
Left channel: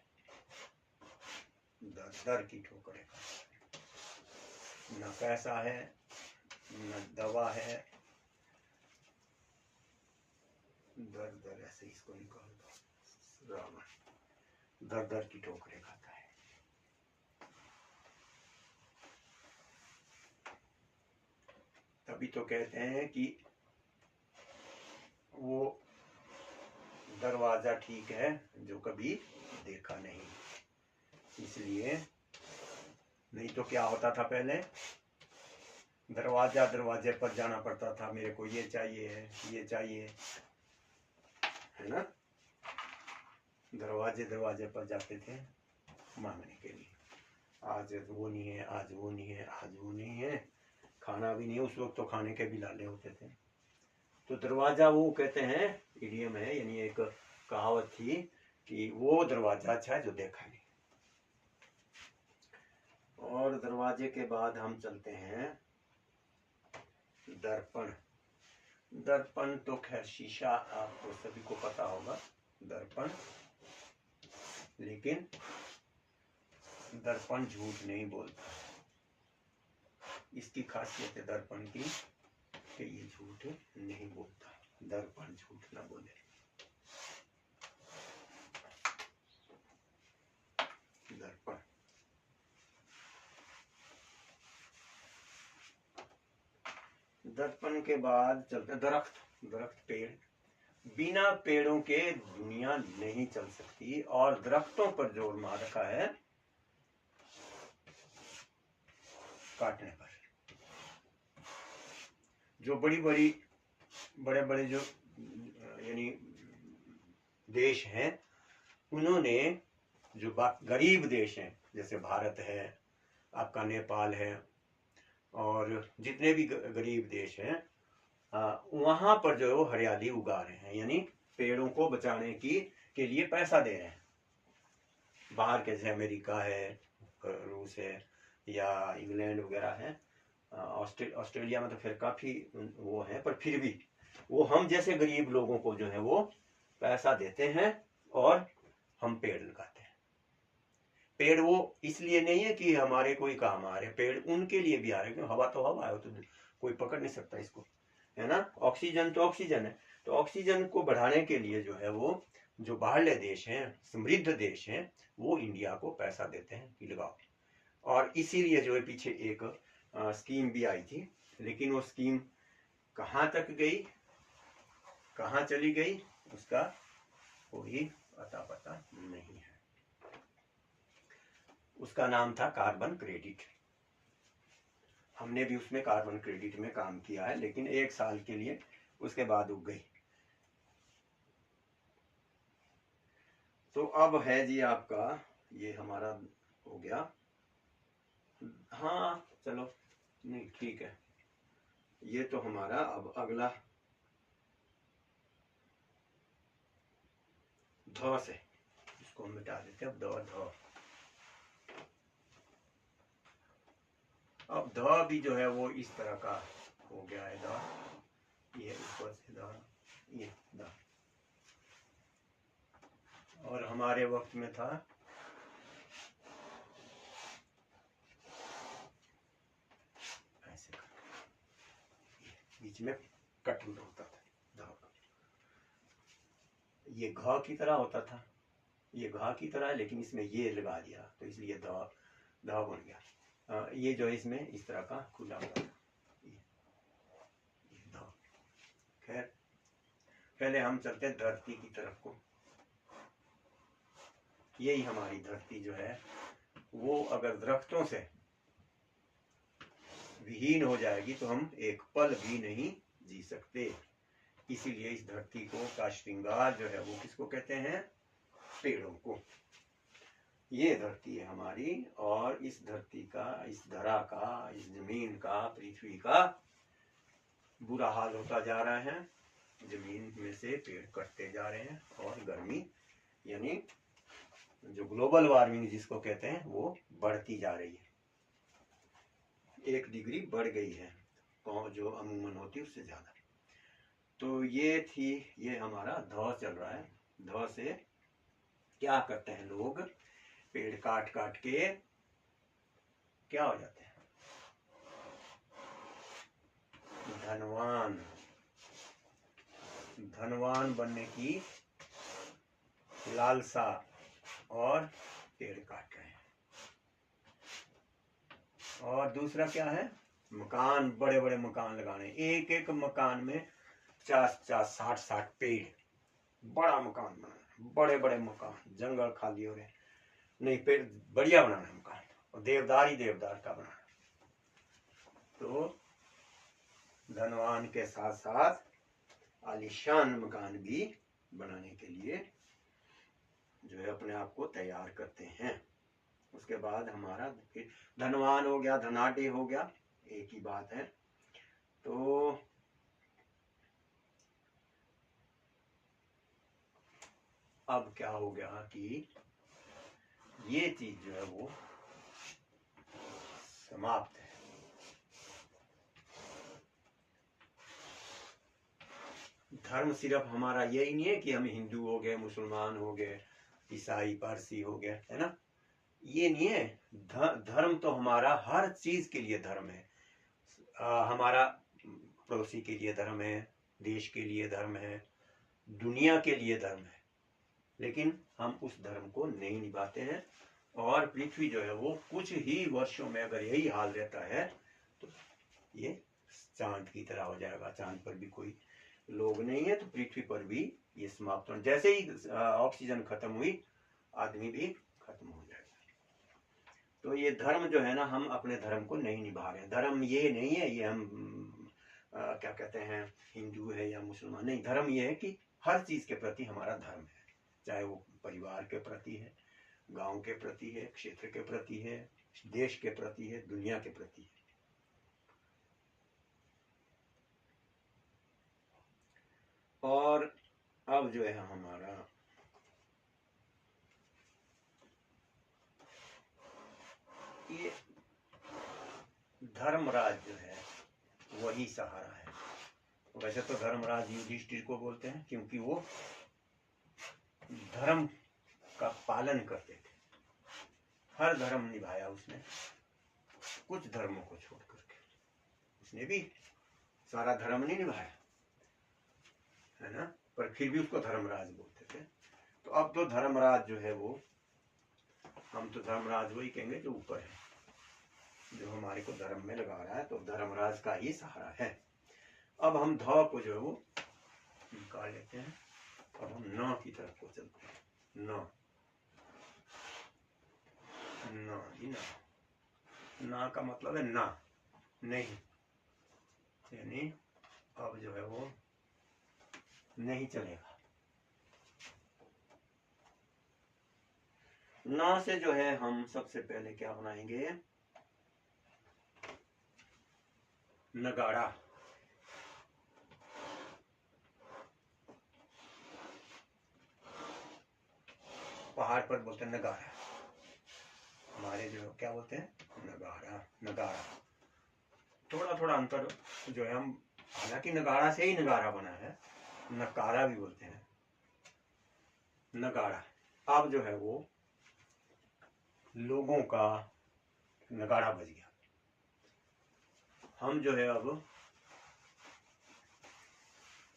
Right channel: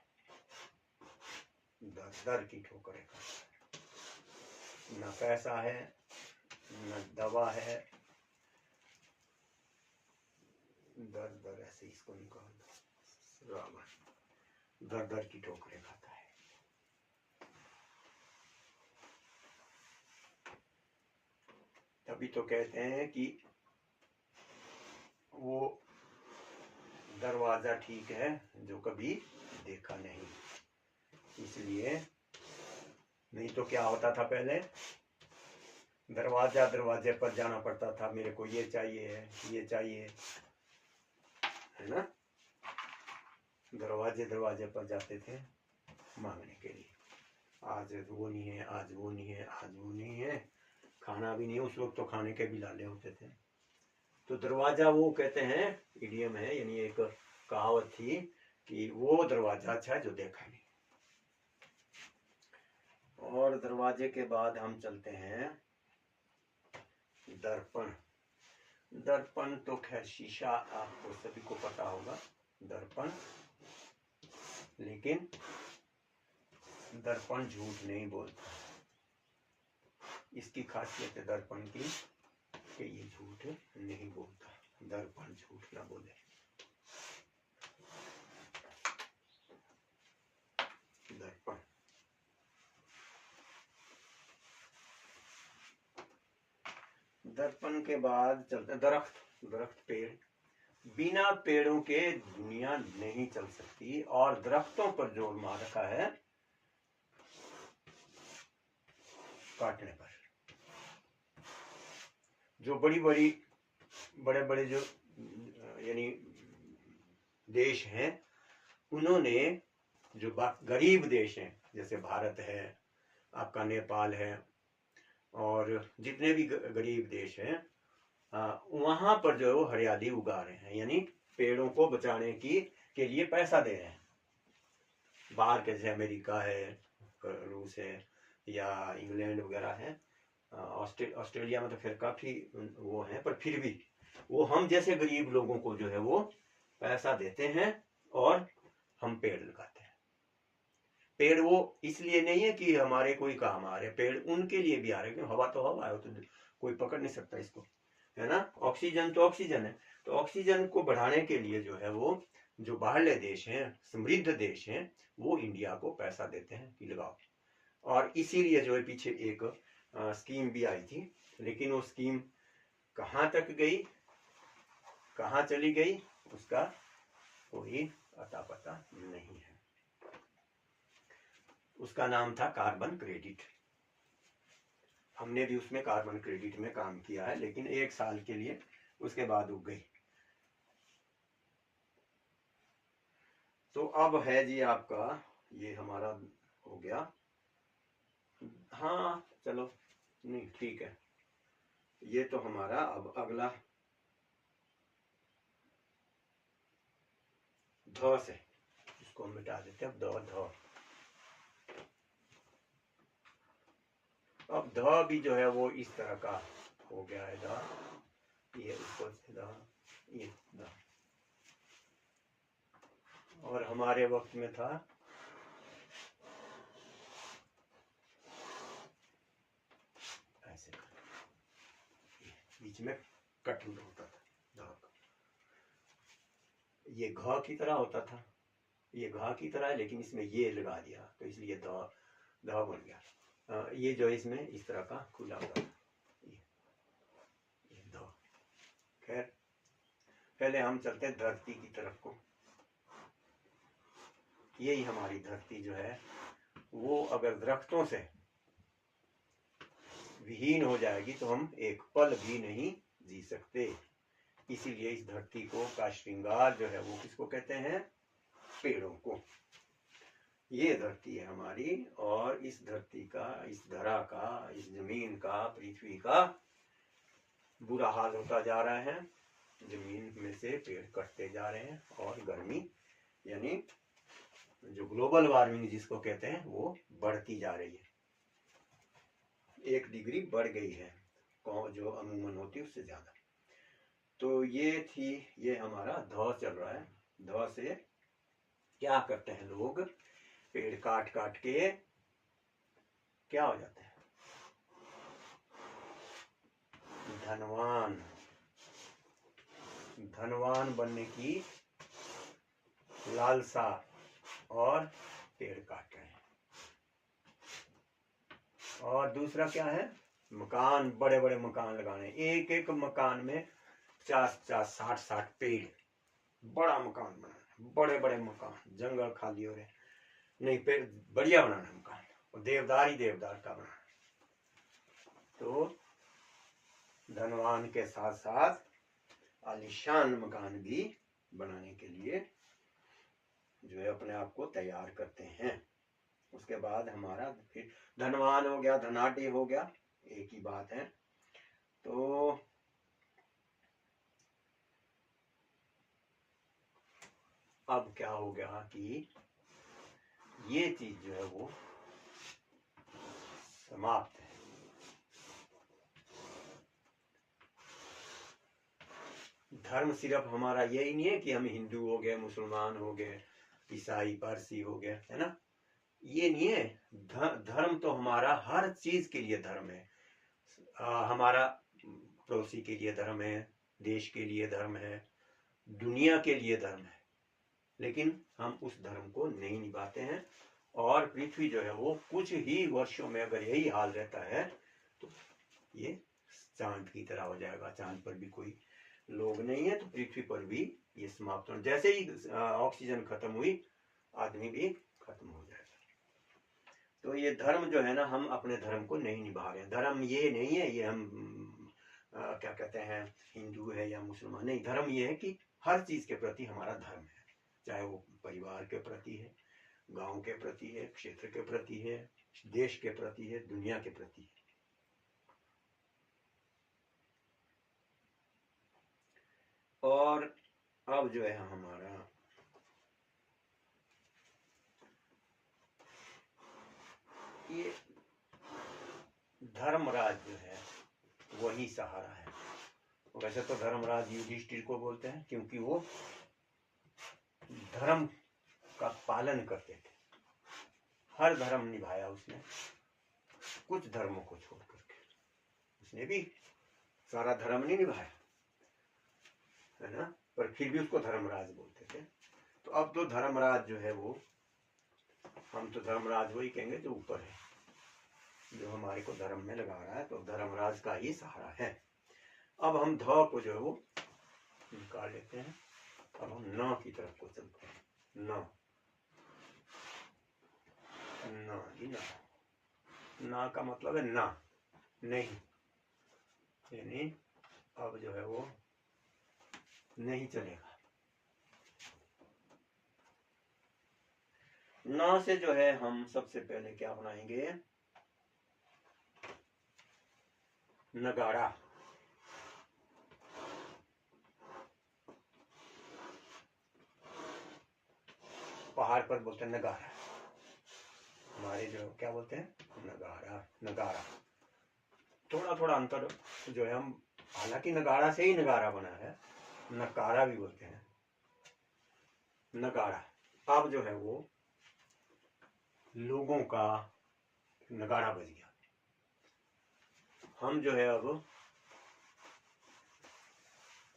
दर दर की ठोकरें खाता है। न पैसा है न दवा है, दर दर, ऐसे इसको नहीं कहा, दर दर की ठोकरें खाता है। तभी तो कहते हैं कि वो दरवाजा ठीक है जो कभी देखा नहीं, इसलिए नहीं तो क्या होता था पहले, दरवाजा दरवाजे पर जाना पड़ता था, मेरे को ये चाहिए ये चाहिए, है ना, दरवाजे दरवाजे पर जाते थे मांगने के लिए, आज वो नहीं है, आज वो नहीं है, आज वो नहीं है, खाना भी नहीं, उस वक्त तो खाने के भी लाले होते थे। तो दरवाजा, वो कहते हैं इडियम है, यानी एक कहावत थी कि वो दरवाजा अच्छा है जो देखा नहीं। और दरवाजे के बाद हम चलते हैं दर्पण। दर्पण तो खैर शीशा आपको सभी को पता होगा, दर्पण, लेकिन दर्पण झूठ नहीं बोलता। इसकी खासियत है दर्पण की कि ये झूठ नहीं बोलता, दर्पण झूठ ना बोले। दर्पण, दर्पण के बाद चलते दरख्त। दरख्त, पेड़, बिना पेड़ों के दुनिया नहीं चल सकती, और दरख्तों पर जोर मार रखा है काटने पर। जो बड़ी बड़ी बड़े बड़े जो यानी देश हैं, उन्होंने जो गरीब देश हैं, जैसे भारत है, आपका नेपाल है, और जितने भी गरीब देश हैं, वहां पर जो है वो हरियाली उगा रहे हैं, यानी पेड़ों को बचाने के लिए पैसा दे रहे हैं। बाहर के जैसे अमेरिका है, रूस है, या इंग्लैंड वगैरह है, ऑस्ट्रेलिया में तो फिर काफी वो है, पर फिर भी वो हम जैसे गरीब लोगों को जो है वो पैसा देते हैं और हम पेड़ लगाते हैं। पेड़ वो इसलिए नहीं है कि हमारे कोई काम आ रहे, पेड़ उनके लिए भी आ रहे, क्योंकि हवा तो हवा है, तो कोई पकड़ नहीं सकता इसको, है ना। ऑक्सीजन तो ऑक्सीजन है, तो ऑक्सीजन को बढ़ाने के लिए जो है वो जो बाहरले देश हैं, समृद्ध देश हैं, वो इंडिया को पैसा देते हैं कि लगाओ। और इसीलिए जो है पीछे एक स्कीम भी आई थी, लेकिन वो स्कीम कहाँ तक गई, कहाँ चली गई, उसका कोई अता पता नहीं है। उसका नाम था कार्बन क्रेडिट। हमने भी उसमें कार्बन क्रेडिट में काम किया है, लेकिन 1 साल के लिए, उसके बाद उग गई। तो अब है जी आपका, ये हमारा हो गया। हाँ चलो, नहीं ठीक है, ये तो हमारा अब अगला ध से, इसको हम मिटा देते हैं। अब ध, अब ध भी जो है वो इस तरह का हो गया है। ध, ये ऊपर से ध, ये ध। और हमारे वक्त में था ऐसे, बीच में कट होता था ध, ये घ की तरह होता था, ये घ की तरह है, लेकिन इसमें ये लगा दिया तो इसलिए ध, ध बन गया। ये जो है इसमें इस तरह का खुला हुआ था, ये ध। खैर पहले हम चलते हैं धरती की तरफ को। यही हमारी धरती जो है वो अगर दरख्तों से विहीन हो जाएगी तो हम एक पल भी नहीं जी सकते। इसीलिए इस धरती को का श्रृंगार जो है वो किसको कहते हैं? पेड़ों को। ये धरती है हमारी, और इस धरती का, इस धरा का, इस जमीन का, पृथ्वी का बुरा हाल होता जा रहा है। जमीन में से पेड़ कटते जा रहे हैं और गर्मी यानी जो ग्लोबल वार्मिंग जिसको कहते हैं वो बढ़ती जा रही है। 1 डिग्री बढ़ गई है जो अमूमन होती है उससे ज्यादा। तो ये थी, ये हमारा ध चल रहा है। ध से क्या करते हैं लोग? पेड़ काट काट के क्या हो जाते हैं? धनवान। धनवान बनने की लालसा और पेड़ काट रहे हैं। और दूसरा क्या है? मकान, बड़े बड़े मकान लगाने। एक एक मकान में 50-50, 60-60 पेड़, बड़ा मकान बनाना, बड़े बड़े मकान। जंगल खाली हो रहे, नहीं पेड़ बढ़िया बनाना मकान, और देवदार ही देवदार का बनाना। तो धनवान के साथ साथ आलीशान मकान भी बनाने के लिए जो है अपने आप को तैयार करते हैं। उसके बाद हमारा फिर धनवान हो गया, धनाढ़ हो गया, एक ही बात है। तो अब क्या हो गया कि ये चीज जो है वो समाप्त है। धर्म सिर्फ हमारा यही नहीं है कि हम हिंदू हो गए, मुसलमान हो गए, ईसाई पारसी हो गए, है ना? ये नहीं है। धर्म तो हमारा हर चीज के लिए धर्म है। हमारा पड़ोसी के लिए धर्म है, देश के लिए धर्म है, दुनिया के लिए धर्म है, लेकिन हम उस धर्म को नहीं निभाते हैं। और पृथ्वी जो है वो कुछ ही वर्षों में अगर यही हाल रहता है तो ये चांद की तरह हो जाएगा। चांद पर भी कोई लोग नहीं है तो पृथ्वी पर भी ये समाप्त हो, जैसे ही ऑक्सीजन खत्म हुई आदमी भी खत्म हो जाएगा। तो ये धर्म जो है ना, हम अपने धर्म को नहीं निभा रहे हैं। धर्म ये नहीं है ये हम क्या कहते हैं हिंदू है या मुसलमान, नहीं। धर्म ये है कि हर चीज के प्रति हमारा धर्म है, चाहे वो परिवार के प्रति है, गांव के प्रति है, क्षेत्र के प्रति है, देश के प्रति है, दुनिया के प्रति है। और अब जो है हमारा ये धर्मराज जो है वही सहारा है। वैसे तो धर्मराज युधिष्ठिर को बोलते हैं क्योंकि वो धर्म का पालन करते थे। हर धर्म निभाया उसने, कुछ धर्मों को छोड़ करके। उसने भी सारा धर्म नहीं निभाया, है ना, पर फिर भी उसको धर्मराज बोलते थे। तो अब तो धर्मराज जो है वो, हम तो धर्मराज वही कहेंगे जो ऊपर है, जो हमारे को धर्म में लगा रहा है, तो धर्मराज का ही सहारा है। अब हम ध को जो है वो निकाल लेते हैं। अब हम न की तरफ को चलते हैं। न, ना जी ना, ना का मतलब है ना, नहीं, यानी अब जो है वो नहीं चलेगा। ना से जो है हम सबसे पहले क्या बनाएंगे, नगाड़ा। पहाड़ पर बोलते हैं नगाड़ा, हमारे जो क्या बोलते हैं, नगाड़ा, नगाड़ा। थोड़ा थोड़ा अंतर जो है, हम हालांकि नगाड़ा से ही नगाड़ा बना है, नकारा भी बोलते हैं, नगाड़ा। अब जो है वो लोगों का नगाड़ा बज गया। हम जो है अब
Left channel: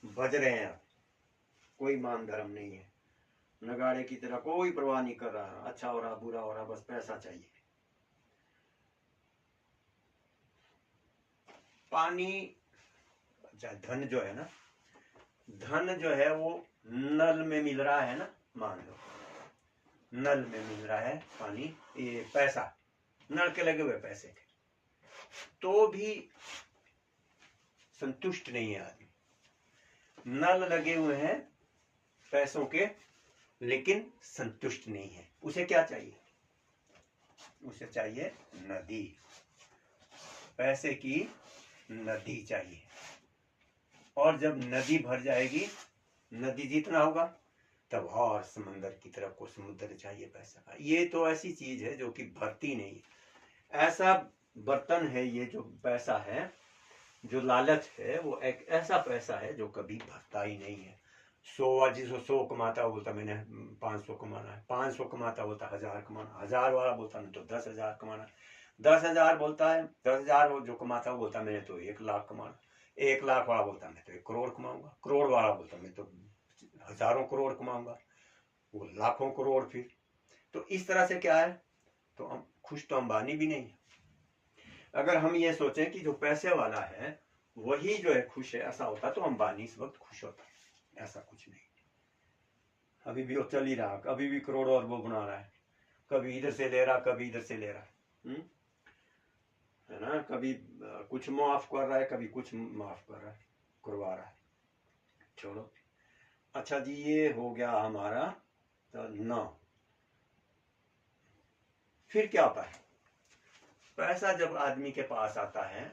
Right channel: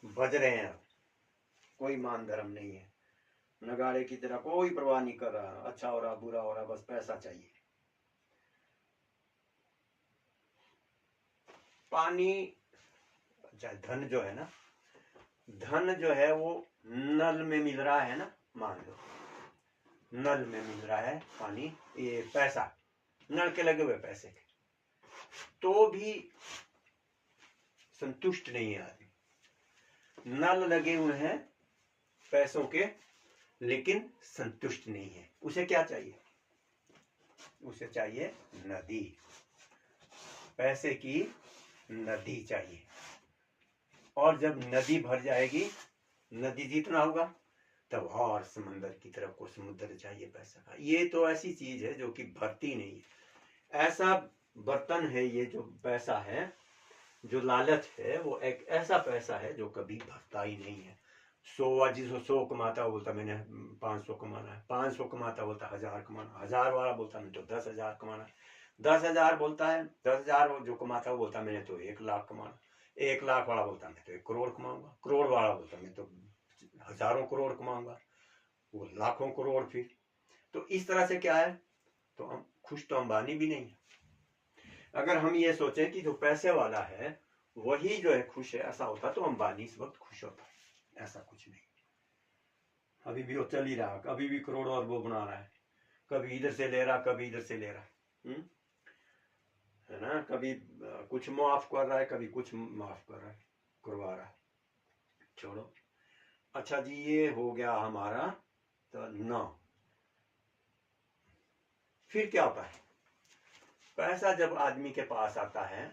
बज रहे हैं, अब कोई मान धर्म नहीं है, नगाड़े की तरह कोई परवाह नहीं कर रहा, अच्छा हो रहा बुरा हो रहा, बस पैसा चाहिए। पानी, अच्छा धन जो है ना, धन जो है वो नल में मिल रहा है ना, मान लो नल में मिल रहा है पानी, ये पैसा, नल के लगे हुए पैसे के, तो भी संतुष्ट नहीं है आदमी। नल लगे हुए हैं पैसों के, लेकिन संतुष्ट नहीं है। उसे क्या चाहिए, उसे चाहिए नदी, पैसे की नदी चाहिए। और जब नदी भर जाएगी, नदी जितना होगा, तब और समंदर की तरफ को समुद्र चाहिए पैसा का। ये तो ऐसी चीज है जो कि भरती नहीं है। ऐसा बर्तन है ये जो पैसा है, जो लालच है, वो एक ऐसा पैसा है जो कभी भरता ही नहीं है। 100 जिसको 100 कमाता बोलता मैंने 500 कमाना है, 500 कमाता बोलता 1000 कमाना, 1000 वाला बोलता मैं तो 10,000 कमाना, 10,000 बोलता है, 10,000 जो कमाता वो बोलता मैंने तो 1,00,000 कमाना, 1,00,000 वाला बोलता मैं तो 1 करोड़ कमाऊंगा, करोड़ वाला बोलता मैं तो हजारों करोड़ कमाऊंगा, वो लाखों करोड़। फिर तो इस तरह से क्या है, तो हम खुश तो अंबानी भी नहीं है। अगर हम ये सोचें कि जो पैसे वाला है वही जो है खुश है, ऐसा होता तो अंबानी इस वक्त खुश होता, ऐसा कुछ नहीं। अभी भी वो चल ही रहा, अभी भी करोड़ों अरबों बना रहा है, कभी इधर से ले रहा, कभी इधर से ले रहा, है ना, कभी कुछ माफ कर रहा है, कभी कुछ माफ कर रहा है, करवा रहा है। छोड़ो, अच्छा जी, ये हो गया हमारा तो 9। फिर क्या होता है, पैसा जब आदमी के पास आता है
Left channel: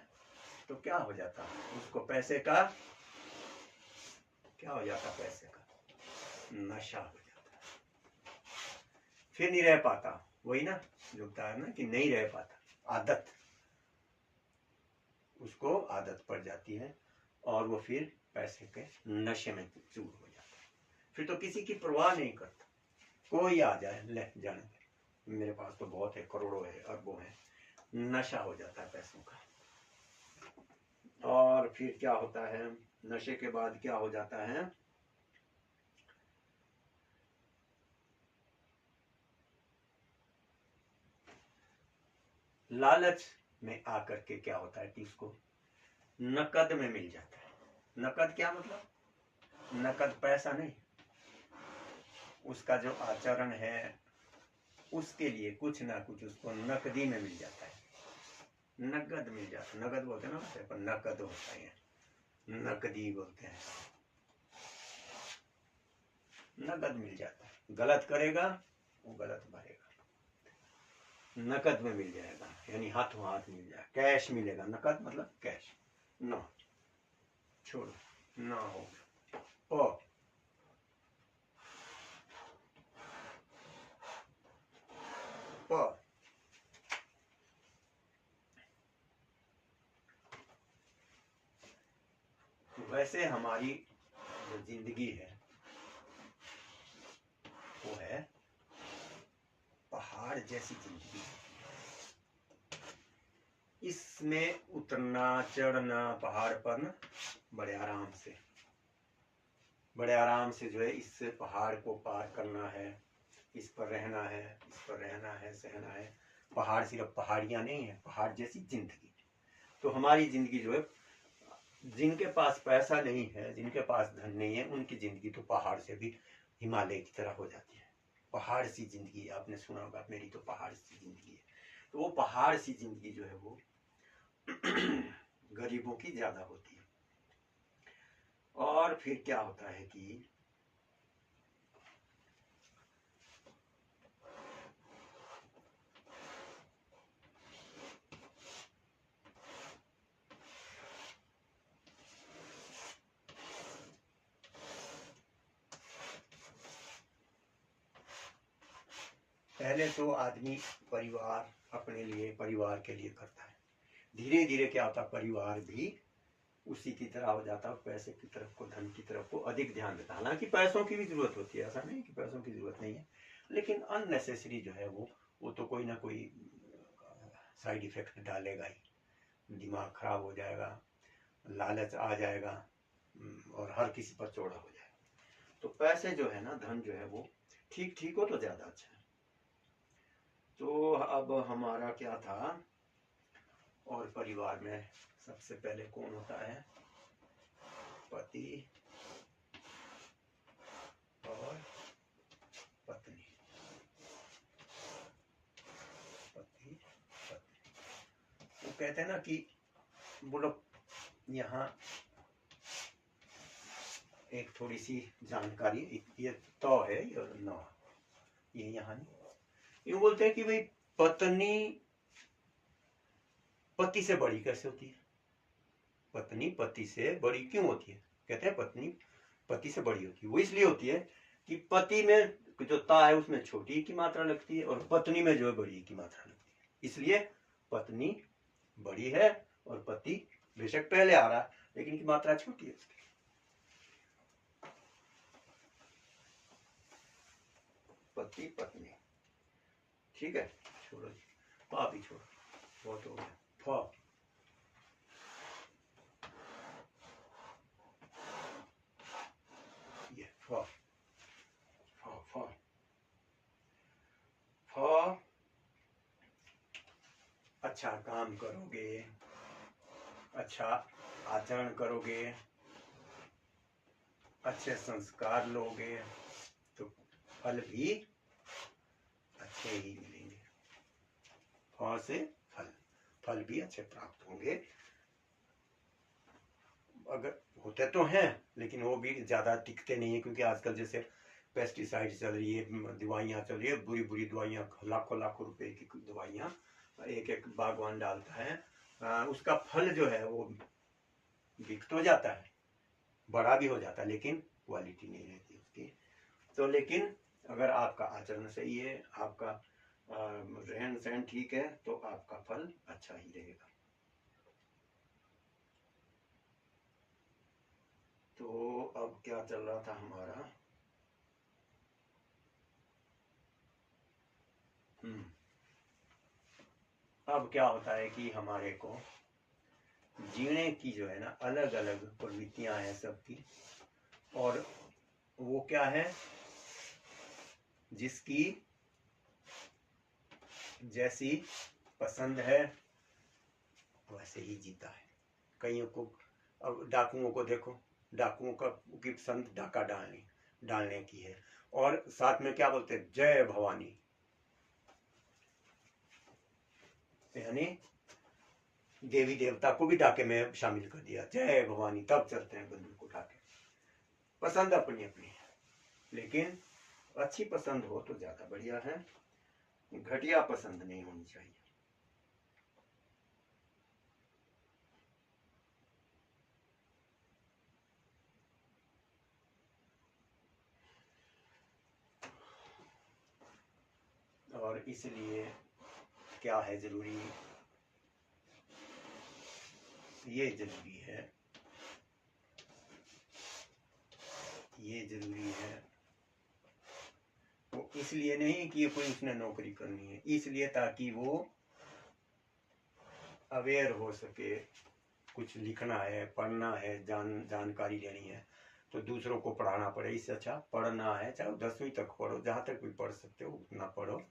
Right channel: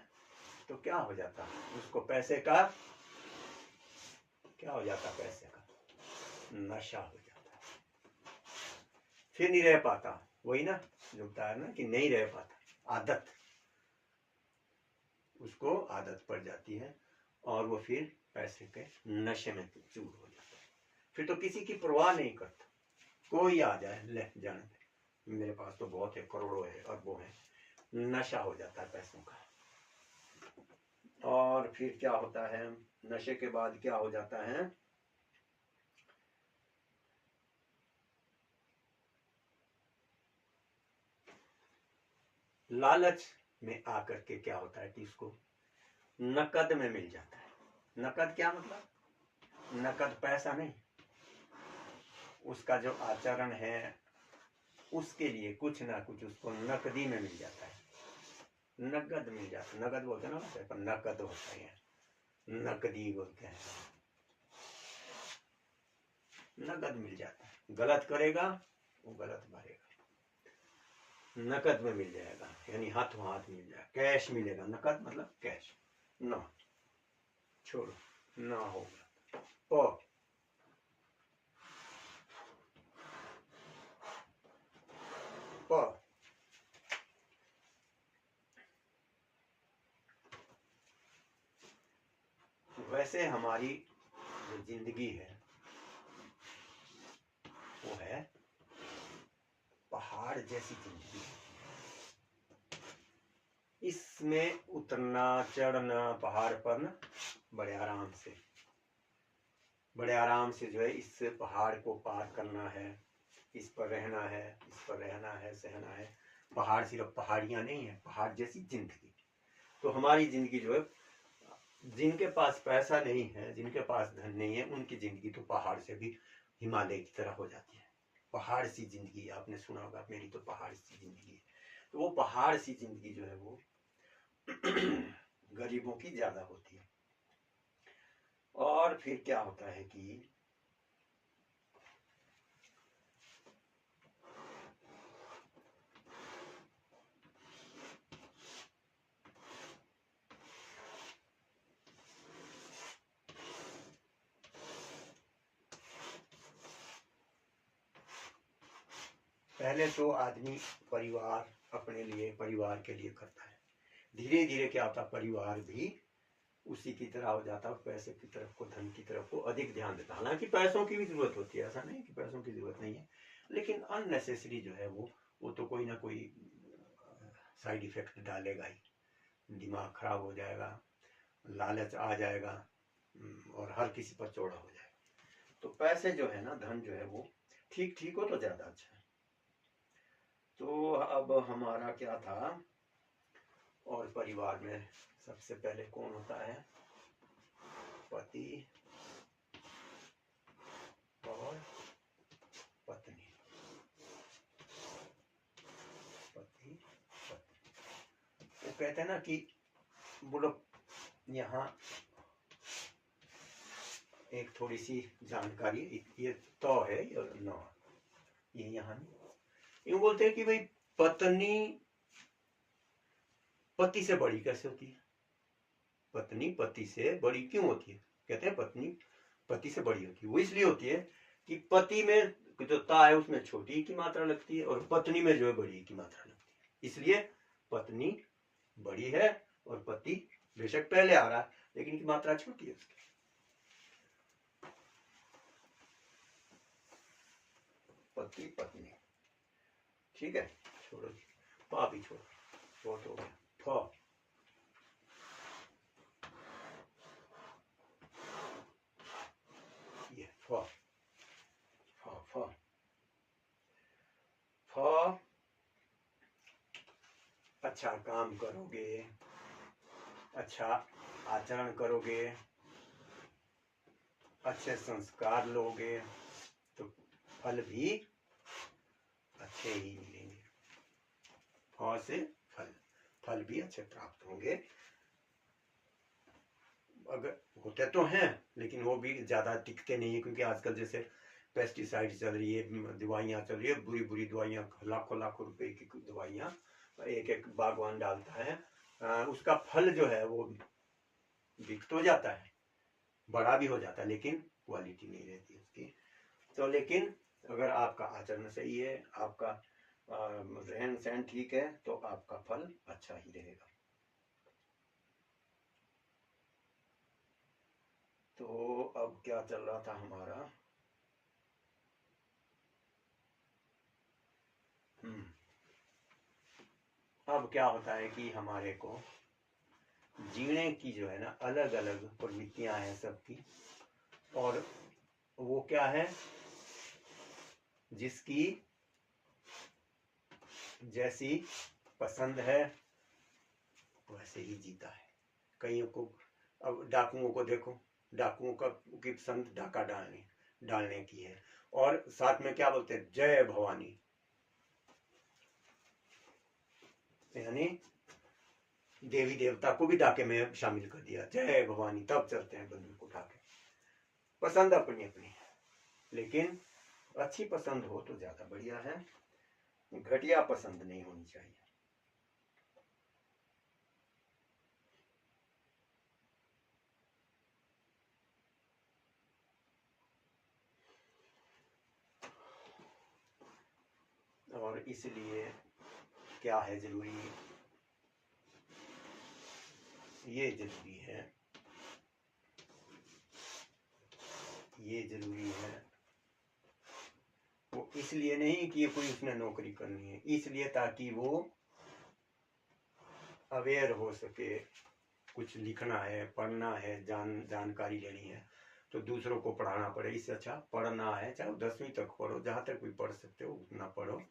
तो क्या हो जाता है, उसको पैसे का क्या हो जाता है, पैसे का नशा हो जाता है, फिर नहीं रह पाता। वही ना जो होता है ना कि नहीं रह पाता, आदत, उसको आदत पड़ जाती है और वो फिर पैसे के नशे में चूर हो जाता है। फिर तो किसी की परवाह नहीं करता, कोई आ जाए ले जाने दे, मेरे पास तो बहुत है, करोड़ों है, अरबों है, नशा हो जाता है पैसों का। और फिर क्या होता है, नशे के बाद क्या हो जाता है, लालच में आकर के क्या होता है कि उसको नकद में मिल जाता है। नकद क्या मतलब, नकद पैसा नहीं, उसका जो आचरण है उसके लिए कुछ ना कुछ उसको नकदी में मिल जाता है, नकद मिल जाता है। नकद बोलते हैं ना, पर नकद होता है, नकदी बोलते हैं, नकद मिल जाता है। गलत करेगा वो गलत भरेगा, नकद में मिल जाएगा, यानी हाथों हाथ मिल जाएगा, कैश मिलेगा। नकद मतलब कैश। ना छोड़ो, ना होगा। और वैसे हमारी जो जिंदगी है वो है पहाड़ जैसी जिंदगी। इसमें उतरना चढ़ना पहाड़ पर ना बड़े आराम से जो है इस पहाड़ को पार करना है, इस पर रहना है, इस पर रहना है, सहना है। पहाड़ सिर्फ पहाड़ियां नहीं है, पहाड़ जैसी जिंदगी। तो हमारी जिंदगी जो है, जिनके पास पैसा नहीं है, जिनके पास धन नहीं है, उनकी जिंदगी तो पहाड़ से भी हिमालय की तरह हो जाती है। पहाड़ सी जिंदगी, आपने सुना होगा मेरी तो पहाड़ सी जिंदगी है। तो वो पहाड़ सी जिंदगी जो है वो गरीबों की ज्यादा होती है। और फिर क्या होता है कि पहले तो आदमी परिवार अपने लिए, परिवार के लिए करता है। धीरे धीरे क्या होता है, परिवार भी उसी की तरह हो जाता है, पैसे की तरफ को, धन की तरफ को अधिक ध्यान देता है। हालांकि पैसों की भी जरूरत होती है, ऐसा नहीं कि पैसों की जरूरत नहीं है, लेकिन अननेसेसरी जो है वो तो कोई ना कोई साइड इफेक्ट डालेगा ही। दिमाग खराब हो जाएगा, लालच आ जाएगा और हर किसी पर चौड़ा हो जाएगा। तो पैसे जो है ना, धन जो है वो ठीक ठीक हो तो ज्यादा अच्छा है। तो अब हमारा क्या था, और परिवार में सबसे पहले कौन होता है, पति और पत्नी। पति पत्नी, वो कहते हैं ना कि बोलो, यहाँ एक थोड़ी सी जानकारी, ये तो है या न, ये यहाँ नहीं, यूँ बोलते हैं कि भाई पत्नी पति से बड़ी कैसे होती है, पत्नी पति से बड़ी क्यों होती है। कहते हैं पत्नी पति से बड़ी होती है, वो इसलिए होती है कि पति में जो ता है उसमें छोटी की मात्रा लगती है और पत्नी में जो है बड़ी की मात्रा लगती है। इसलिए पत्नी बड़ी है और पति बेशक पहले आ रहा है लेकिन की मात्रा छोटी है उसकी। पति पत्नी, ठीक है, छोड़ो, पा भी छोड़ो, बहुत हो गया। फ, ये फ, फ फ फ, अच्छा काम करोगे, अच्छा आचरण करोगे, अच्छे संस्कार लोगे तो फल भी अच्छे ही मिलेंगे। फ से फल, फल भी अच्छे प्राप्त होंगे। अगर होते तो हैं लेकिन वो भी ज्यादा टिकते नहीं है, क्योंकि आजकल जैसे पेस्टिसाइड चल रही है, दवाइयाँ चल रही है, बुरी बुरी दवाइयाँ, लाखों लाखों रुपए की दवाइयाँ एक एक बागवान डालता है। उसका फल जो है वो बिक तो जाता है, बड़ा भी हो जाता है, लेकिन क्वालिटी नहीं रहती उसकी। तो लेकिन अगर आपका आचरण सही है, आपका रहन सहन ठीक है, तो आपका फल अच्छा ही रहेगा। तो अब क्या चल रहा था हमारा, अब क्या होता है कि हमारे को जीने की जो है ना अलग अलग प्रवृत्तियां हैं सबकी, और वो क्या है, जिसकी जैसी पसंद है वैसे ही जीता है। कईयों को, अब डाकुओं को देखो, डाकुओं की पसंद डाका डालने की है, और साथ में क्या बोलते हैं, जय भवानी, यानी देवी देवता को भी डाके में शामिल कर दिया, जय भवानी, तब चलते हैं बंदूक उठा के। पसंद अपनी अपनी है, लेकिन अच्छी पसंद हो तो ज्यादा बढ़िया है, घटिया पसंद नहीं होनी चाहिए। और इसलिए क्या है जरूरी, ये जरूरी है, ये जरूरी है। वो इसलिए नहीं कि कोई उसने नौकरी करनी है, इसलिए ताकि वो अवेयर हो सके, कुछ लिखना है, पढ़ना है, जानकारी लेनी है तो दूसरों को पढ़ाना पड़े। इससे अच्छा पढ़ना है, चाहे 10वीं तक पढ़ो, जहाँ तक भी पढ़ सकते हो उतना पढ़ो।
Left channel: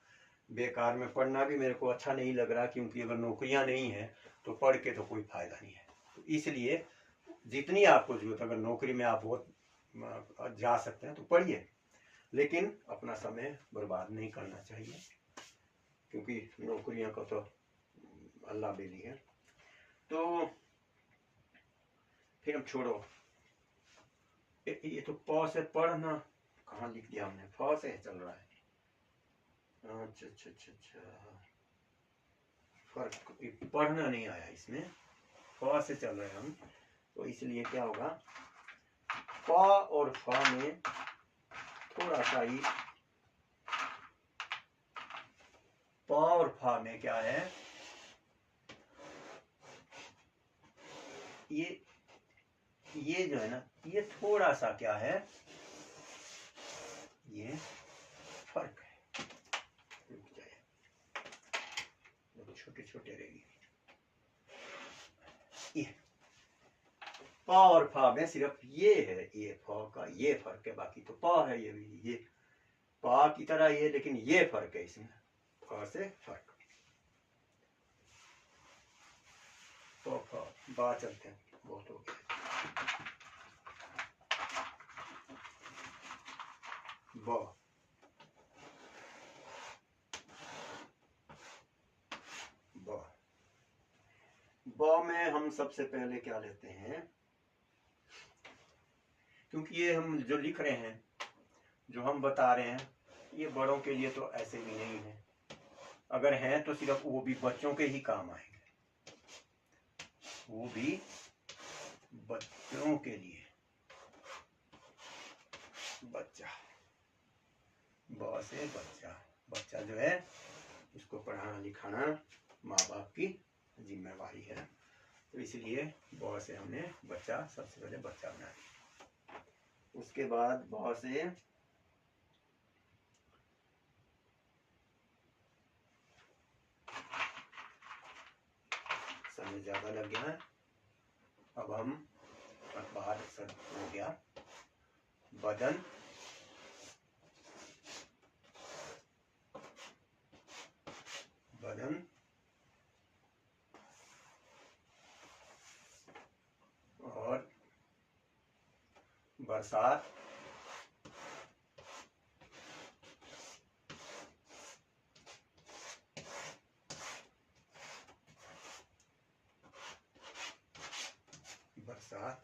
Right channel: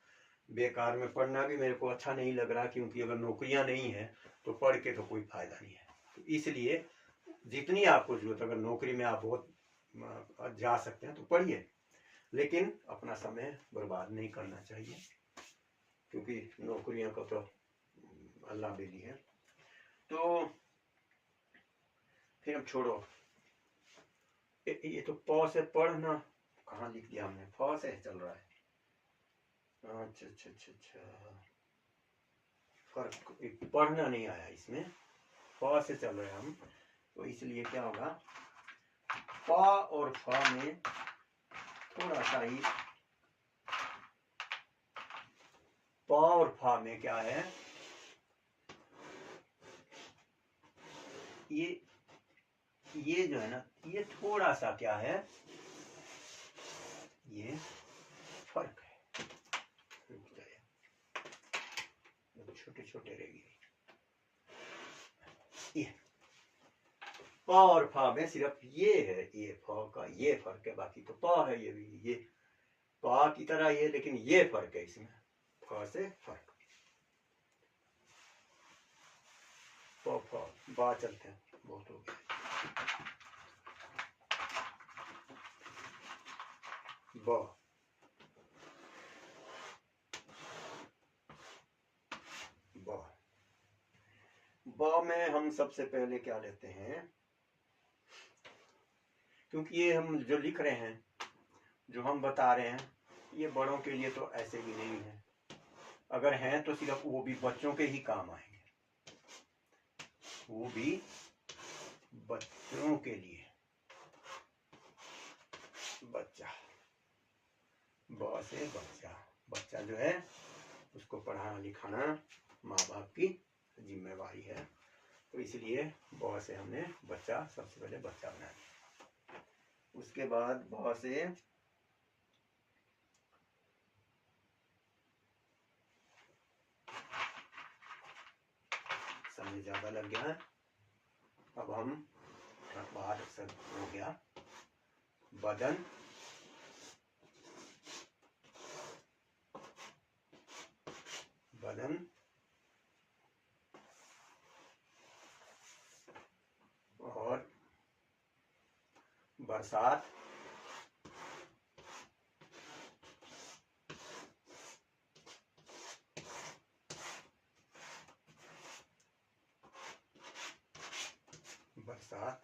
बेकार में पढ़ना भी मेरे को अच्छा नहीं लग रहा, क्योंकि अगर नौकरियां नहीं है तो पढ़ के तो कोई फायदा नहीं है। तो इसलिए जितनी आपको जरूरत, अगर नौकरी में आप बहुत जा सकते हैं तो पढ़िए, लेकिन अपना समय बर्बाद नहीं करना चाहिए, क्योंकि नौकरियां को तो अल्लाह दे दी है। तो फिर अब छोड़ो, ये तो प से पढ़ना कहाँ लिख दिया हमने, फ से चल रहा है। अच्छा अच्छा अच्छा अच्छा, फर्क पढ़ना नहीं आया इसमें, फ से चल रहे हैं हम, तो इसलिए क्या होगा, प और फ में थोड़ा सा ही, प और फ में क्या है, ये जो है ना, ये थोड़ा सा क्या है, ये फर्क है, रुक जाए, छोटे छोटे रहेगी। ये प और फ में सिर्फ ये है, ये फ का ये फर्क है, बाकी तो प है, ये भी ये प की तरह ये, लेकिन ये फर्क है इसमें, फ से फर्क। प फ बा चलते हैं, बहुत हो गया। ब ब में हम सबसे पहले क्या लेते हैं, क्योंकि ये हम जो लिख रहे हैं, जो हम बता रहे हैं, ये बड़ों के लिए तो ऐसे भी नहीं है, अगर हैं तो सिर्फ वो भी बच्चों के ही काम आएंगे, वो भी बच्चों के लिए। बच्चा, ब से बच्चा, बच्चा जो है उसको पढ़ाना लिखाना माँ बाप की जिम्मेवारी है, तो इसलिए ब से हमने बच्चा, सबसे पहले बच्चा बना दिया। उसके बाद ब से समय ज्यादा लग गया है, अब हम बाहर से हो गया, बदन, बदन, और बरसात, बरसात,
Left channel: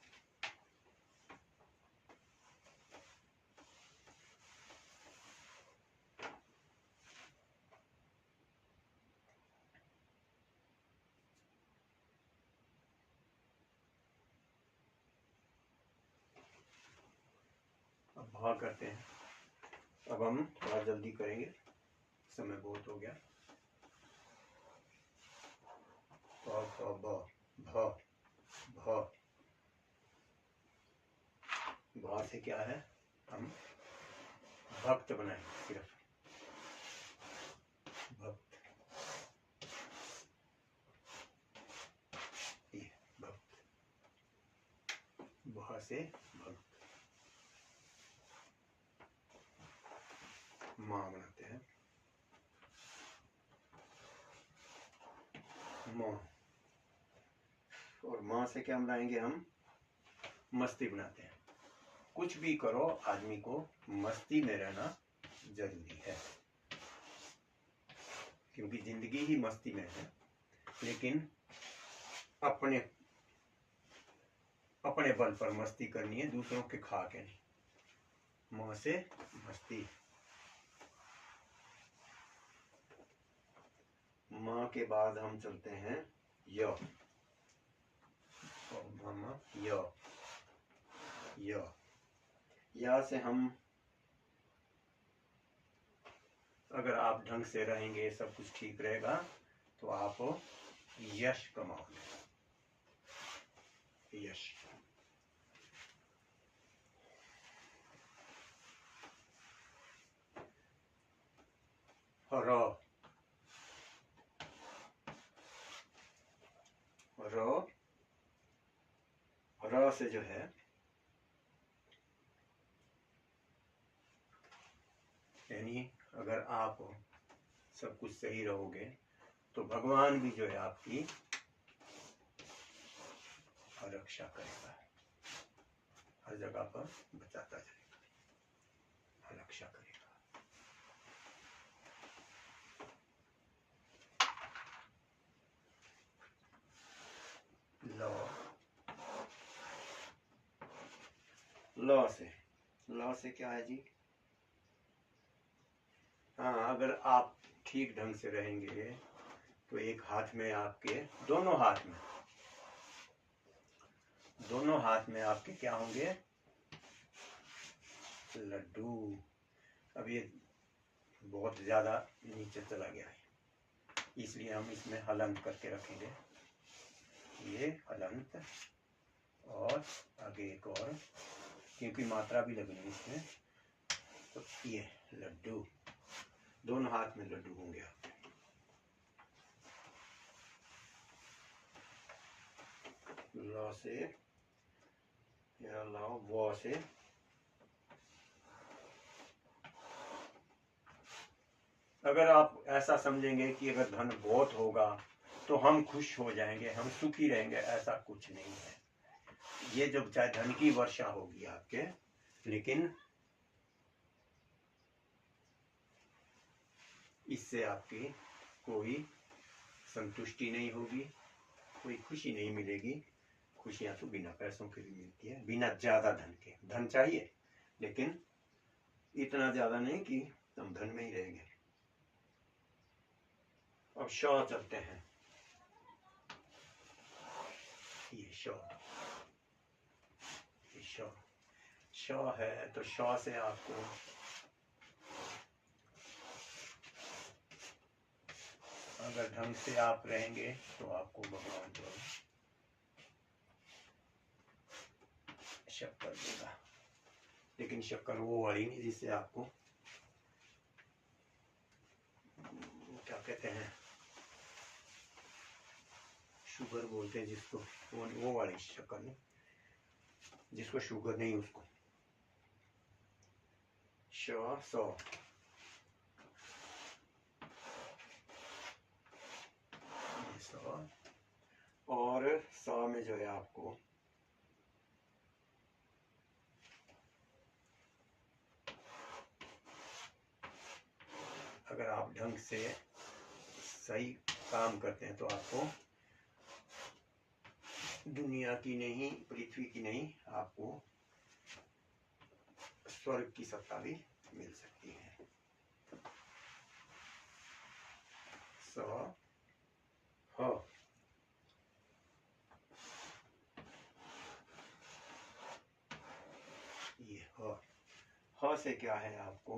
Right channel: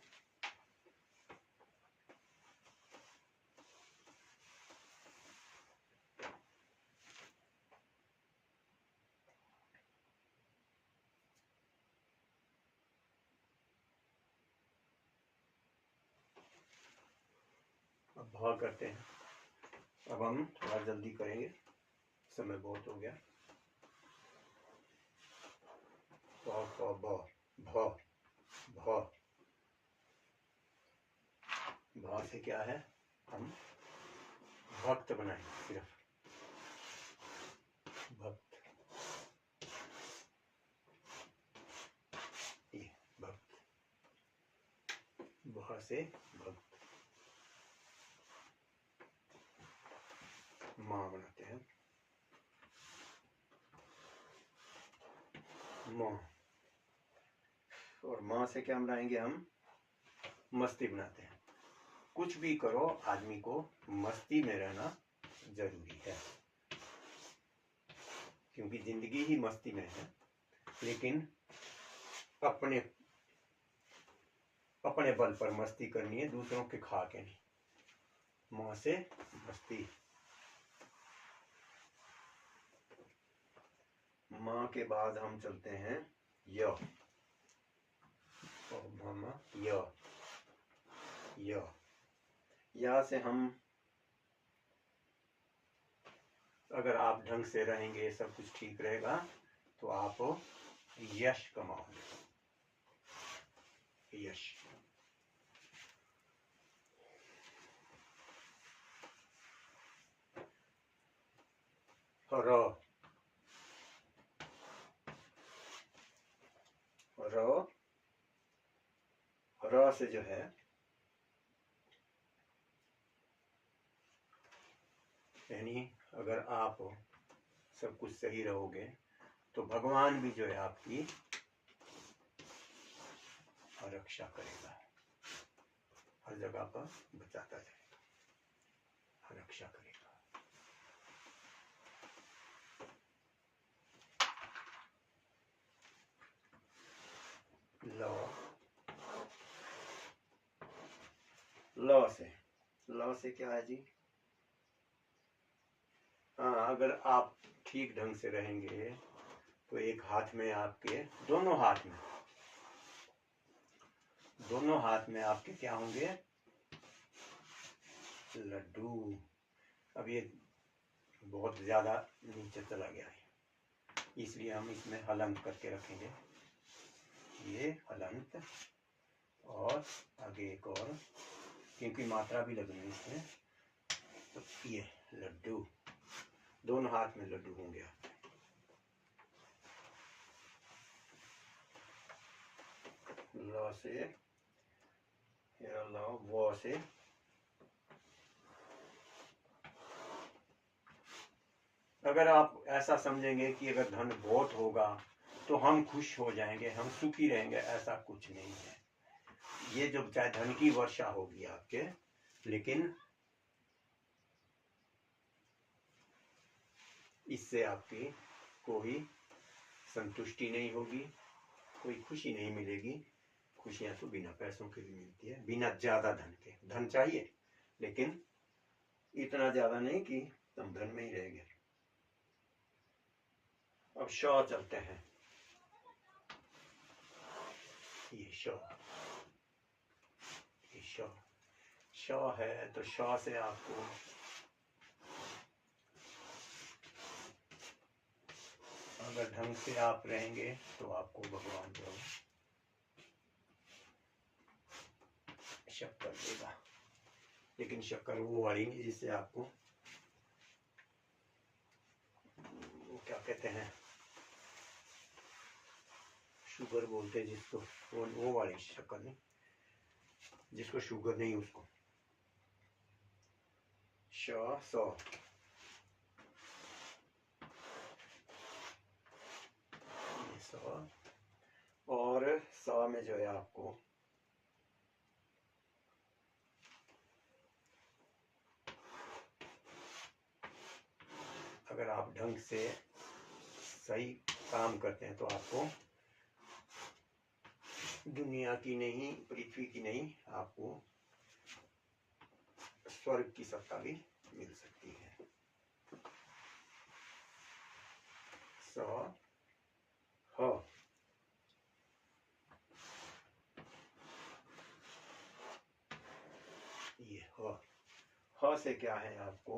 अब भ करते हैं, अब हम थोड़ा जल्दी करेंगे, समय बहुत हो गया। प फ ब भ, भ, भ से क्या है, हम भक्त बनाएंगे, सिर्फ भक्त, ये भक्त, भ से भक्त, माँ बनाते हैं, माँ, और माँ से क्या बनाएंगे हम, मस्ती बनाते हैं। कुछ भी करो, आदमी को मस्ती में रहना जरूरी है, क्योंकि जिंदगी ही मस्ती में है, लेकिन अपने अपने बल पर मस्ती करनी है, दूसरों के खा के नहीं। माँ से मस्ती, माँ के बाद हम चलते हैं य, य, य, या से हम, अगर आप ढंग से रहेंगे, सब कुछ ठीक रहेगा, तो आप यश कमाओगे, यश। र, र, र से जो है, यानी अगर आप सब कुछ सही रहोगे, तो भगवान भी जो है आपकी रक्षा करेगा, हर जगह पर बचाता जाएगा। रक्षा करेगा। लॉ से क्या है जी? हाँ, अगर आप ठीक ढंग से रहेंगे तो एक हाथ में आपके, दोनों हाथ में आपके क्या होंगे? लड्डू। अब ये बहुत ज्यादा नीचे चला गया है, इसलिए हम इसमें हलंत करके रखेंगे। ये हलंत और आगे एक और, क्योंकि मात्रा भी लगनी है इसमें। तो ये लड्डू, दोनों हाथ में लड्डू होंगे आपके। लॉ से, लॉ, वॉ से अगर आप ऐसा समझेंगे कि अगर धन बहुत होगा तो हम खुश हो जाएंगे, हम सुखी रहेंगे, ऐसा कुछ नहीं है। ये जब चाहे धन की वर्षा होगी आपके, लेकिन इससे आपकी कोई संतुष्टि नहीं होगी, कोई खुशी नहीं मिलेगी। खुशियां तो बिना पैसों के भी मिलती है, बिना ज्यादा धन के। धन चाहिए लेकिन इतना ज्यादा नहीं कि तुम धन में ही रहेंगे। अब शौ चलते हैं। ये शौ है, तो शौ से आपको अगर ढंग से आप रहेंगे तो आपको भगवान जो शक्कर देगा, लेकिन शक्कर वो वाली नहीं जिससे आपको क्या कहते हैं, शुगर बोलते हैं जिसको, वो वाली शक्कर नहीं, जिसको शुगर नहीं उसको। सौ और 100 में जो है आपको अगर आप ढंग से सही काम करते हैं तो आपको दुनिया की नहीं, पृथ्वी की नहीं, आपको स्वर्ग की सत्ता भी मिल सकती है। 100 हो, ये हो से क्या है आपको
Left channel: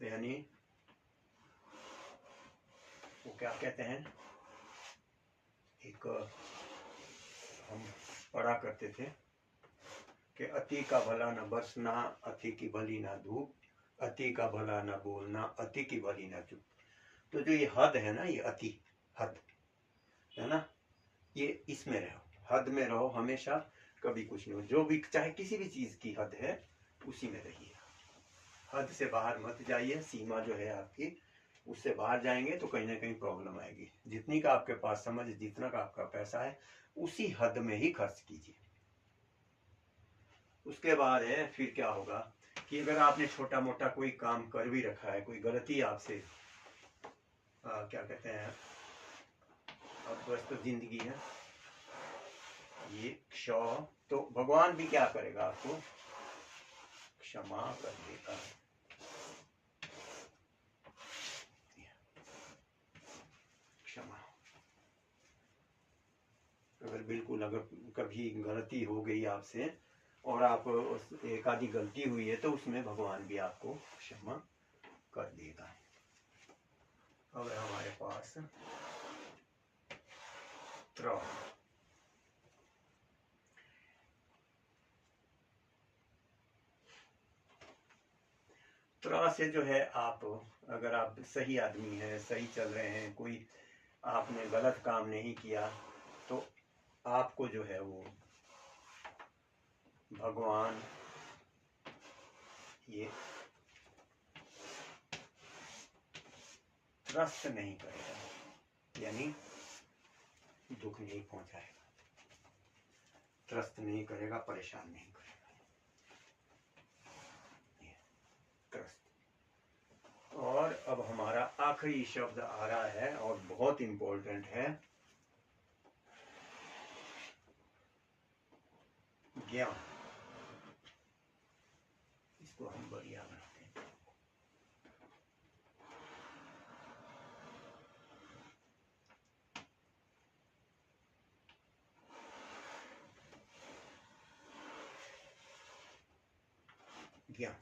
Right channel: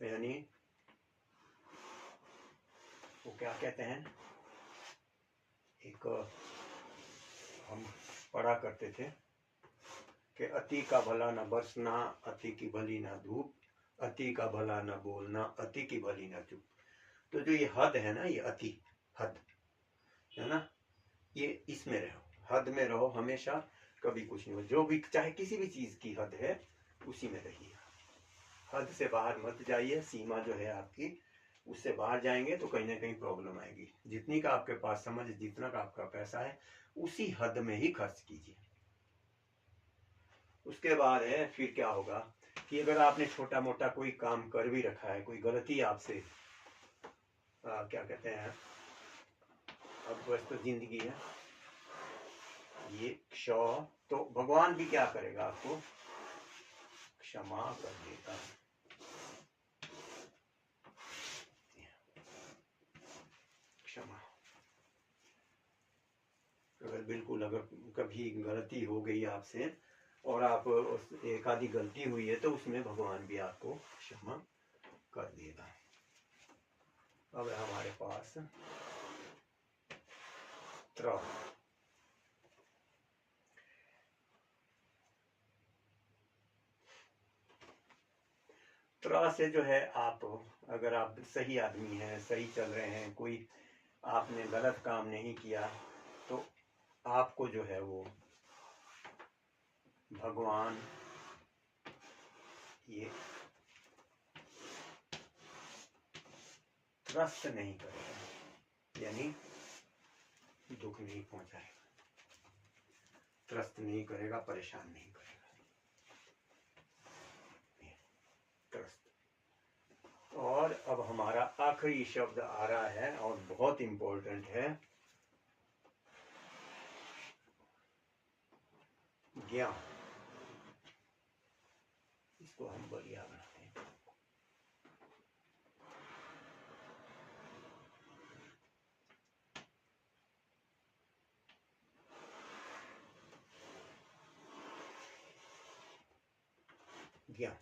यानी वो क्या कहते हैं, एक हम पढ़ा करते थे कि अति का भला न बरसना, अति की भली ना धूप, अति का भला न बोलना, अति की भली ना चुप। तो जो ये हद है ना, ये अति हद है ना, ये इसमें रहो, हद में रहो हमेशा, कभी कुछ नहीं हो। जो भी चाहे किसी भी चीज की हद है उसी में रहिए, हद से बाहर मत जाइए। सीमा जो है आपकी, उससे बाहर जाएंगे तो कहीं ना कहीं प्रॉब्लम आएगी। जितनी का आपके पास समझ, जितना का आपका पैसा है, उसी हद में ही खर्च कीजिए। उसके बाद है फिर क्या होगा कि अगर आपने छोटा मोटा कोई काम कर भी रखा है, कोई गलती आपसे क्या कहते हैं, अब बस तो जिंदगी है ये क्षौ, तो भगवान भी क्या करेगा, आपको क्षमा कर देगा। क्षमा, अगर बिल्कुल अगर कभी गलती हो गई आपसे और आप उस एक आधी गलती हुई है तो उसमें भगवान भी आपको क्षमा कर देगा। अब हमारे पास त्रा से जो है, आप अगर आप सही आदमी हैं, सही चल रहे हैं, कोई आपने गलत काम नहीं किया, तो आपको जो है वो भगवान ये त्रस्त नहीं करेगा, यानी दुख नहीं पहुंचाएगा। त्रस्त नहीं करेगा, परेशान नहीं करेगा। त्रस्त। और अब हमारा आखिरी शब्द आ रहा है और बहुत इंपॉर्टेंट है, ज्ञान। इसको हम बढ़िया बनाते हैं। ज्ञान।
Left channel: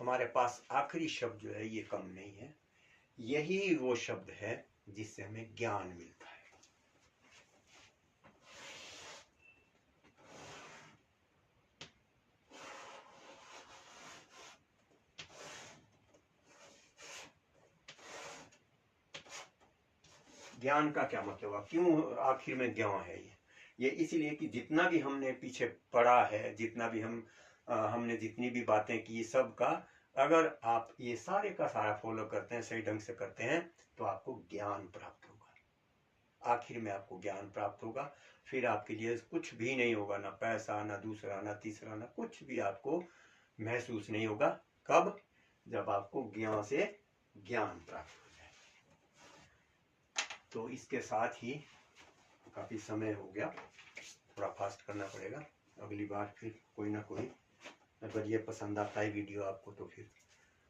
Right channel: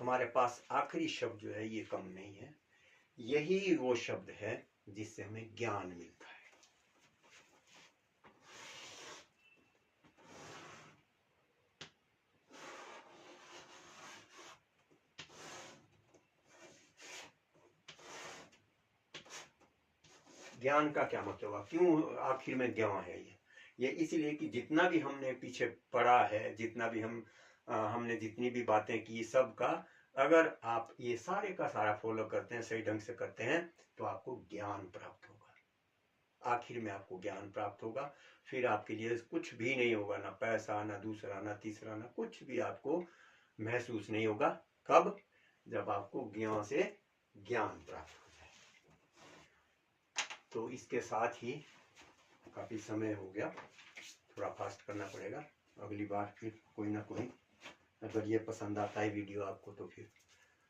हमारे पास आखिरी शब्द जो है ये कम नहीं है, यही वो शब्द है जिससे हमें ज्ञान मिलता है। ज्ञान का क्या मतलब है, क्यों आखिर में ज्ञान है ये इसलिए कि जितना भी हमने पीछे पढ़ा है, जितना भी हमने जितनी भी बातें की, सब का अगर आप ये सारे का सारा फॉलो करते हैं, सही ढंग से करते हैं, तो आपको ज्ञान प्राप्त होगा। आखिर में आपको ज्ञान प्राप्त होगा। फिर आपके लिए कुछ भी नहीं होगा, ना पैसा, ना दूसरा, ना तीसरा, ना कुछ भी आपको महसूस नहीं होगा। कब? जब आपको ज्ञान से ज्ञान प्राप्त हो जाए। तो इसके साथ ही काफ़ी समय हो गया, थोड़ा फास्ट करना पड़ेगा। अगली बार फिर कोई ना कोई, अगर ये पसंद आता है वीडियो आपको, तो फिर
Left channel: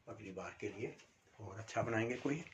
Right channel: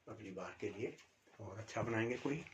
अगली बार के लिए और अच्छा बनाएंगे कोई।